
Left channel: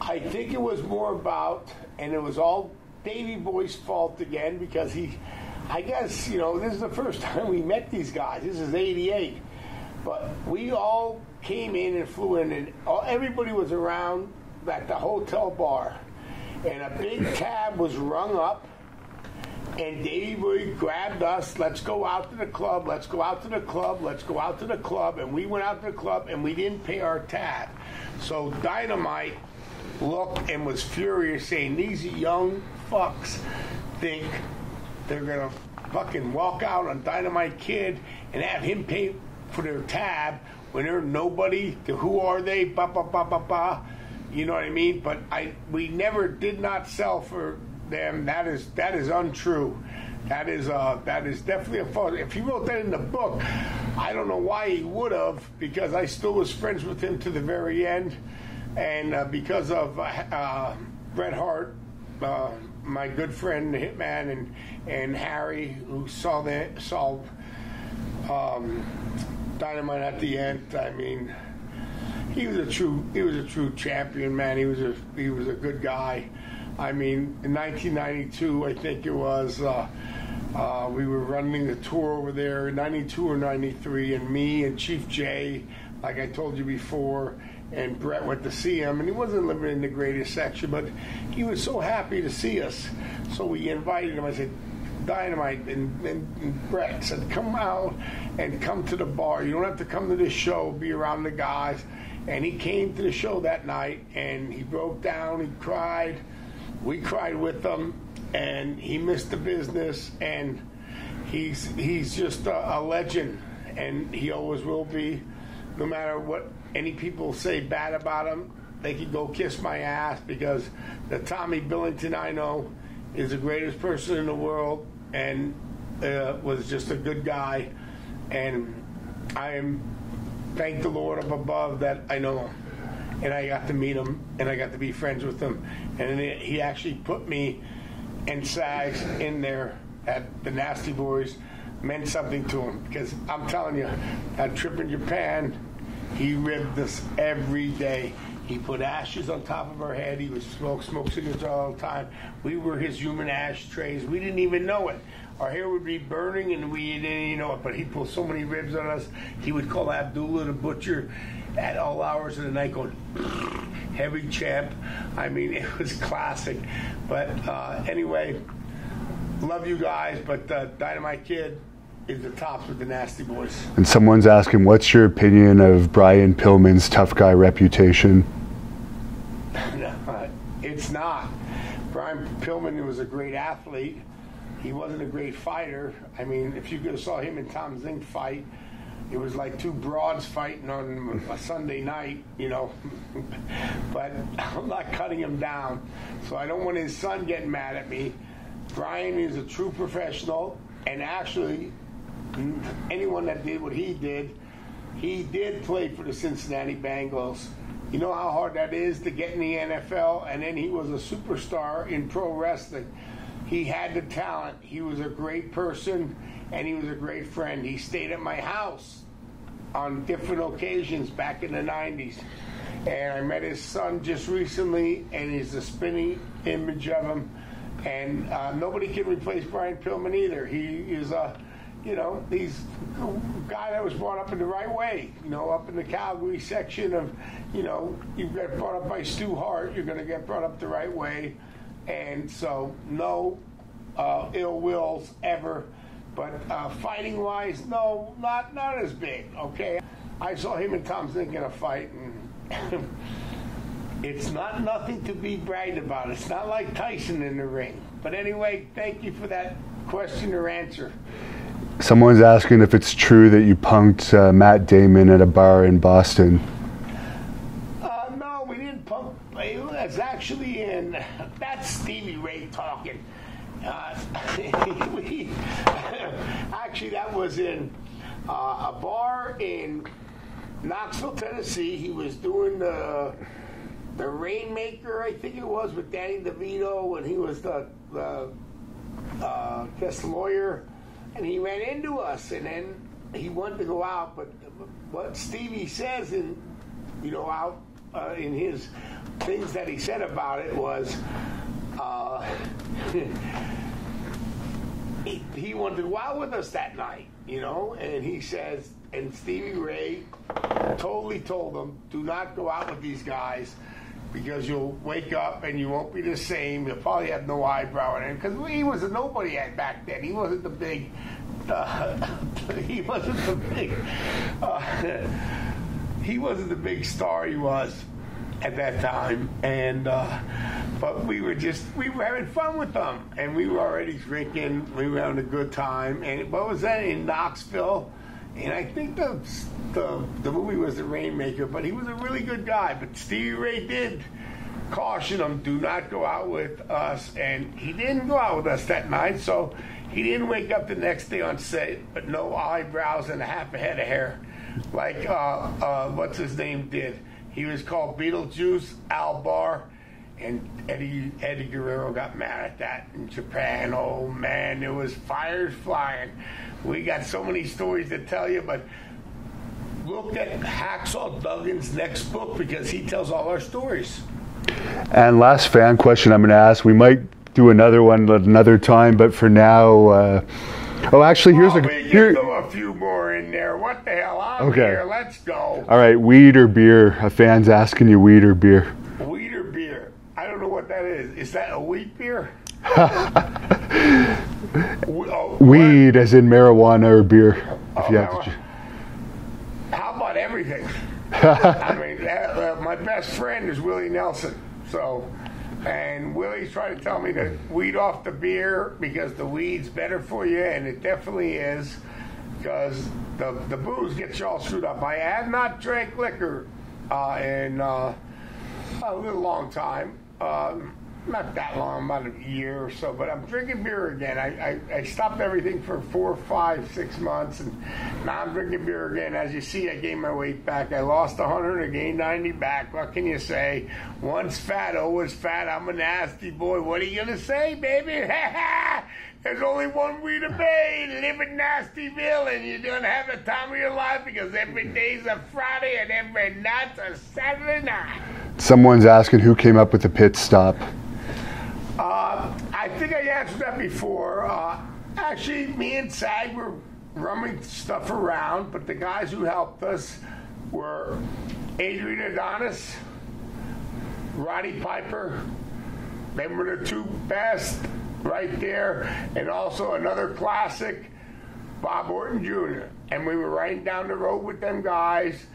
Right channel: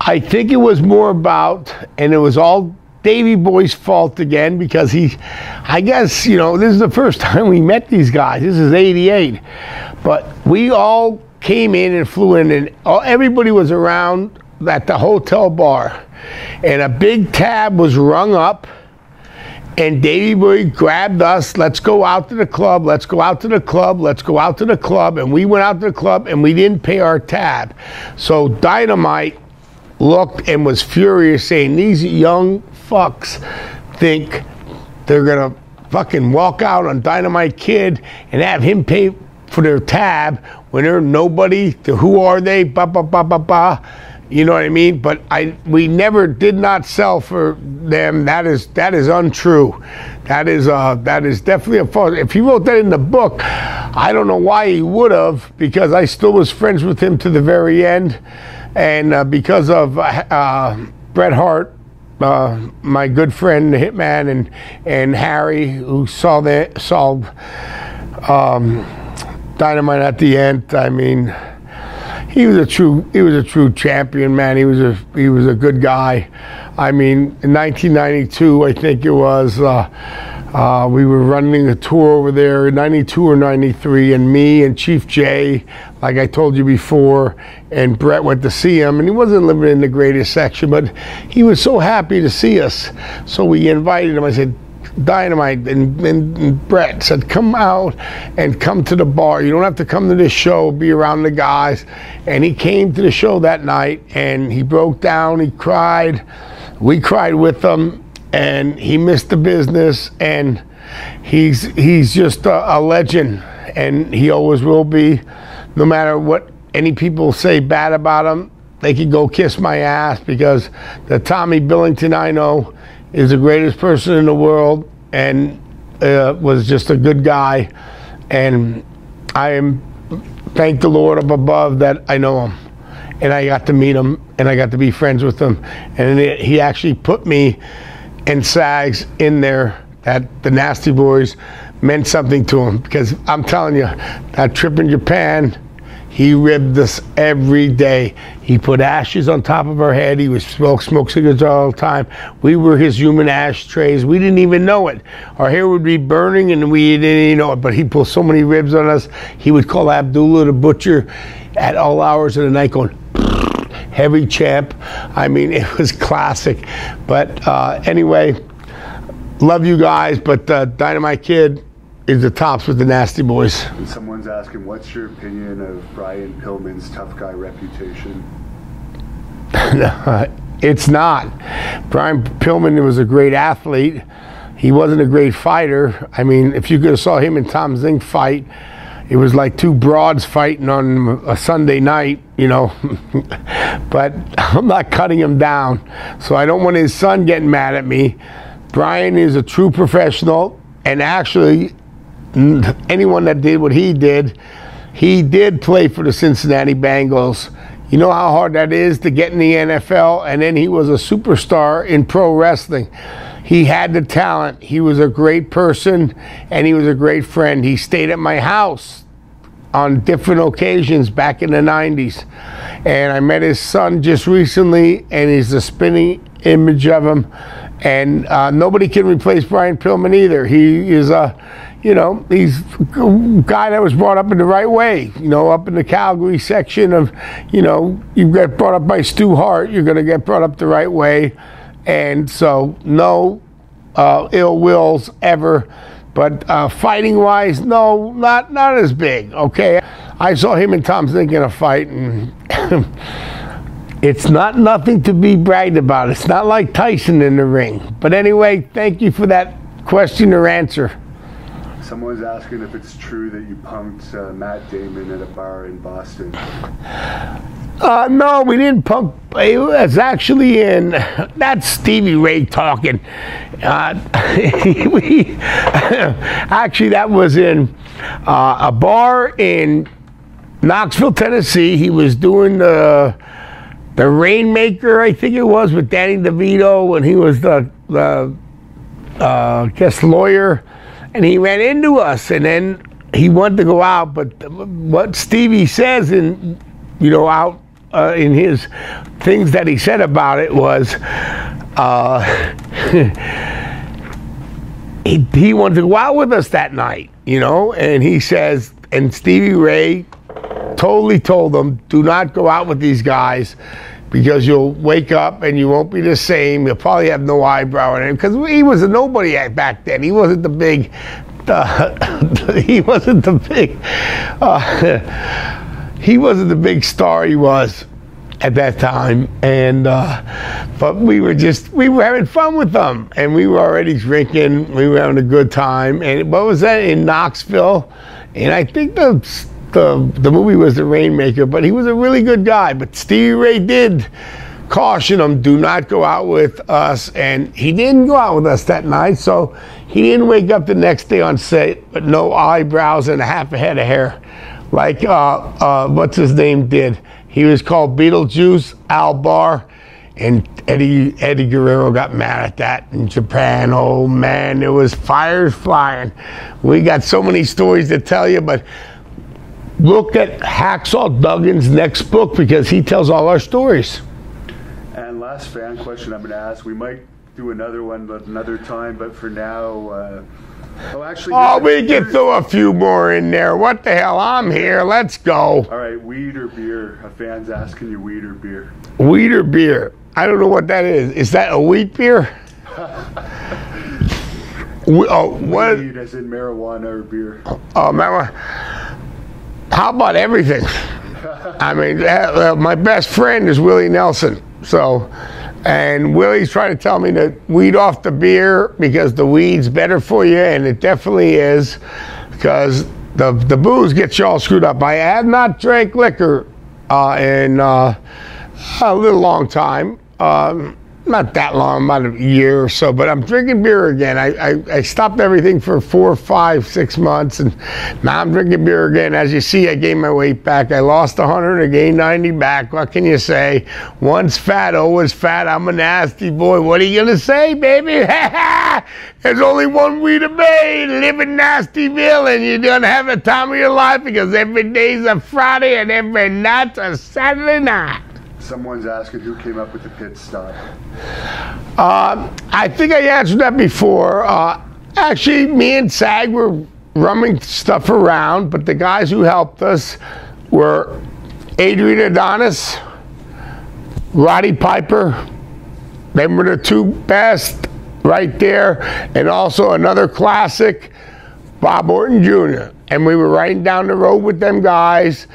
I think it was more about, and it was all Davey Boy's fault again, because I guess, this is the first time we met these guys. This is '88. But we all came in and flew in, and everybody was around at the hotel bar. And a big tab was rung up, and Davey Boy grabbed us, let's go out to the club, let's go out to the club, let's go out to the club. And we went out to the club, and we didn't pay our tab. So Dynamite looked and was furious, saying, these young fucks think they're going to fucking walk out on Dynamite Kid and have him pay for their tab when they're nobody. Who are they? Ba, ba, ba, ba, ba. You know what I mean? But we never did not sell for them. That is untrue. That is definitely a false. If he wrote that in the book, I don't know why he would have, because I still was friends with him to the very end, and because of Bret Hart, my good friend, the Hitman, and Harry, who saw Dynamite at the end. I mean, he was a true champion, man. He was a good guy. I mean, in 1992, I think it was, We were running a tour over there in 92 or 93, and me and Chief Jay, like I told you before, and Brett went to see him, and he wasn't living in the greatest section, but he was so happy to see us. So we invited him. I said, Dynamite and Brett said, come out and come to the bar. You don't have to come to this show, be around the guys. And he came to the show that night, and he broke down, he cried. We cried with him, and he missed the business, and he's just a legend, and he always will be. No matter what any people say bad about him, they can go kiss my ass, because the Tommy Billington I know is the greatest person in the world, and was just a good guy. And I am, thank the Lord up above that I know him, and I got to meet him, and I got to be friends with him. And he actually put me and Sags in there, that the Nasty Boys meant something to him, because I'm telling you, that trip in Japan, he ribbed us every day. He put ashes on top of our head. He would smoke cigarettes all the time. We were his human ashtrays. We didn't even know it. Our hair would be burning and we didn't even know it, but he pulled so many ribs on us. He would call Abdullah the butcher at all hours of the night going, heavy champ. I mean, it was classic. But anyway, love you guys, but Dynamite Kid is the tops with the Nasty Boys. And someone's asking, what's your opinion of Brian Pillman's tough guy reputation? It's not. Brian Pillman was a great athlete. He wasn't a great fighter. I mean, if you could have saw him and Tom Zink fight, it was like two broads fighting on a Sunday night, you know. But I'm not cutting him down, so I don't want his son getting mad at me. Brian is a true professional, and actually, anyone that did what he did play for the Cincinnati Bengals. You know how hard that is to get in the NFL, and then he was a superstar in pro wrestling. He had the talent. He was a great person, and he was a great friend. He stayed at my house on different occasions back in the 90s. And I met his son just recently, and he's a spinning image of him. And nobody can replace Brian Pillman either. He is a, you know, he's a guy that was brought up in the right way. You know, up in the Calgary section of, you know, you get brought up by Stu Hart, you're going to get brought up the right way. And so, no ill wills ever. But fighting-wise, no, not as big, okay? I saw him and Tom Zink in a fight, and it's not nothing to be bragged about. It's not like Tyson in the ring. But anyway, thank you for that question or answer. Someone's asking if it's true that you punked Matt Damon at a bar in Boston. No, we didn't punk. It was actually in, that's Stevie Ray talking. Actually, that was in a bar in Knoxville, Tennessee. He was doing the Rainmaker, I think it was, with Danny DeVito, and he was the guest lawyer, and he ran into us, and then he wanted to go out, but what Stevie says in, you know, out in his things that he said about it was he wanted to go out with us that night, you know, and he says, and Stevie Ray totally told them, do not go out with these guys because you'll wake up and you won't be the same. You'll probably have no eyebrow on him, because he was a nobody back then. He wasn't the big, he wasn't the big star he was at that time. And but we were having fun with them, and we were already drinking. We were having a good time. And what was that, in Knoxville? And I think the movie was The Rainmaker, but he was a really good guy. But Stevie Ray did caution him, do not go out with us, and he didn't go out with us that night, so he didn't wake up the next day on set with no eyebrows and half a head of hair like what's his name did. He was called Beetlejuice, Al Barr, and Eddie Guerrero got mad at that in Japan. Oh man, there was fires flying. We got so many stories to tell you, but look at Hacksaw Duggan's next book, because he tells all our stories. And last fan question I'm going to ask, we might do another one at another time, but for now, oh, actually, we can throw a few more in there. What the hell? I'm here. Let's go. All right, weed or beer? A fan's asking you, weed or beer? Weed or beer? I don't know what that is. Is that a wheat beer? Weed, as in marijuana or beer? Oh, marijuana. How about everything? I mean, my best friend is Willie Nelson. So, and Willie's trying to tell me to weed off the beer because the weed's better for you, and it definitely is, because the booze gets you all screwed up. I have not drank liquor in a little long time. Not that long, about a year or so, but I'm drinking beer again. I stopped everything for 4, 5, 6 months, and now I'm drinking beer again. As you see, I gained my weight back. I lost 100, I gained 90 back. What can you say? Once fat, always fat. I'm a nasty boy. What are you gonna say, baby? There's only one way to be, live in Nastyville, and you're gonna have the time of your life, because every day's a Friday and every night's a Saturday night. Someone's asking who came up with the pit stop. I think I answered that before. Actually, me and Sag were running stuff around, but the guys who helped us were Adrian Adonis, Roddy Piper. They were the two best right there. And also another classic, Bob Orton Jr. And we were riding down the road with them guys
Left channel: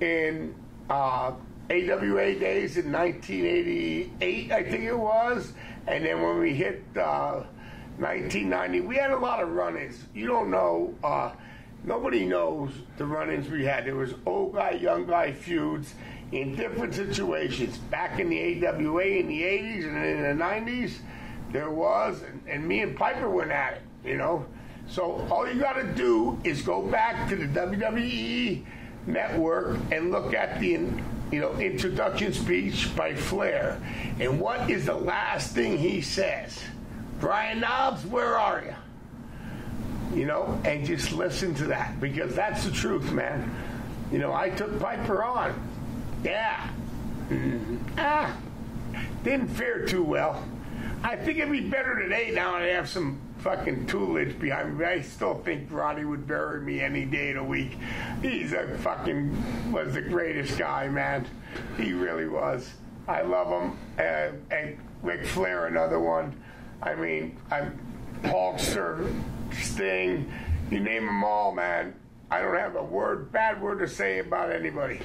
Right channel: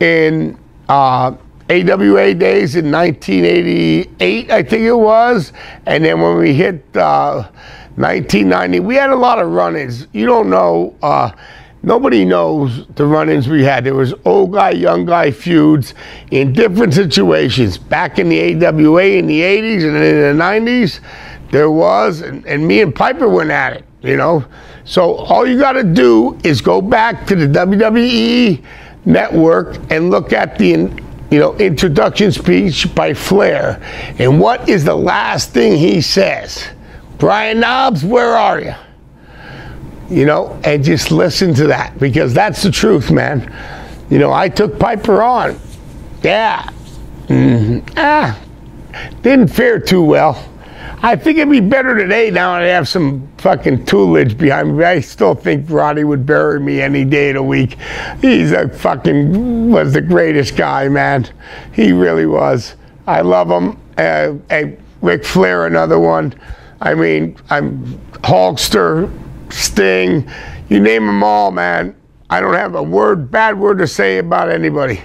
in AWA days in 1988, I think it was. And then when we hit 1990, we had a lot of run-ins. You don't know, nobody knows the run-ins we had. There was old guy, young guy feuds in different situations. Back in the AWA in the 80s and in the 90s, there was, and me and Piper went at it, you know? So all you gotta do is go back to the WWE network and look at the introduction speech by Flair. And what is the last thing he says? Brian Knobbs, where are you? You know, and just listen to that, because that's the truth, man. You know, I took Piper on. Yeah. Didn't fare too well. I think it'd be better today now that I have some fucking toolage behind me. I still think Roddy would bury me any day of the week. He's was the greatest guy, man. He really was. I love him. Ric Flair, another one. I mean, I'm Hulkster, Sting, you name them all, man. I don't have a bad word to say about anybody.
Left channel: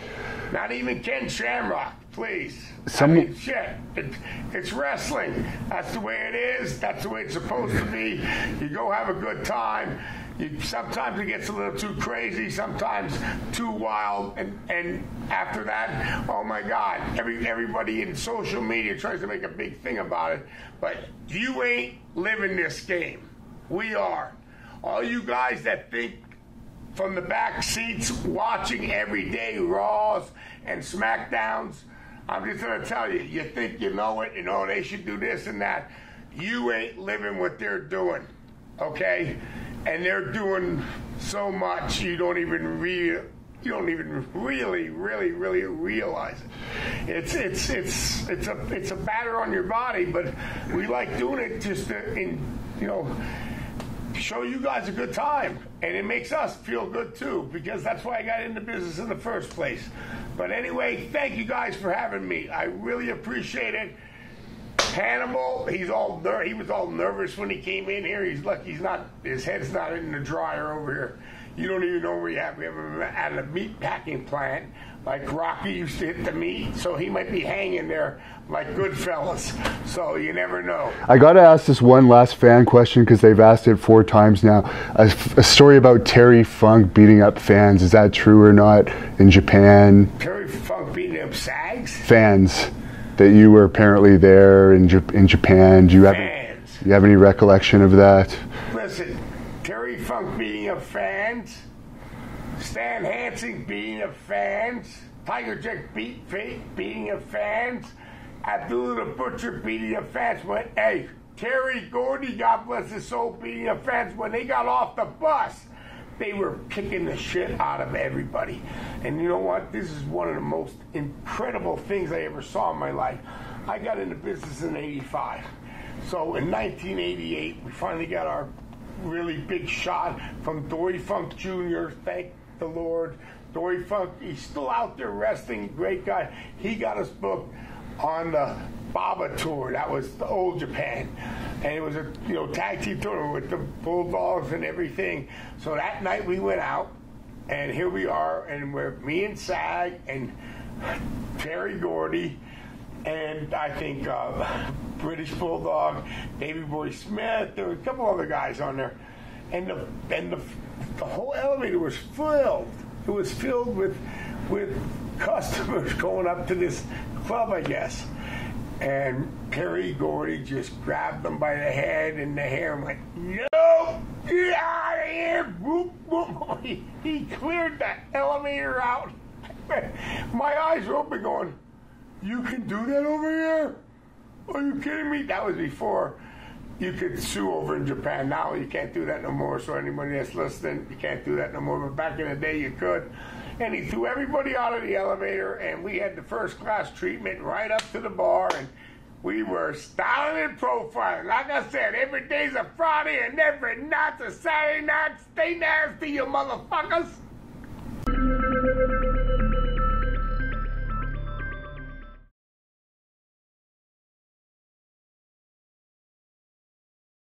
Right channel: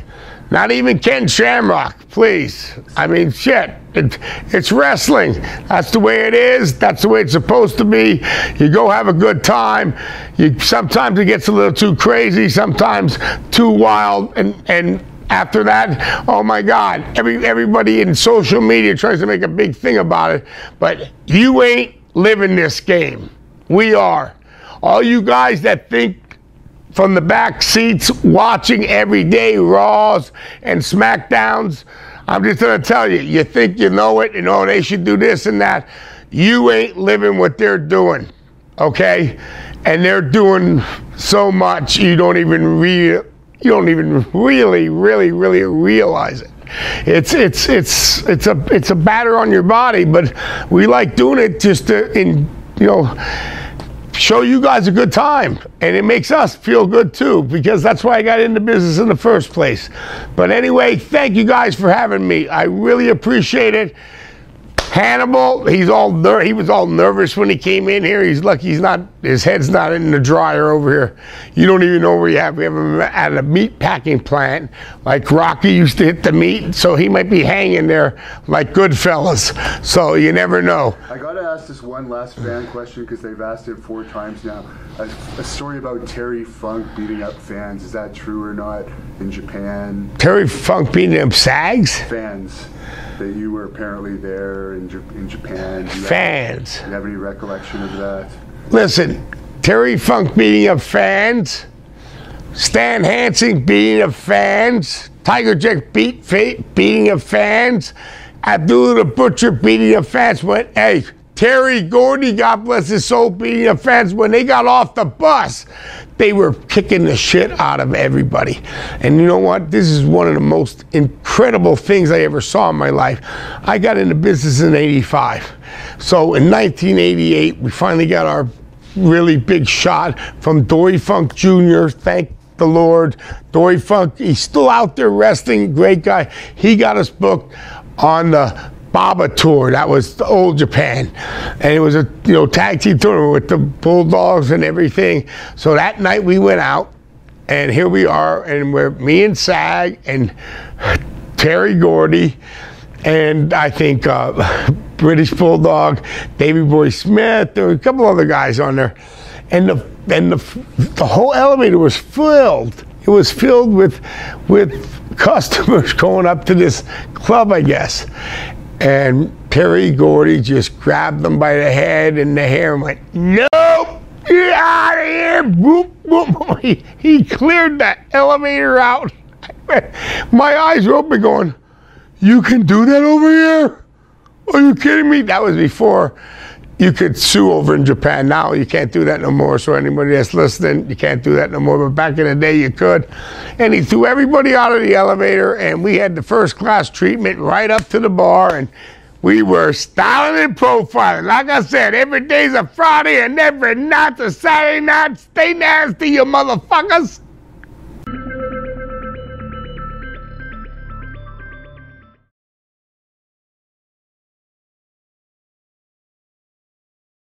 Not even Ken Shamrock, please. I mean, shit. It's wrestling. That's the way it is. That's the way it's supposed to be. You go have a good time. Sometimes it gets a little too crazy, sometimes too wild, and after that, oh my God, everybody in social media tries to make a big thing about it, but you ain't living this game. We are. All you guys that think from the back seats watching every day Raws and SmackDowns, I'm just gonna tell you, you think you know it, and oh, they should do this and that. You ain't living what they're doing, okay? And they're doing so much you don't even really realize it. It's a batter on your body, but we like doing it just to, show you guys a good time, and it makes us feel good too, because that's why I got into business in the first place. But anyway, thank you guys for having me. I really appreciate it. Hannibal, he was all nervous when he came in here. He's lucky his head's not in the dryer over here. You don't even know where we have him at a meat packing plant, like Rocky used to hit the meat, so he might be hanging there like Goodfellas. So you never know. I got to ask this one last fan question, because they've asked it 4 times now. A story about Terry Funk beating up fans. Is that true or not in Japan? Terry Funk beating up SAGs? Fans. That you were apparently there in Japan. Do you have any recollection of that? Listen, Terry Funk beating up fans, Stan Hansen beating up fans, Tiger Jack beating up fans, Abdullah the Butcher beating up fans. Hey, Terry Gordy, God bless his soul, beating up fans. When they got off the bus, they were kicking the shit out of everybody. And you know what? This is one of the most incredible incredible things I ever saw in my life. I got into business in '85. So in 1988, we finally got our really big shot from Dory Funk Jr. Thank the Lord. Dory Funk, he's still out there wrestling, great guy. He got us booked on the Baba tour. That was the old Japan, and it was a tag team tour with the Bulldogs and everything. So that night we went out, and here we are, and we're me and Sag and Terry Gordy, and I think British Bulldog, Davey Boy Smith. There were a couple other guys on there, and the whole elevator was filled. It was filled with customers going up to this club, I guess. And Terry Gordy just grabbed them by the head and the hair and went, "Nope, get out of here!" Boop, boop. He cleared that elevator out. My eyes were open, going, "You can do that over here? Are you kidding me?" That was before you could sue over in Japan. Now you can't do that no more. So anybody that's listening, you can't do that no more. But back in the day, you could. And he threw everybody out of the elevator, and we had the first class treatment right up to the bar, and we were styling and profiling. Like I said, every day's a Friday and every night's a Saturday night. Stay nasty, you motherfuckers.